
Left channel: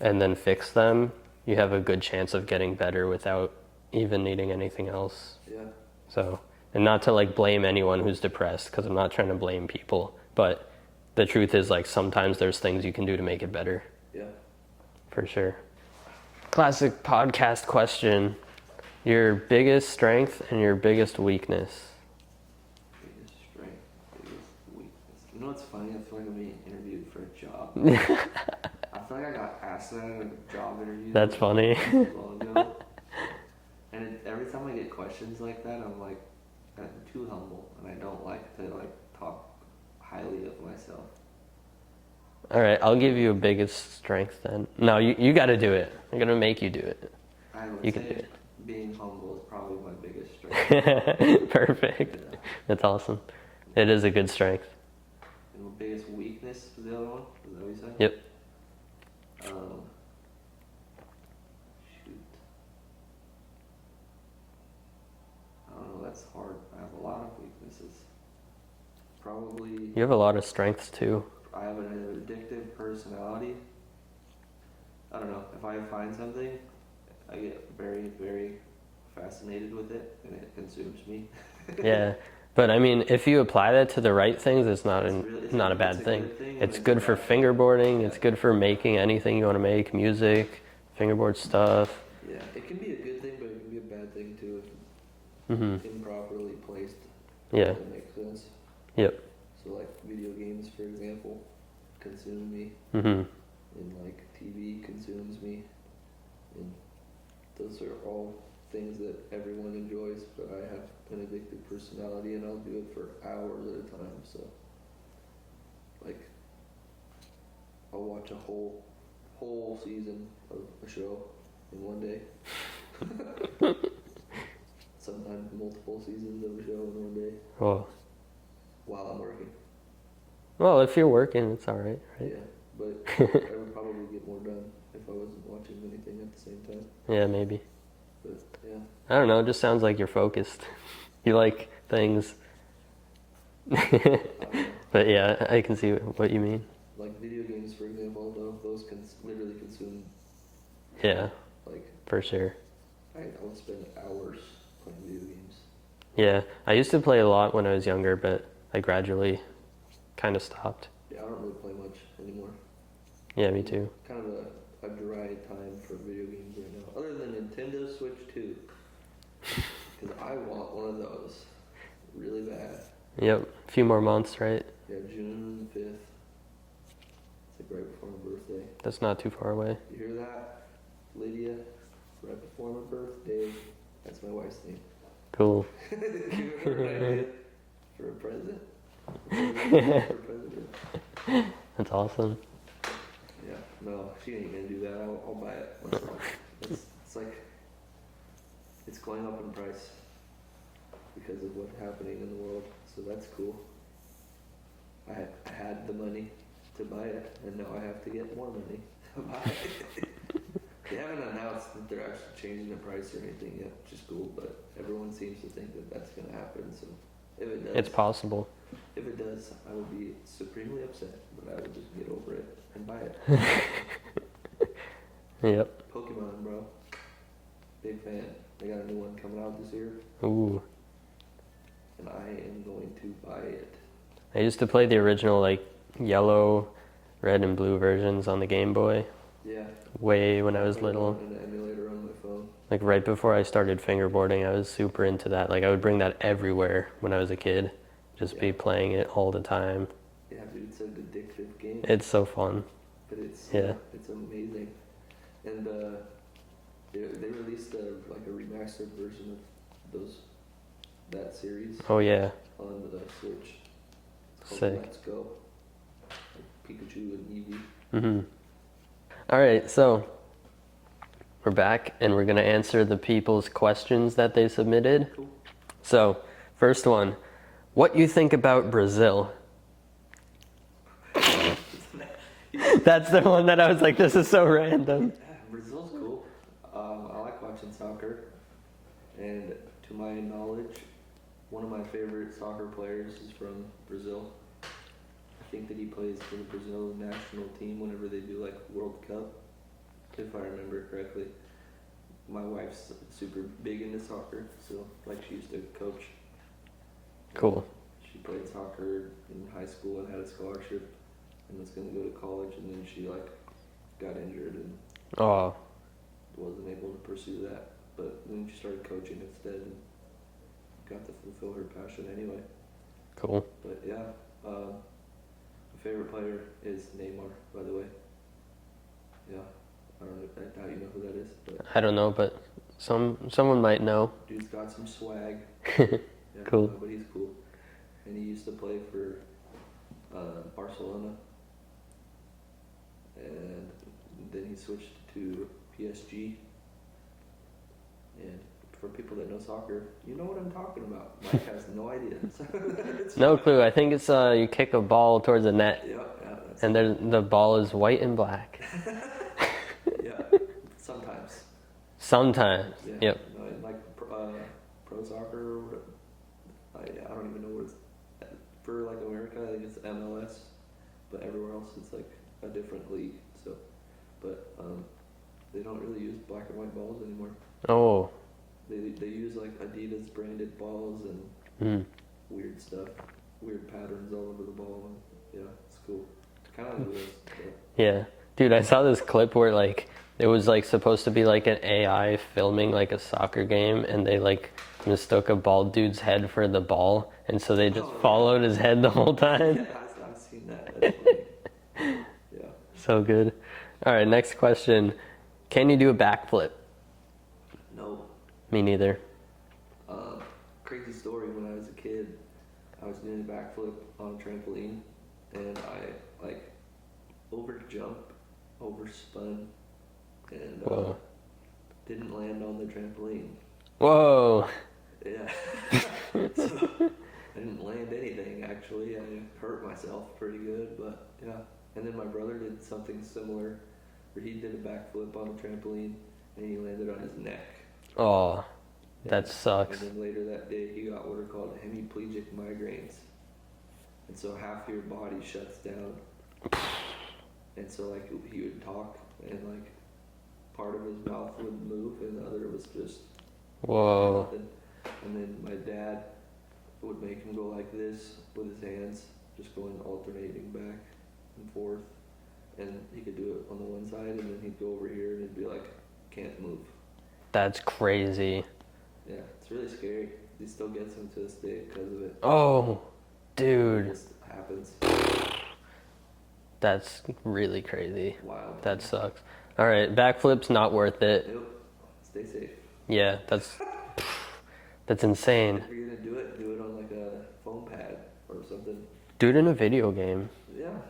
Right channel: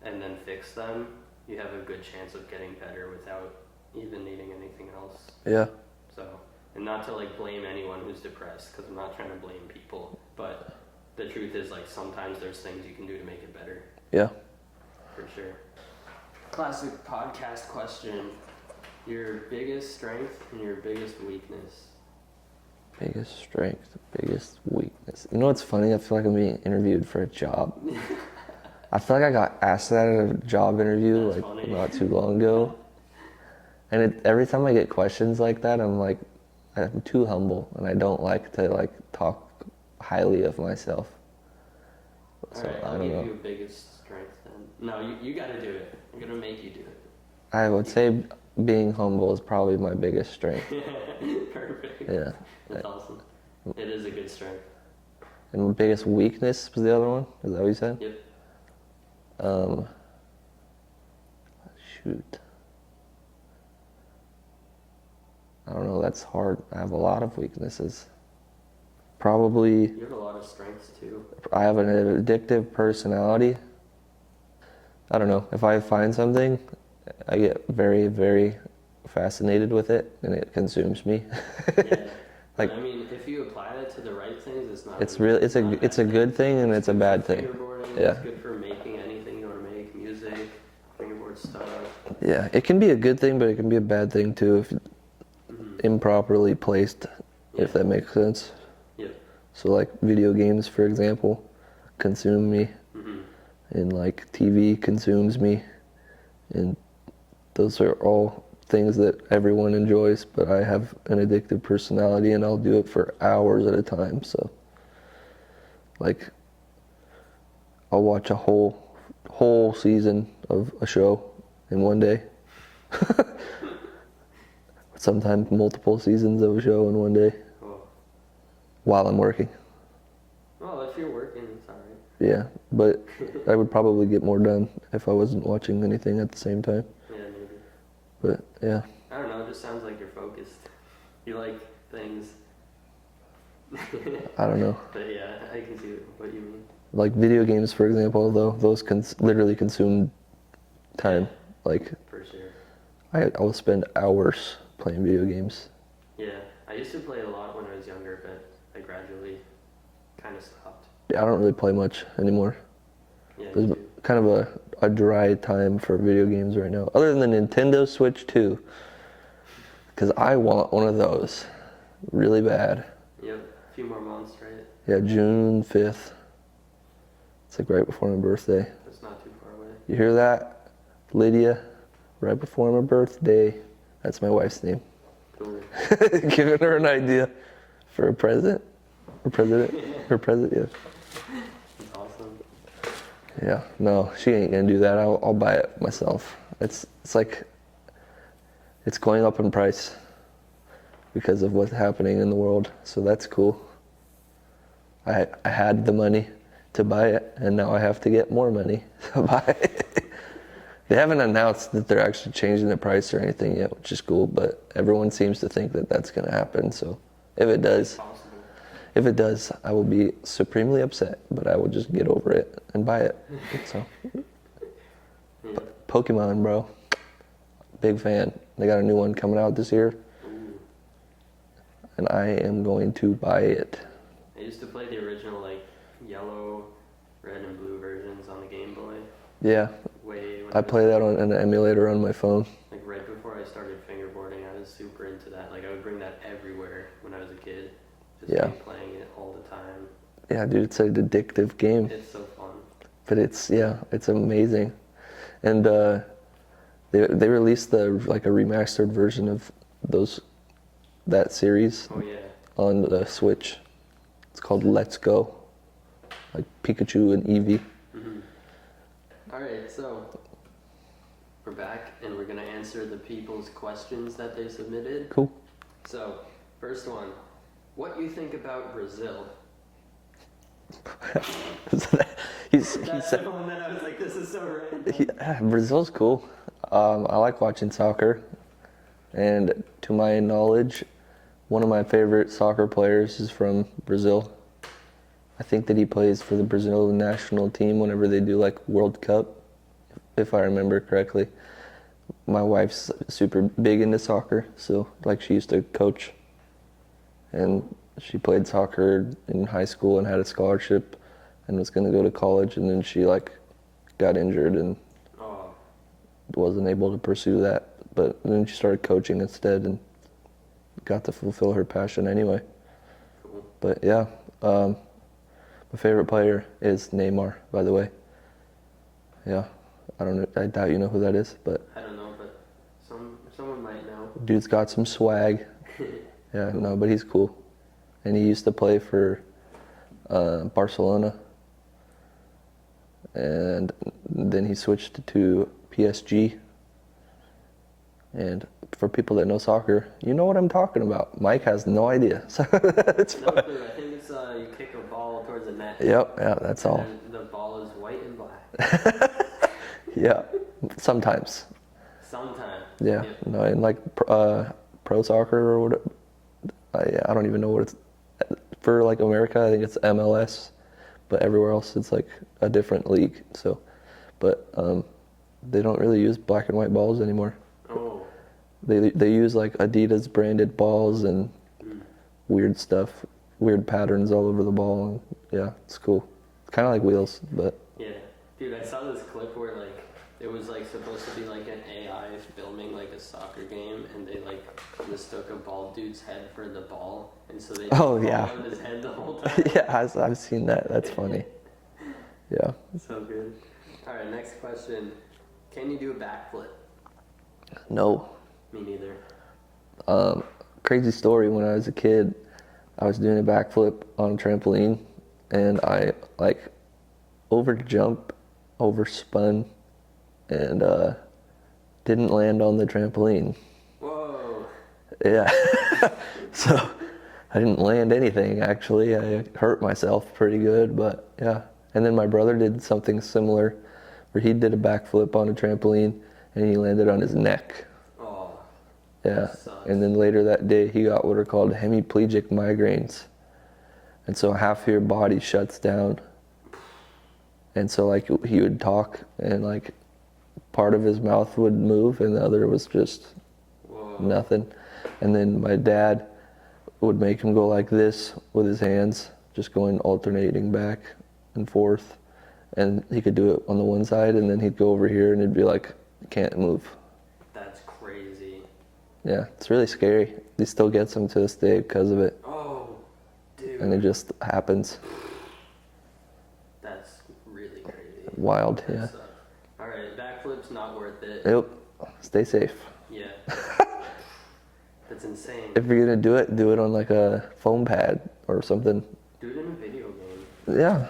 and then fix them, you have a good chance of getting better without even needing anything else. Yeah. So, and not to like blame anyone who's depressed, because I'm not trying to blame people, but the truth is like sometimes there's things you can do to make it better. Yeah. For sure. Classic podcast question. Your biggest strength and your biggest weakness. Biggest strength, biggest weakness. You know what's funny? I feel like I'm being interviewed for a job. I feel like I got asked that at a job interview. That's like, funny. Not too long ago. And every time I get questions like that, I'm like, I'm too humble, and I don't like to like talk highly of myself. All right, I'll give you a biggest strength then. No, you got to do it. I'm going to make you do it. I would You say being humble is probably my biggest strength. Perfect. Yeah. That's awesome. It is a good strength. And my biggest weakness was the other one? Is that what you said? Yep. Shoot. I don't know, that's hard. I have a lot of weaknesses. Probably, You have a lot of strengths too. I have an addictive personality. I don't know, if I find something, I get very, very fascinated with it, and it consumes me. Yeah. But I mean, if you apply that to the right things, it's not It's really, it's not a, a bad it's a good thing, and it's a good bad for thing. fingerboarding. Yeah. It's good for making anything you want to make, music, fingerboard stuff. Yeah, it can be a good thing, but it can be a bad thing too if improperly placed, Yeah. if that makes sense. Yep. So like video games, for example, consume me, and like TV consumes me, and those are all things that everyone enjoys, but I have an addictive personality and I'll do it for hours at a time. So like I'll watch a whole season of a show in one day. Sometimes multiple seasons of a show in one day Well, while I'm working. well, if you're working, it's all right. Yeah, but I would probably get more done if I wasn't watching anything at the same time. Yeah, maybe. But yeah, I don't know. It just sounds like you're focused. You like things. I don't know. But yeah, I can see what you mean. Like video games, for example, though, those literally consume time. Yeah. Like For sure. I will spend hours playing video games. Yeah, I used to play a lot when I was younger, but I gradually kind of stopped. I don't really play much anymore. Yeah, me It's too. kind of a dry time for video games right now, other than the Nintendo Switch 2, because I want one of those really bad. Yep, a few more months, right? Yeah, June 5th. It's like right before my birthday. That's not too far away. You hear that, Lydia? Right before my birthday. That's my wife's name. Cool. Giving her an idea for a present. Or president. Her present, yeah. That's awesome. Yeah, no, she ain't gonna do that. I'll buy it myself. It's like, it's going up in price because of what's happening in the world. So that's cool. I had the money to buy it, and now I have to get more money to buy it. They haven't announced that they're actually changing the price or anything yet, which is cool, but everyone seems to think that that's going to happen. So if it does, It's possible. if it does, I will be supremely upset, but I will just get over it and buy it. So, Yep. Pokemon, bro. Big fan. They got a new one coming out this year, Ooh. and I am going to buy it. I used to play the original like yellow, red, and blue versions on the Game Boy. Yeah, Way when I I was play that little. on an emulator on my phone. Like right before I started fingerboarding, I was super into that. Like I would bring that everywhere when I was a kid. Just Yeah. be playing it all the time. Yeah, dude, it's an addictive game. It's so fun. But it's Yeah. it's amazing. And they released a remastered version of that series Oh yeah. on the Switch. It's called Sick. Let's Go. Like Pikachu and Eevee. All right, so we're back and we're gonna answer the people's questions that they submitted. Cool. So, first one, what you think about Brazil? That's the one that I was like, this is so random. Brazil's cool. I like watching soccer. And to my knowledge, one of my favorite soccer players is from Brazil. I think that he plays for the Brazil national team whenever they do like World Cup, if I remember correctly. My wife's super big into soccer, so like she used to coach. And Cool. she played soccer in high school and had a scholarship and was going to go to college, and then she like got injured and Oh, wasn't able to pursue that. But then she started coaching instead and got to fulfill her passion anyway. cool. But yeah, my favorite player is Neymar, by the way. Yeah, I don't know. I doubt you know who that is, but I don't know, but someone might know. dude's got some swag. Yeah, Cool. no, but he's cool. And he used to play for Barcelona, and then he switched to PSG. And for people that know soccer, you know what I'm talking about. Mike has no idea. So it's No fine. clue. I think it's you kick a ball towards the net, Yep, yeah, that's and all. the ball is white and black. Yeah, sometimes. Sometimes. Yeah. Yep. No, in like pro soccer or whatever. I don't even know what it's for. Like America, I think it's MLS, but everywhere else it's like a different league. So, but they don't really use black and white balls anymore. Oh. They use like Adidas branded balls and weird stuff, weird patterns all over the ball. And yeah, it's cool. It's kind of like wheels, but Yeah. Dude, I saw this clip where like it was like supposed to be like an AI filming like a soccer game, and they like mistook a bald dude's head for the ball, and so they just Oh, yeah. followed his head the whole time. yeah, I've seen that. That's funny. Yeah. So good. All right, next question. Can you do a backflip? No. Me neither. Crazy story. When I was a kid, I was doing a backflip on a trampoline, and I like overspun, and didn't land on the trampoline. Whoa. Yeah. So I didn't land anything actually. I hurt myself pretty good, but yeah. And then my brother did something similar, where he did a backflip on a trampoline, and he landed on his neck. Oh. Yeah. That sucks. And then later that day, he got what are called hemiplegic migraines. And so half of your body shuts down. And so like he would talk, and like part of his mouth would move and the other was just Whoa. nothing. And then my dad would make him go like this with his hands, just going alternating back and forth. And he could do it on the one side, and then he'd go over here and it'd be like, can't move. That's crazy. Yeah, it's really scary. He still gets them to this day because of it. Oh, And it dude. just happens. That's really crazy. Wild. That Yeah. sucks. All right, backflip's not worth it. Yep. Stay safe. Yeah, that's insane. If you're gonna do it on like a foam pad or something. Do it in a video game. Yeah.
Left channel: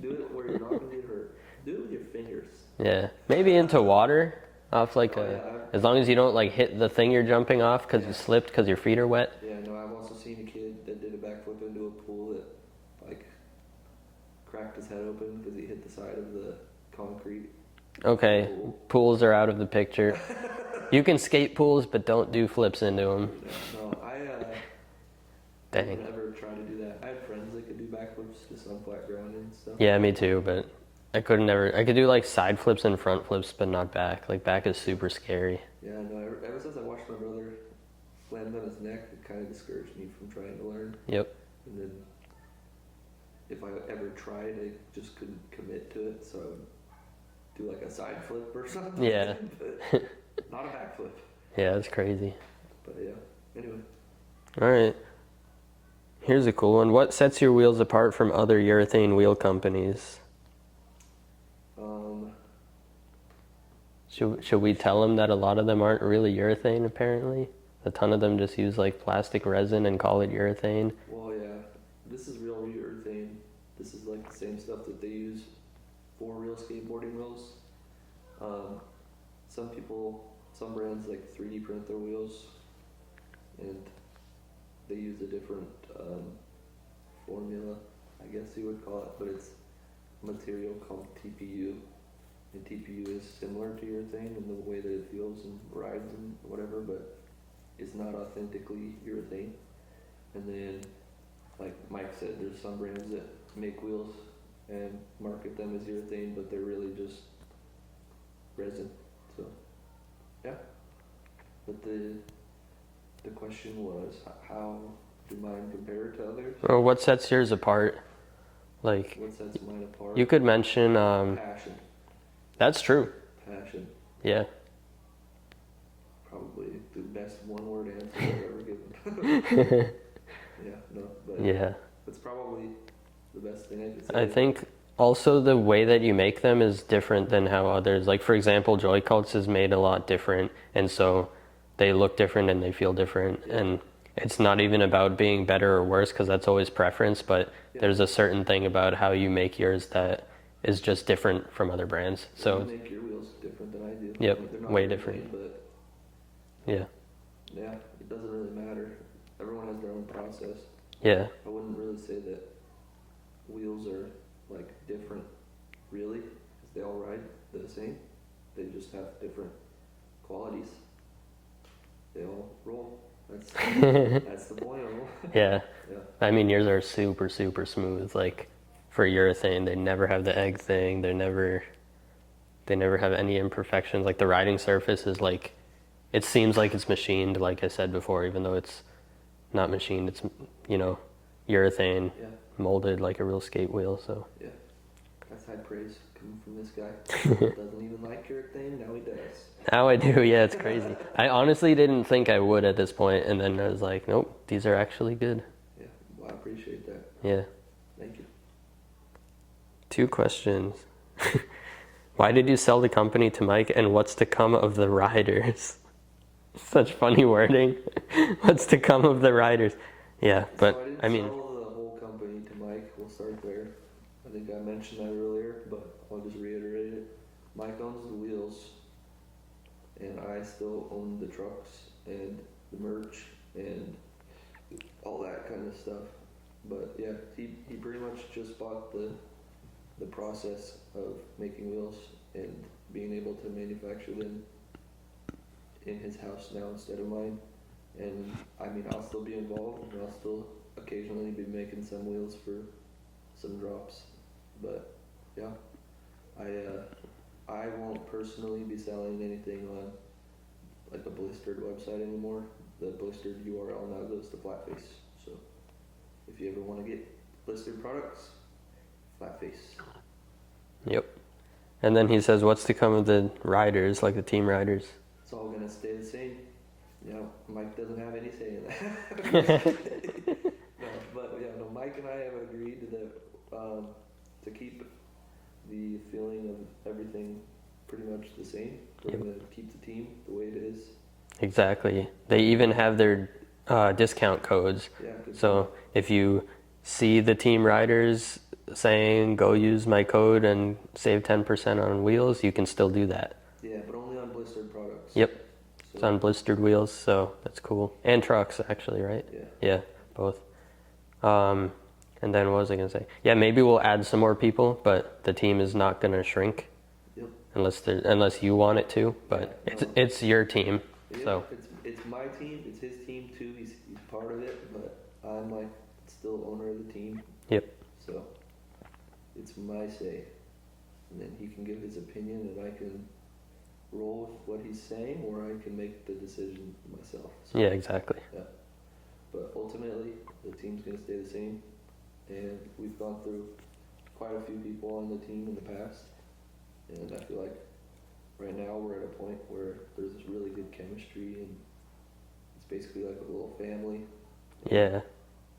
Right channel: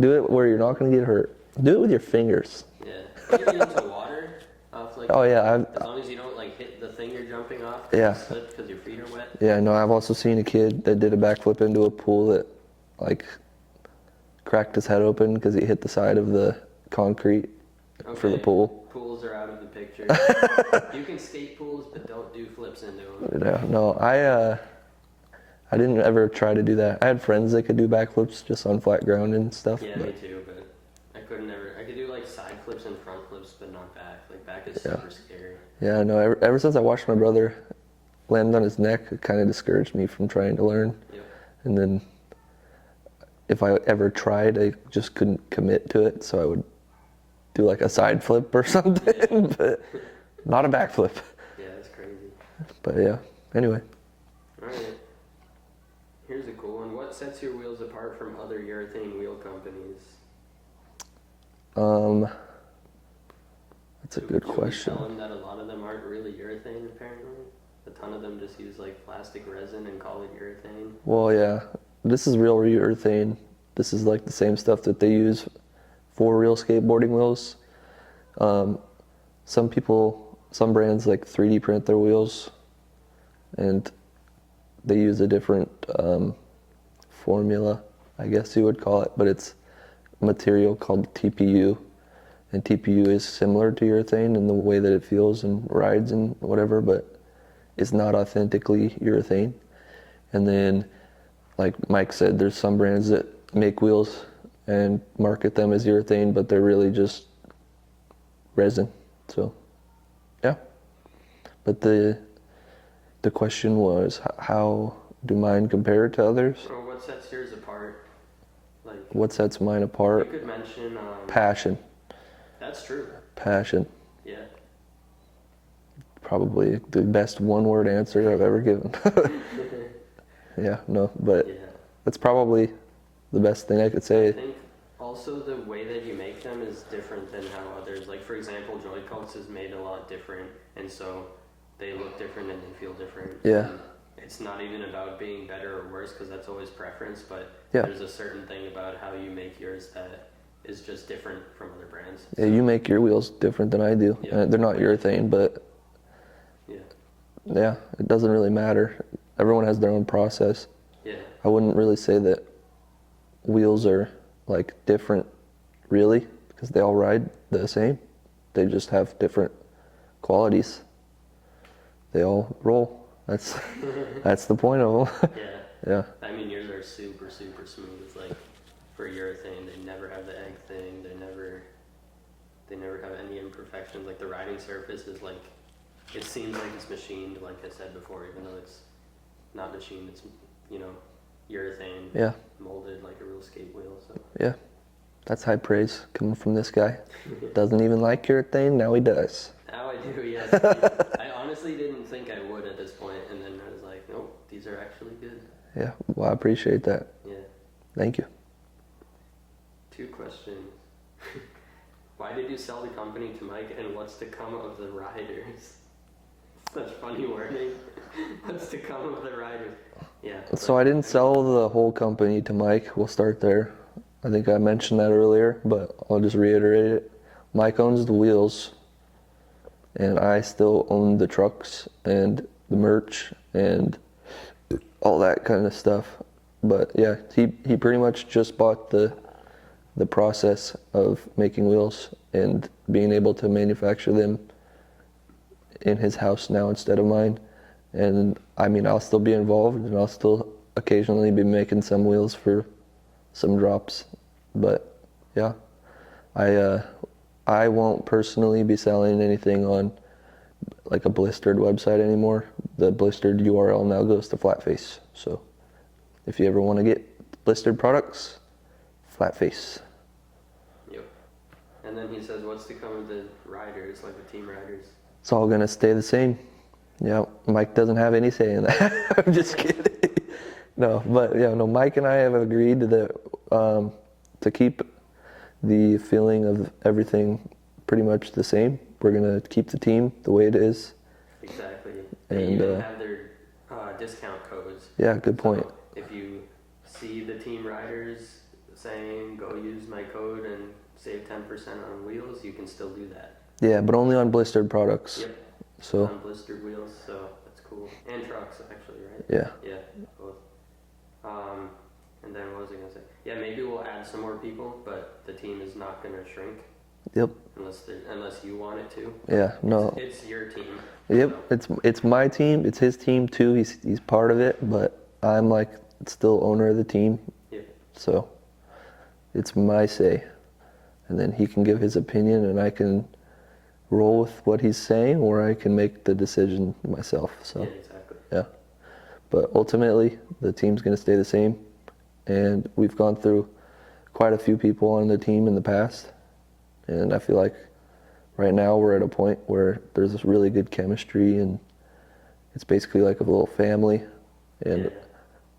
Do it where you're not gonna get hurt. Do it with your fingers. Yeah, maybe into water. Off like. Oh, yeah, as long as you don't like hit the thing you're jumping off because Yeah. you slipped because your feet are wet. Yeah, no, I've also seen a kid that did a backflip into a pool that like cracked his head open because he hit the side of the concrete Okay. the pool. Pools are out of the picture. You can skate pools, but don't do flips into them. Yeah, no, I didn't ever try to do that. I had friends that could do backflips just on flat ground and stuff. Yeah, me too, but I couldn't ever. I could do like side flips and front flips, but not back. Like back is super scary. Yeah, no, ever since I watched my brother land on his neck, it kind of discouraged me from trying to learn. Yep. And then if I ever tried, I just couldn't commit to it, so I would do like a side flip or something, Yeah. but not a backflip. Yeah, that's crazy. But yeah, anyway. All right. Here's a cool one. What sets your wheels apart from other urethane wheel companies? That's a good Should we question. tell them that a lot of them aren't really urethane, apparently? A ton of them just use like plastic resin and call it urethane. Well, yeah, this is real urethane. This is like the same stuff that they use for real skateboarding wheels. Some brands like 3D print their wheels, and they use a different formula, I guess you would call it, but it's a material called TPU, and TPU is similar to urethane in the way that it feels and rides and whatever, but it's not authentically urethane. And then, like Mike said, there's some brands that make wheels and market them as urethane, but they're really just resin. So, yeah. But the question was, how do mine compare to others? Or what sets yours apart? Like, What sets mine apart? you could mention. Passion. That's true. Passion. Yeah. Probably the best one-word answer I've ever given. Yeah, no, but Yeah. that's probably the best thing I could say. I think also the way that you make them is different than how others, like for example, Joy Cults is made a lot different, and so they look different and they feel different. Yeah. And it's not even about being better or worse, because that's always preference, but Yeah. there's a certain thing about how you make yours that is just different from other brands. Yeah, So you make your wheels different than I do. Yep, They're not way urethane, but yeah. yeah, it doesn't really matter. Everyone has their own process. Yeah. I wouldn't really say that wheels are like different, really, because they all ride the same. They just have different qualities. They all roll. That's that's the point of them. Yeah. Yeah. I mean, yours are super, super smooth. Like for urethane, they never have the egg thing. They never have any imperfections. Like the riding surface is like, it seems like it's machined, like I said before, even though it's not machined. It's, urethane Yeah. molded like a real skate wheel. So Yeah. That's high praise coming from this guy. Doesn't even like urethane, now he does. now I do. Yeah, it's crazy. I honestly didn't think I would at this point, and then I was like, nope, these are actually good. Yeah, well, I appreciate that. Yeah. Thank you. 2 questions. Why did you sell the company to Mike, and what's to come of the riders? Such funny wording. What's to come of the riders? Yeah. But, So I didn't mean, sell the whole company to Mike. We'll start there. I think I mentioned that earlier, but I'll just reiterate it. Mike owns the wheels, and I still own the trucks and the merch and all that kind of stuff. But yeah, he pretty much just bought the process of making wheels and being able to manufacture them in his house now instead of mine. And I mean, I'll still be involved, and I'll still occasionally be making some wheels for some drops. But yeah, I won't personally be selling anything on like a Blistered website anymore. The Blistered URL now goes to Flatface. So if you ever want to get Blistered products, Flatface. Yep. And then he says, what's to come of the riders, like the team riders? It's all gonna stay the same. Yeah, Mike doesn't have any say in that. I'm just kidding. No, but yeah, no. Mike and I have agreed that to keep the feeling of everything pretty much the same. We're gonna keep the team the way it is. Exactly. They And, even have their discount codes. Yeah, good point. So if you see the team riders saying, go use my code and save 10% on wheels, you can still do that. Yeah, but only on Blistered products. Yep. So It's on Blistered Wheels, so that's cool. And trucks, actually, right? yeah, Yeah, both. And then what was I going to say? Yeah, maybe we'll add some more people, but the team is not going to shrink. Yep. Unless you want it to. But Yeah, no. It's your team. Yep. So. It's my team. It's his team too. He's part of it, but I'm like still owner of the team. Yep. So it's my say, and then he can give his opinion, and I can roll with what he's saying, or I can make the decision myself. So Yeah, exactly. yeah. But ultimately, the team's going to stay the same, and we've gone through quite a few people on the team in the past, and I feel like right now we're at a point where there's this really good chemistry, and it's basically like a little family. And Yeah.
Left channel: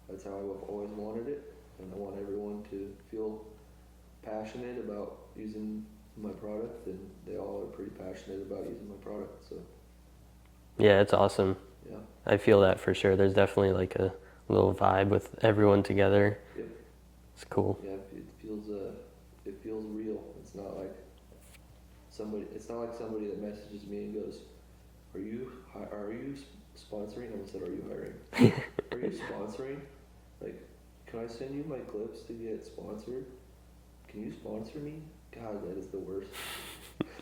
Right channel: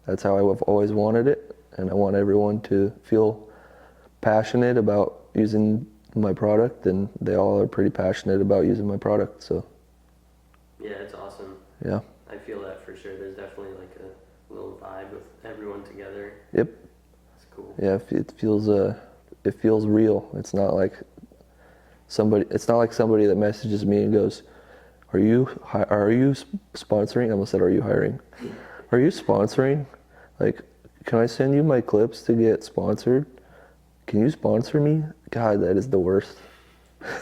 that's how I've always wanted it, and I want everyone to feel passionate about using my product, and they all are pretty passionate about using my product. So Yeah, it's awesome. yeah. I feel that for sure. There's definitely like a little vibe with everyone together. Yep. It's cool. Yeah, it feels real. It's not like somebody that messages me and goes, are you sponsoring? I almost said, are you hiring? Are you sponsoring? Like, can I send you my clips to get sponsored? Can you sponsor me? God, that is the worst.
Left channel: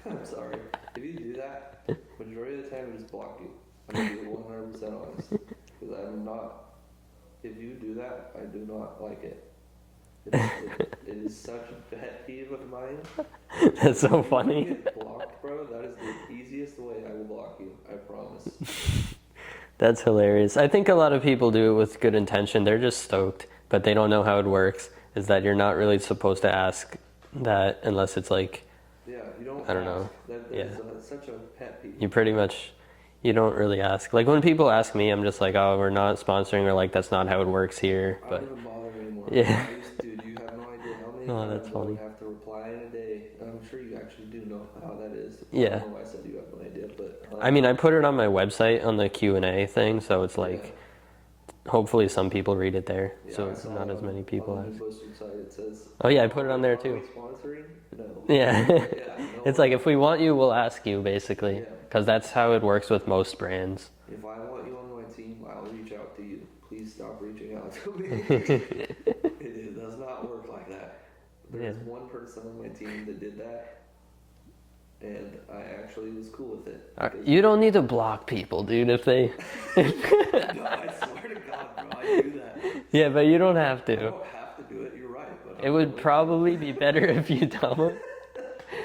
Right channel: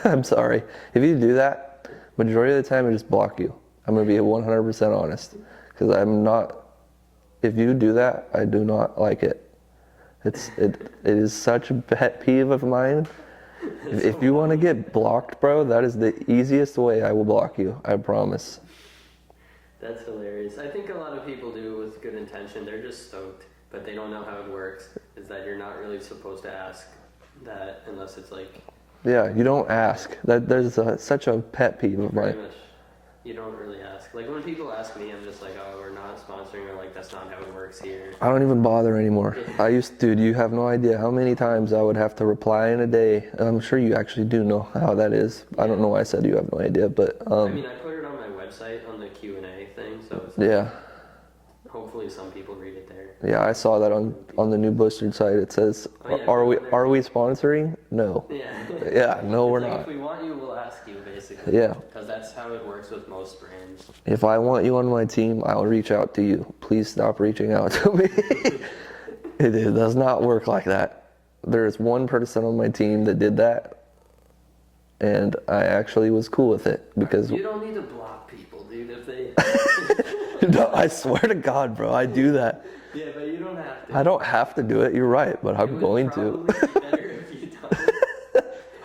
I'm sorry. If you do that, majority of the time I just block you. I'm gonna be 100% honest, because I'm not. If you do that, I do not like it. It is such a pet peeve of mine. That's so if you want to funny. get blocked, bro, that is the easiest way I will block you. I promise. That's hilarious. I think a lot of people do it with good intention. They're just stoked, but they don't know how it works. Is that you're not really supposed to ask that unless it's like Yeah, you don't ask. There's such a pet peeve. you pretty much. You don't really ask. Like when people ask me, I'm just like, oh, we're not sponsoring, or like that's not how it works here. I don't even bother anymore. Yeah. Dude, you have no idea how many times I would have to reply in a day. I'm sure you actually do know how that is. I Yeah. don't know why I said you have no idea, but I mean, I put it on my website on the Q&A thing, so it's like, yeah. hopefully some people read it there. Yeah, So I saw that not as many on people. the new Blistered site. It says, Oh, yeah, I put are it we on there, too. we sponsoring? No. Yeah. Yeah, no, It's we're like, not. if we want you, we'll ask you, basically. Yeah. Because that's how it works with most brands. If I want you on my team, I'll reach out to you. Please stop reaching out to me. It does not work like that. There is one person on my team that did that, and I actually was cool with it because You don't need to block people, dude, if they... No, I swear to God, bro, I do that. Yeah, but you don't have to. I don't have to do it. You're right, but I'm It would going probably be better if you don't.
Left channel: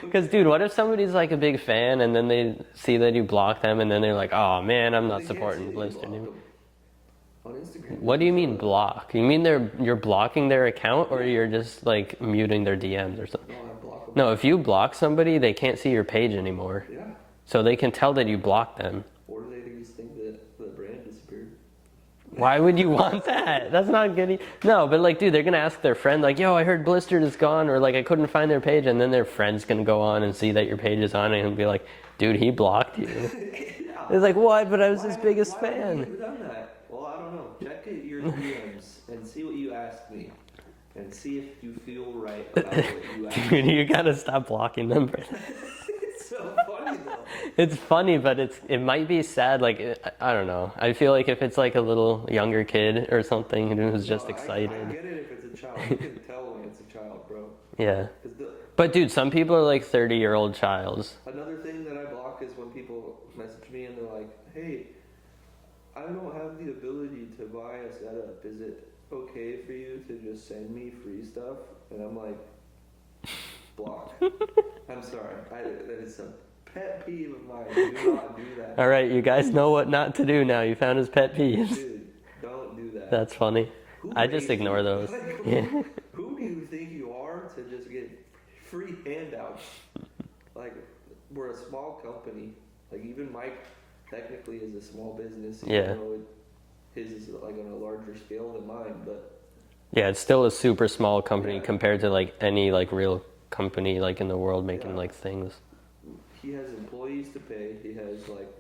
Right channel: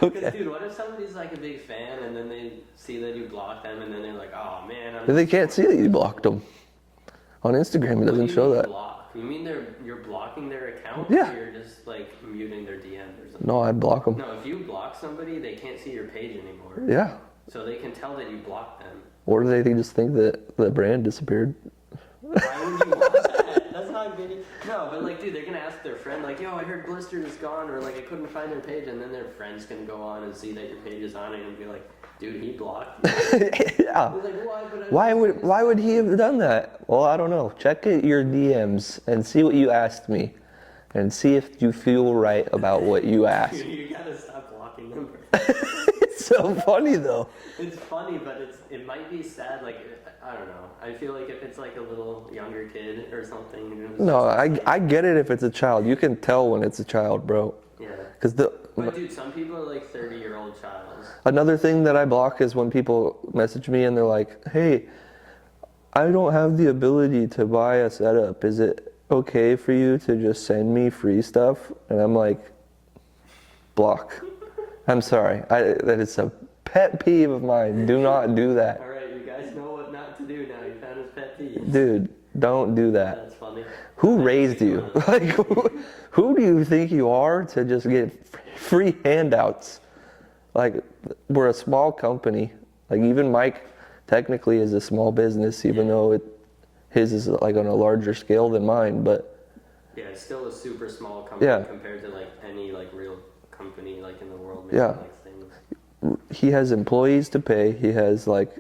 Because, dude, what if somebody's like a big fan and then they see that you block them and then they're like, oh man, I'm to. not They can't see that supporting you Blistered blocked them. On Instagram, it What doesn't do you show mean that. block? You mean you're blocking their account, Yeah. or you're just like muting their DMs or something? No, I block them. No, if you block somebody, they can't see your page anymore. Yeah. So they can tell that you blocked them. Or do they just think that the brand disappeared? Why would you want that? That's not good. No, but like, dude, they're gonna ask their friend, like, yo, I heard Blistered is gone, or like, I couldn't find their page, and then their friend's gonna go on and see that your page is on it and be like, dude, he blocked you. Yeah. It's like, what? But I was Why his would biggest why would fan. he have done that? Well, I don't know. Check your DMs and see what you asked me, and see if you feel right about what you asked. Dude, you gotta stop blocking them. It's so funny though. It's funny, but it might be sad. Like, I don't know. I feel like if it's like a little younger kid or something who's No, just excited. I get it if it's a child. You can tell when it's a child, bro. Yeah. Because But dude, some people are like 30-year-old childs. another thing that I block is when people message me and they're like, "Hey, I don't have the ability to buy a setup. Is it okay for you to just send me free stuff?" And I'm like, block. I'm sorry. That is a pet peeve of mine. Do not do that. All right, you guys know what not to do now. You found his pet peeves. Dude, don't do that. That's funny. Who I just raised you? ignore those. Like, who do you think you are to just get free handouts? Like, we're a small company. Like, even Mike technically is a small business, even Yeah. though his is like on a larger scale than mine. But Yeah, it's still a super small company Yeah. compared to like any like real company like in the world making Yeah. like things. he has employees to pay. He has like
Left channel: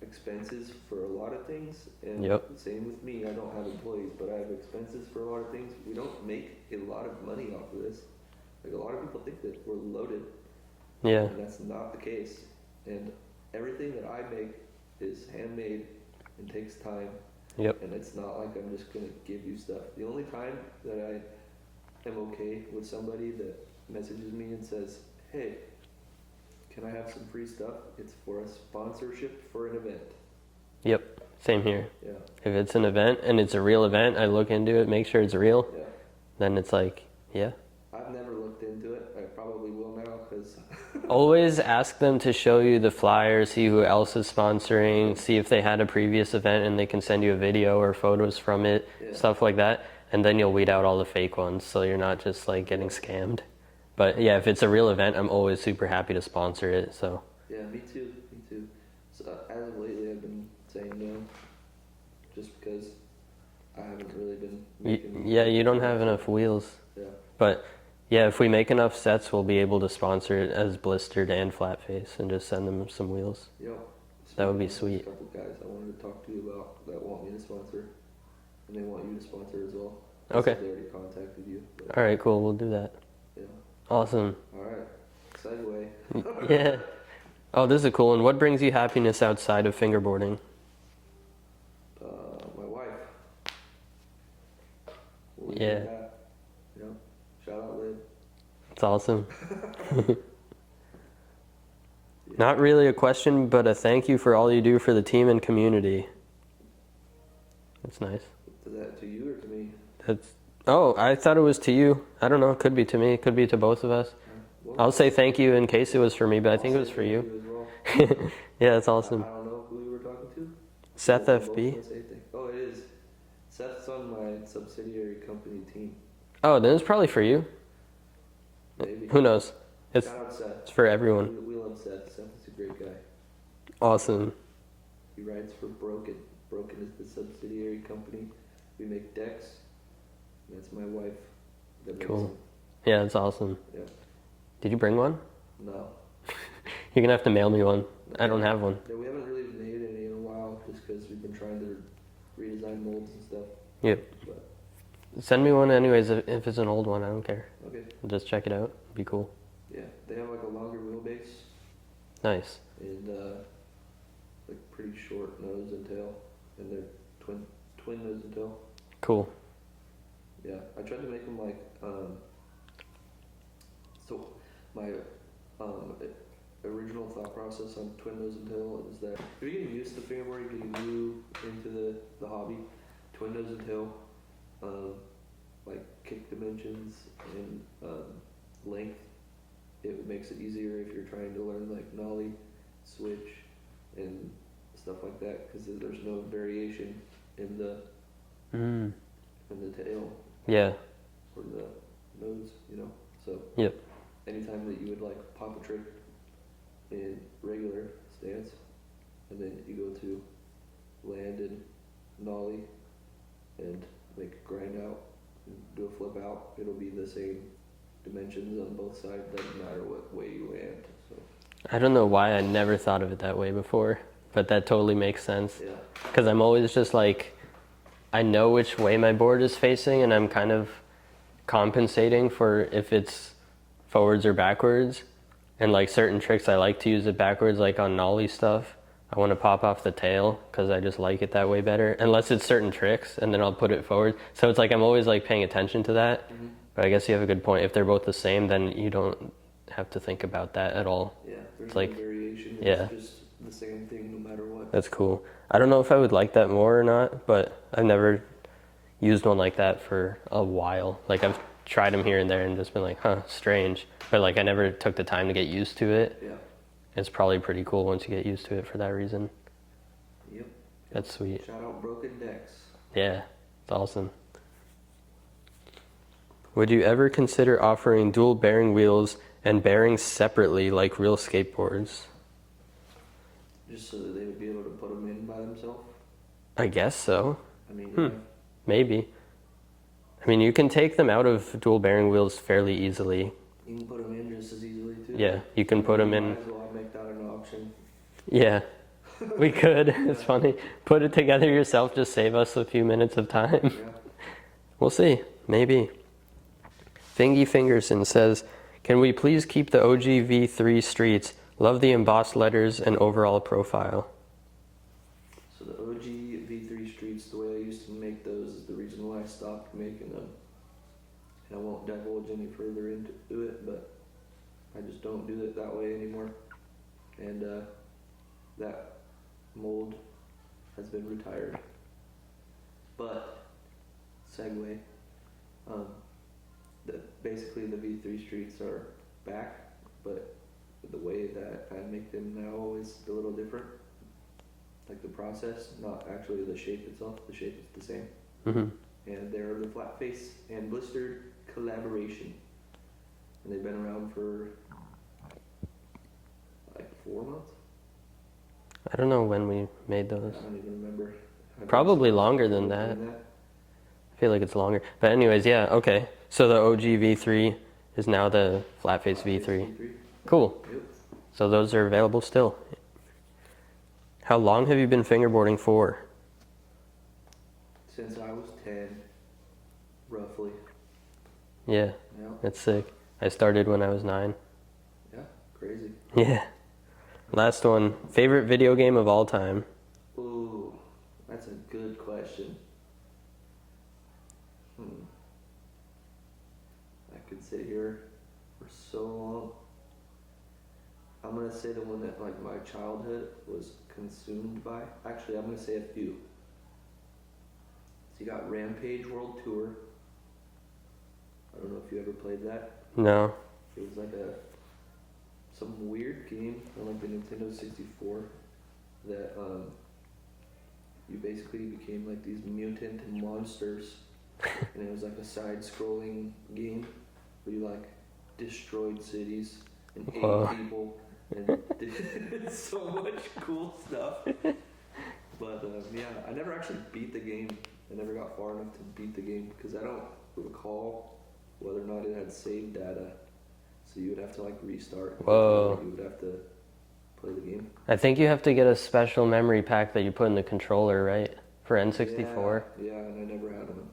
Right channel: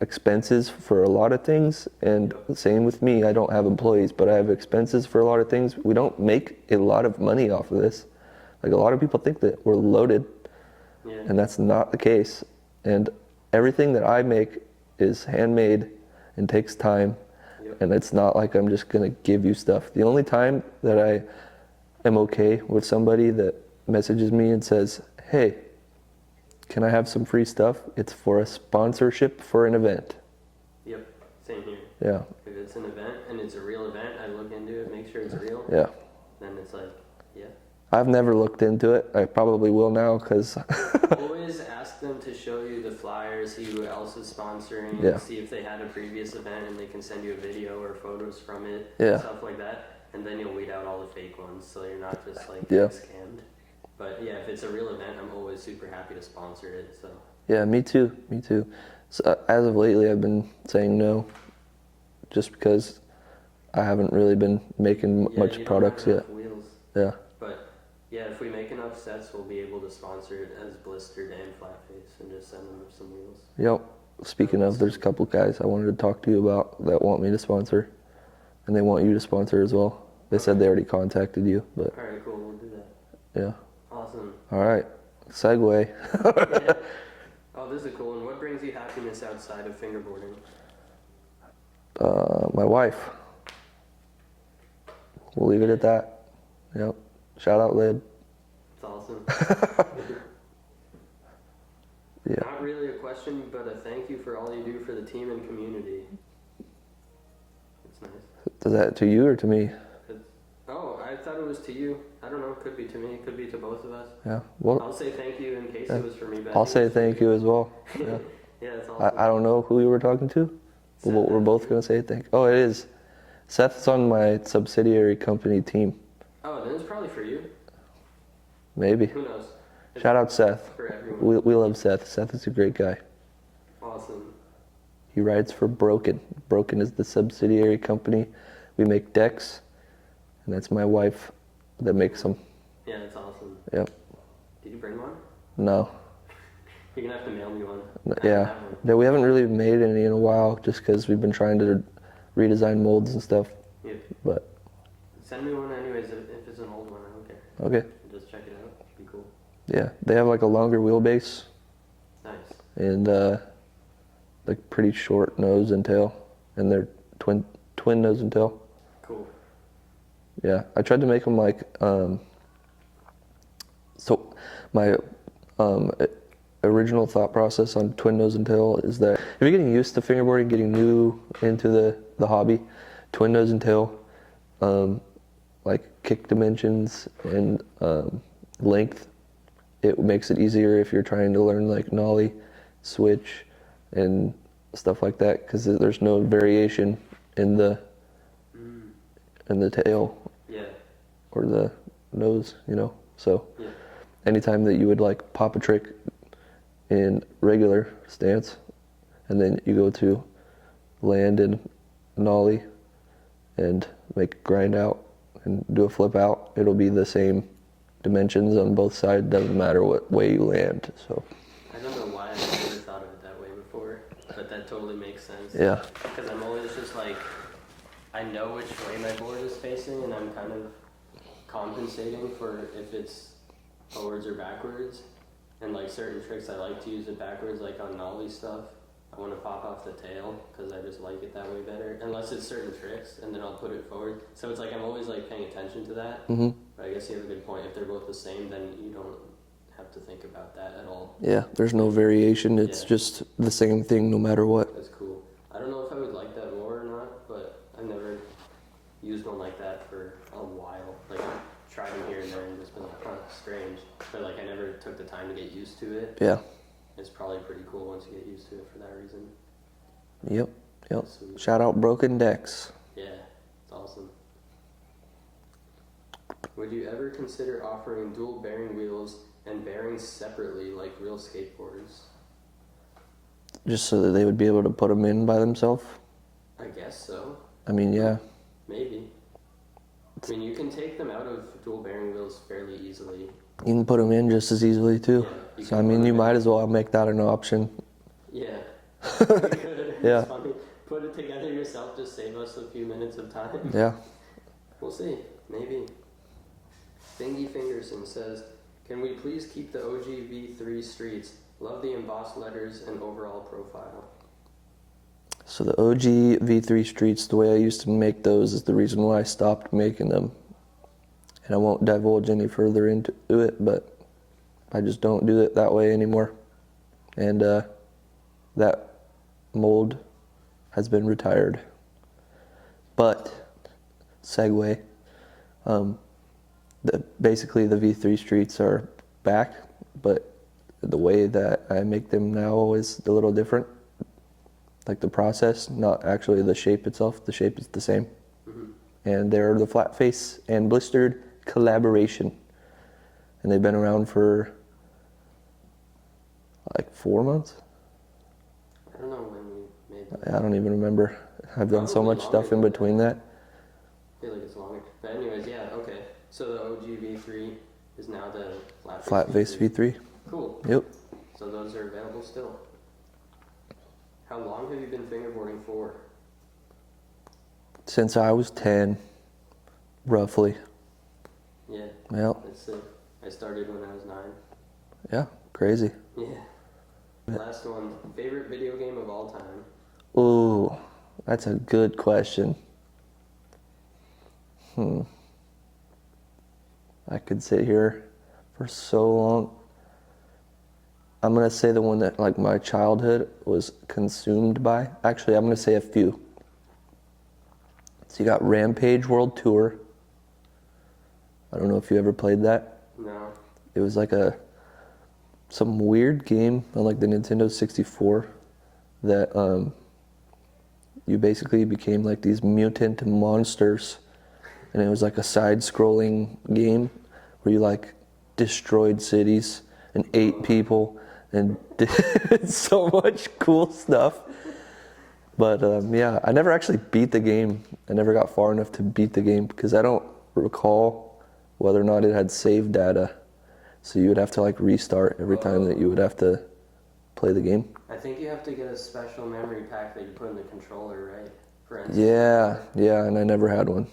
expenses for a lot of things, and Yep. same with me. I don't have employees, but I have expenses for a lot of things. We don't make a lot of money off of this. Like, a lot of people think that we're loaded, Yeah. and that's not the case. And everything that I make is handmade and takes time. Yep. And it's not like I'm just gonna give you stuff. The only time that I am okay with somebody that messages me and says, hey, can I have some free stuff? It's for a sponsorship for an event. Yep, same here. Yeah, If it's an event and it's a real event, I look into it, make sure it's real. yeah. Then it's like, yeah. I've never looked into it. I probably will now because Always ask them to show you the flyer, see who else is sponsoring, Yeah. see if they had a previous event and they can send you a video or photos from it, Yeah. stuff like that. And then you'll weed out all the fake ones so you're not just like getting scammed. But yeah, if it's a real event, I'm always super happy to sponsor it. So yeah, me too. So, as of lately, I've been saying no, just because I haven't really been making yeah, much you don't have products enough yet. wheels. Yeah, But yeah, if we make enough sets, we'll be able to sponsor it as Blistered and Flatface and just send them some wheels. yep. Speaking be of, there's a sweet. couple guys I wanted to talk to you about that want me to sponsor, and they want you to sponsor as well. They Okay. said they already contacted you, but All right, cool. We'll do that. yeah. Awesome. All right, segue. Yeah. Oh, this is a cool one. What brings you happiness outside of fingerboarding? My wife. We'll leave it Yeah. at that. Yep. Shout out, Lid. It's awesome. Yeah. Not really a question, but a thank you for all you do for the team and community. That's nice. Is that to you or to me? That's. Oh, I thought it was to you. I don't know. It could be to me. It could be to both of us. Yeah. Well, I'll say thank you in case it was for me, but I I'll think say it's for thank you as well. Yeah, that's awesome. I don't know who you were talking to. Seth We're both FB. gonna say thank. Oh, it is. Seth's on my subsidiary company team. Oh, then it's probably for you. Maybe. Who knows? It's, Shout out Seth. it's for everyone. We love Seth. Seth is a great guy. Awesome. He rides for Broken. Broken is the subsidiary company. We make decks, and that's my wife that makes Cool. them. Yeah, that's awesome. Yep. Did you bring one? No. You're gonna have to mail me one. I don't have one. Yeah, we haven't really made any in a while, just because we've been trying to redesign molds and stuff. Yep. But Send me one anyways if it's an old one. I don't care. okay. Just check it out. Be cool. Yeah, they have like a longer wheelbase Nice. and like pretty short nose and tail, and they're twin nose and tail. Cool. Yeah, I tried to make them like so my original thought process on twin nose and tail is that if you're getting used to fingerboarding, getting new into the hobby, twin nose and tail, like kick dimensions and length, it makes it easier if you're trying to learn like nollie, switch, and stuff like that, because there's no variation in the tail Yeah. or the nose, you know. So Yeah. anytime that you would like pop a trick in regular stance, and then you go to land and nollie and make grind out and do a flip out, it'll be the same dimensions on both sides, doesn't matter what way you land. So I don't know why I never thought of it that way before, but that totally makes sense. yeah, Because I'm always just like, I know which way my board is facing, and I'm kind of compensating for if it's forwards or backwards. And like certain tricks, I like to use it backwards, like on nollie stuff. I want to pop off the tail because I just like it that way better. Unless it's certain tricks, and then I'll put it forward. So it's like I'm always like paying attention to that. Mm-hmm. But I guess you have a good point. If they're both the same, then you don't have to think about that at all. yeah, there's no Like, variation. It's yeah. just the same thing no matter what. That's cool. I don't know if I would like that more or not, but I've never used one like that for a while. Like I've tried them here and there and just been like, huh, strange. But like I never took the time to get used to it. Yeah. It's probably pretty cool once you get used to it for that reason. Yep. That's sweet. Shout out Broken Decks. Yeah, it's awesome. Would you ever consider offering dual bearing wheels and bearings separately like real skateboards? Just so that they would be able to put them in by themselves. I guess so. I mean, yeah. Maybe. I mean, you can take them out of dual bearing wheels fairly easily. You can put them in just as easily too. Yeah, you So, can I put mean, 'em you in. might as well make that an option. Yeah, we could. Yeah. It's funny. Put it together yourself, just save us a few minutes of time. Yeah. We'll see. Maybe. Fingy Fingerson says, can we please keep the OG V3 streets? Love the embossed letters and overall profile. So the OG V3 Streets, the way I used to make those is the reason why I stopped making them. And I won't divulge any further into it, but I just don't do it that way anymore. And that mold has been retired. But, segue, basically the V3 streets are back, but the way that I make them now is a little different. Like the process, not actually the shape itself. The shape is the same. Mm-hmm. And they're the Flatface and Blistered collaboration. And they've been around for like 4 months. I don't know when we made those. I don't even remember. I've done Probably so much longer stuff in than between that. I feel like it's longer. But anyways, yeah, okay. So the OG V3 is now the Flatface V3. V3. Cool. Yep. So those are available still. How long have you been fingerboarding for? Since I was 10, roughly. Yeah, Yep. that's sick. I started when I was 9. Yeah, crazy. Yeah. Last one. Favorite video game of all time? Ooh, that's a good question. I could sit here for so long. I'm gonna say the one that like my childhood was consumed by. Actually, I'm gonna say a few. So you got Rampage World Tour. I don't know if you ever played that. No. It was like some weird game on like the Nintendo 64 that you basically became like these mutant monsters, and it was like a side-scrolling game where you like destroyed cities and ate people and did so much cool stuff. But yeah, I never actually beat the game. I never got far enough to beat the game because I don't recall whether or not it had save data. So you would have to like restart every time that you would have to play the game. I think you have to get a special memory pack that you put in the controller, right? For N64. Yeah, and I never had one.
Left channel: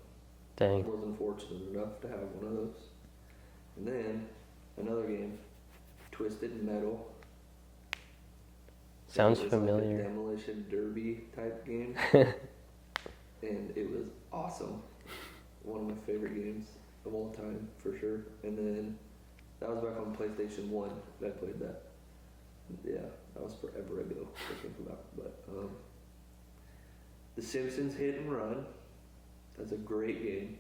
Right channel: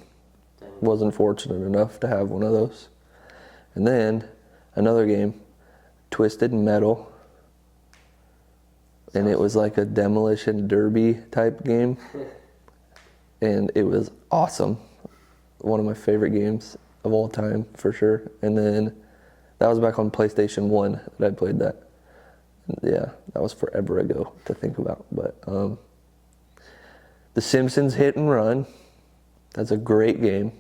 Dang. Wasn't fortunate enough to have one of those. And then another game, Twisted Metal. And Sounds it was like a familiar. demolition derby type game. And it was awesome. One of my favorite games of all time, for sure. And then that was back on PlayStation 1 that I played that. Yeah, that was forever ago to think about. But The Simpsons Hit and Run. That's a great game.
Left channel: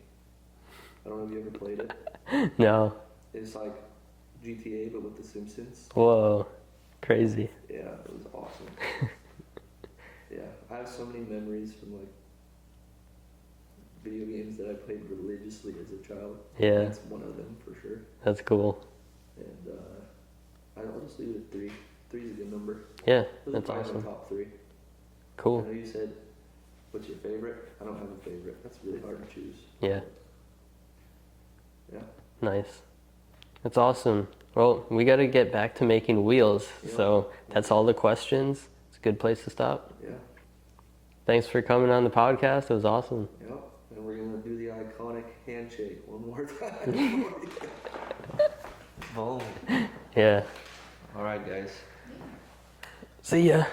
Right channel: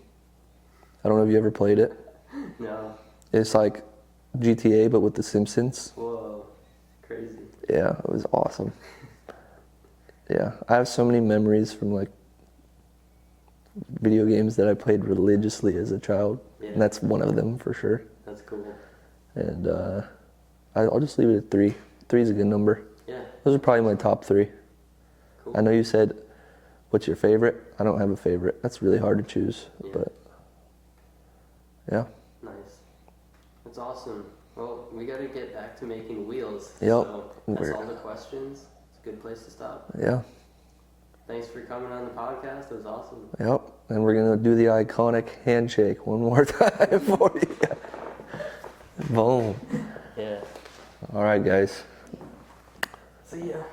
I don't know if you ever played it. No. It's like GTA, but with The Simpsons. Whoa. Crazy. Yeah, it was awesome. Yeah, I have so many memories from like video games that I played religiously as a child. Yeah. And that's one of them for sure. That's cool. And I'll just leave it at 3. 3 is a good number. Yeah. Those are that's probably awesome. my top 3. Cool. I know you said, what's your favorite? I don't have a favorite. That's really hard to choose. Yeah. But yeah. Nice. That's awesome. Well, we got to get back to making wheels. Yep. So that's all the questions. It's a good place to stop. Yeah. Thanks for coming on the podcast. It was awesome. Yep. And we're going to do the iconic handshake one more time for you. Boom. Yeah. All right, guys. See ya.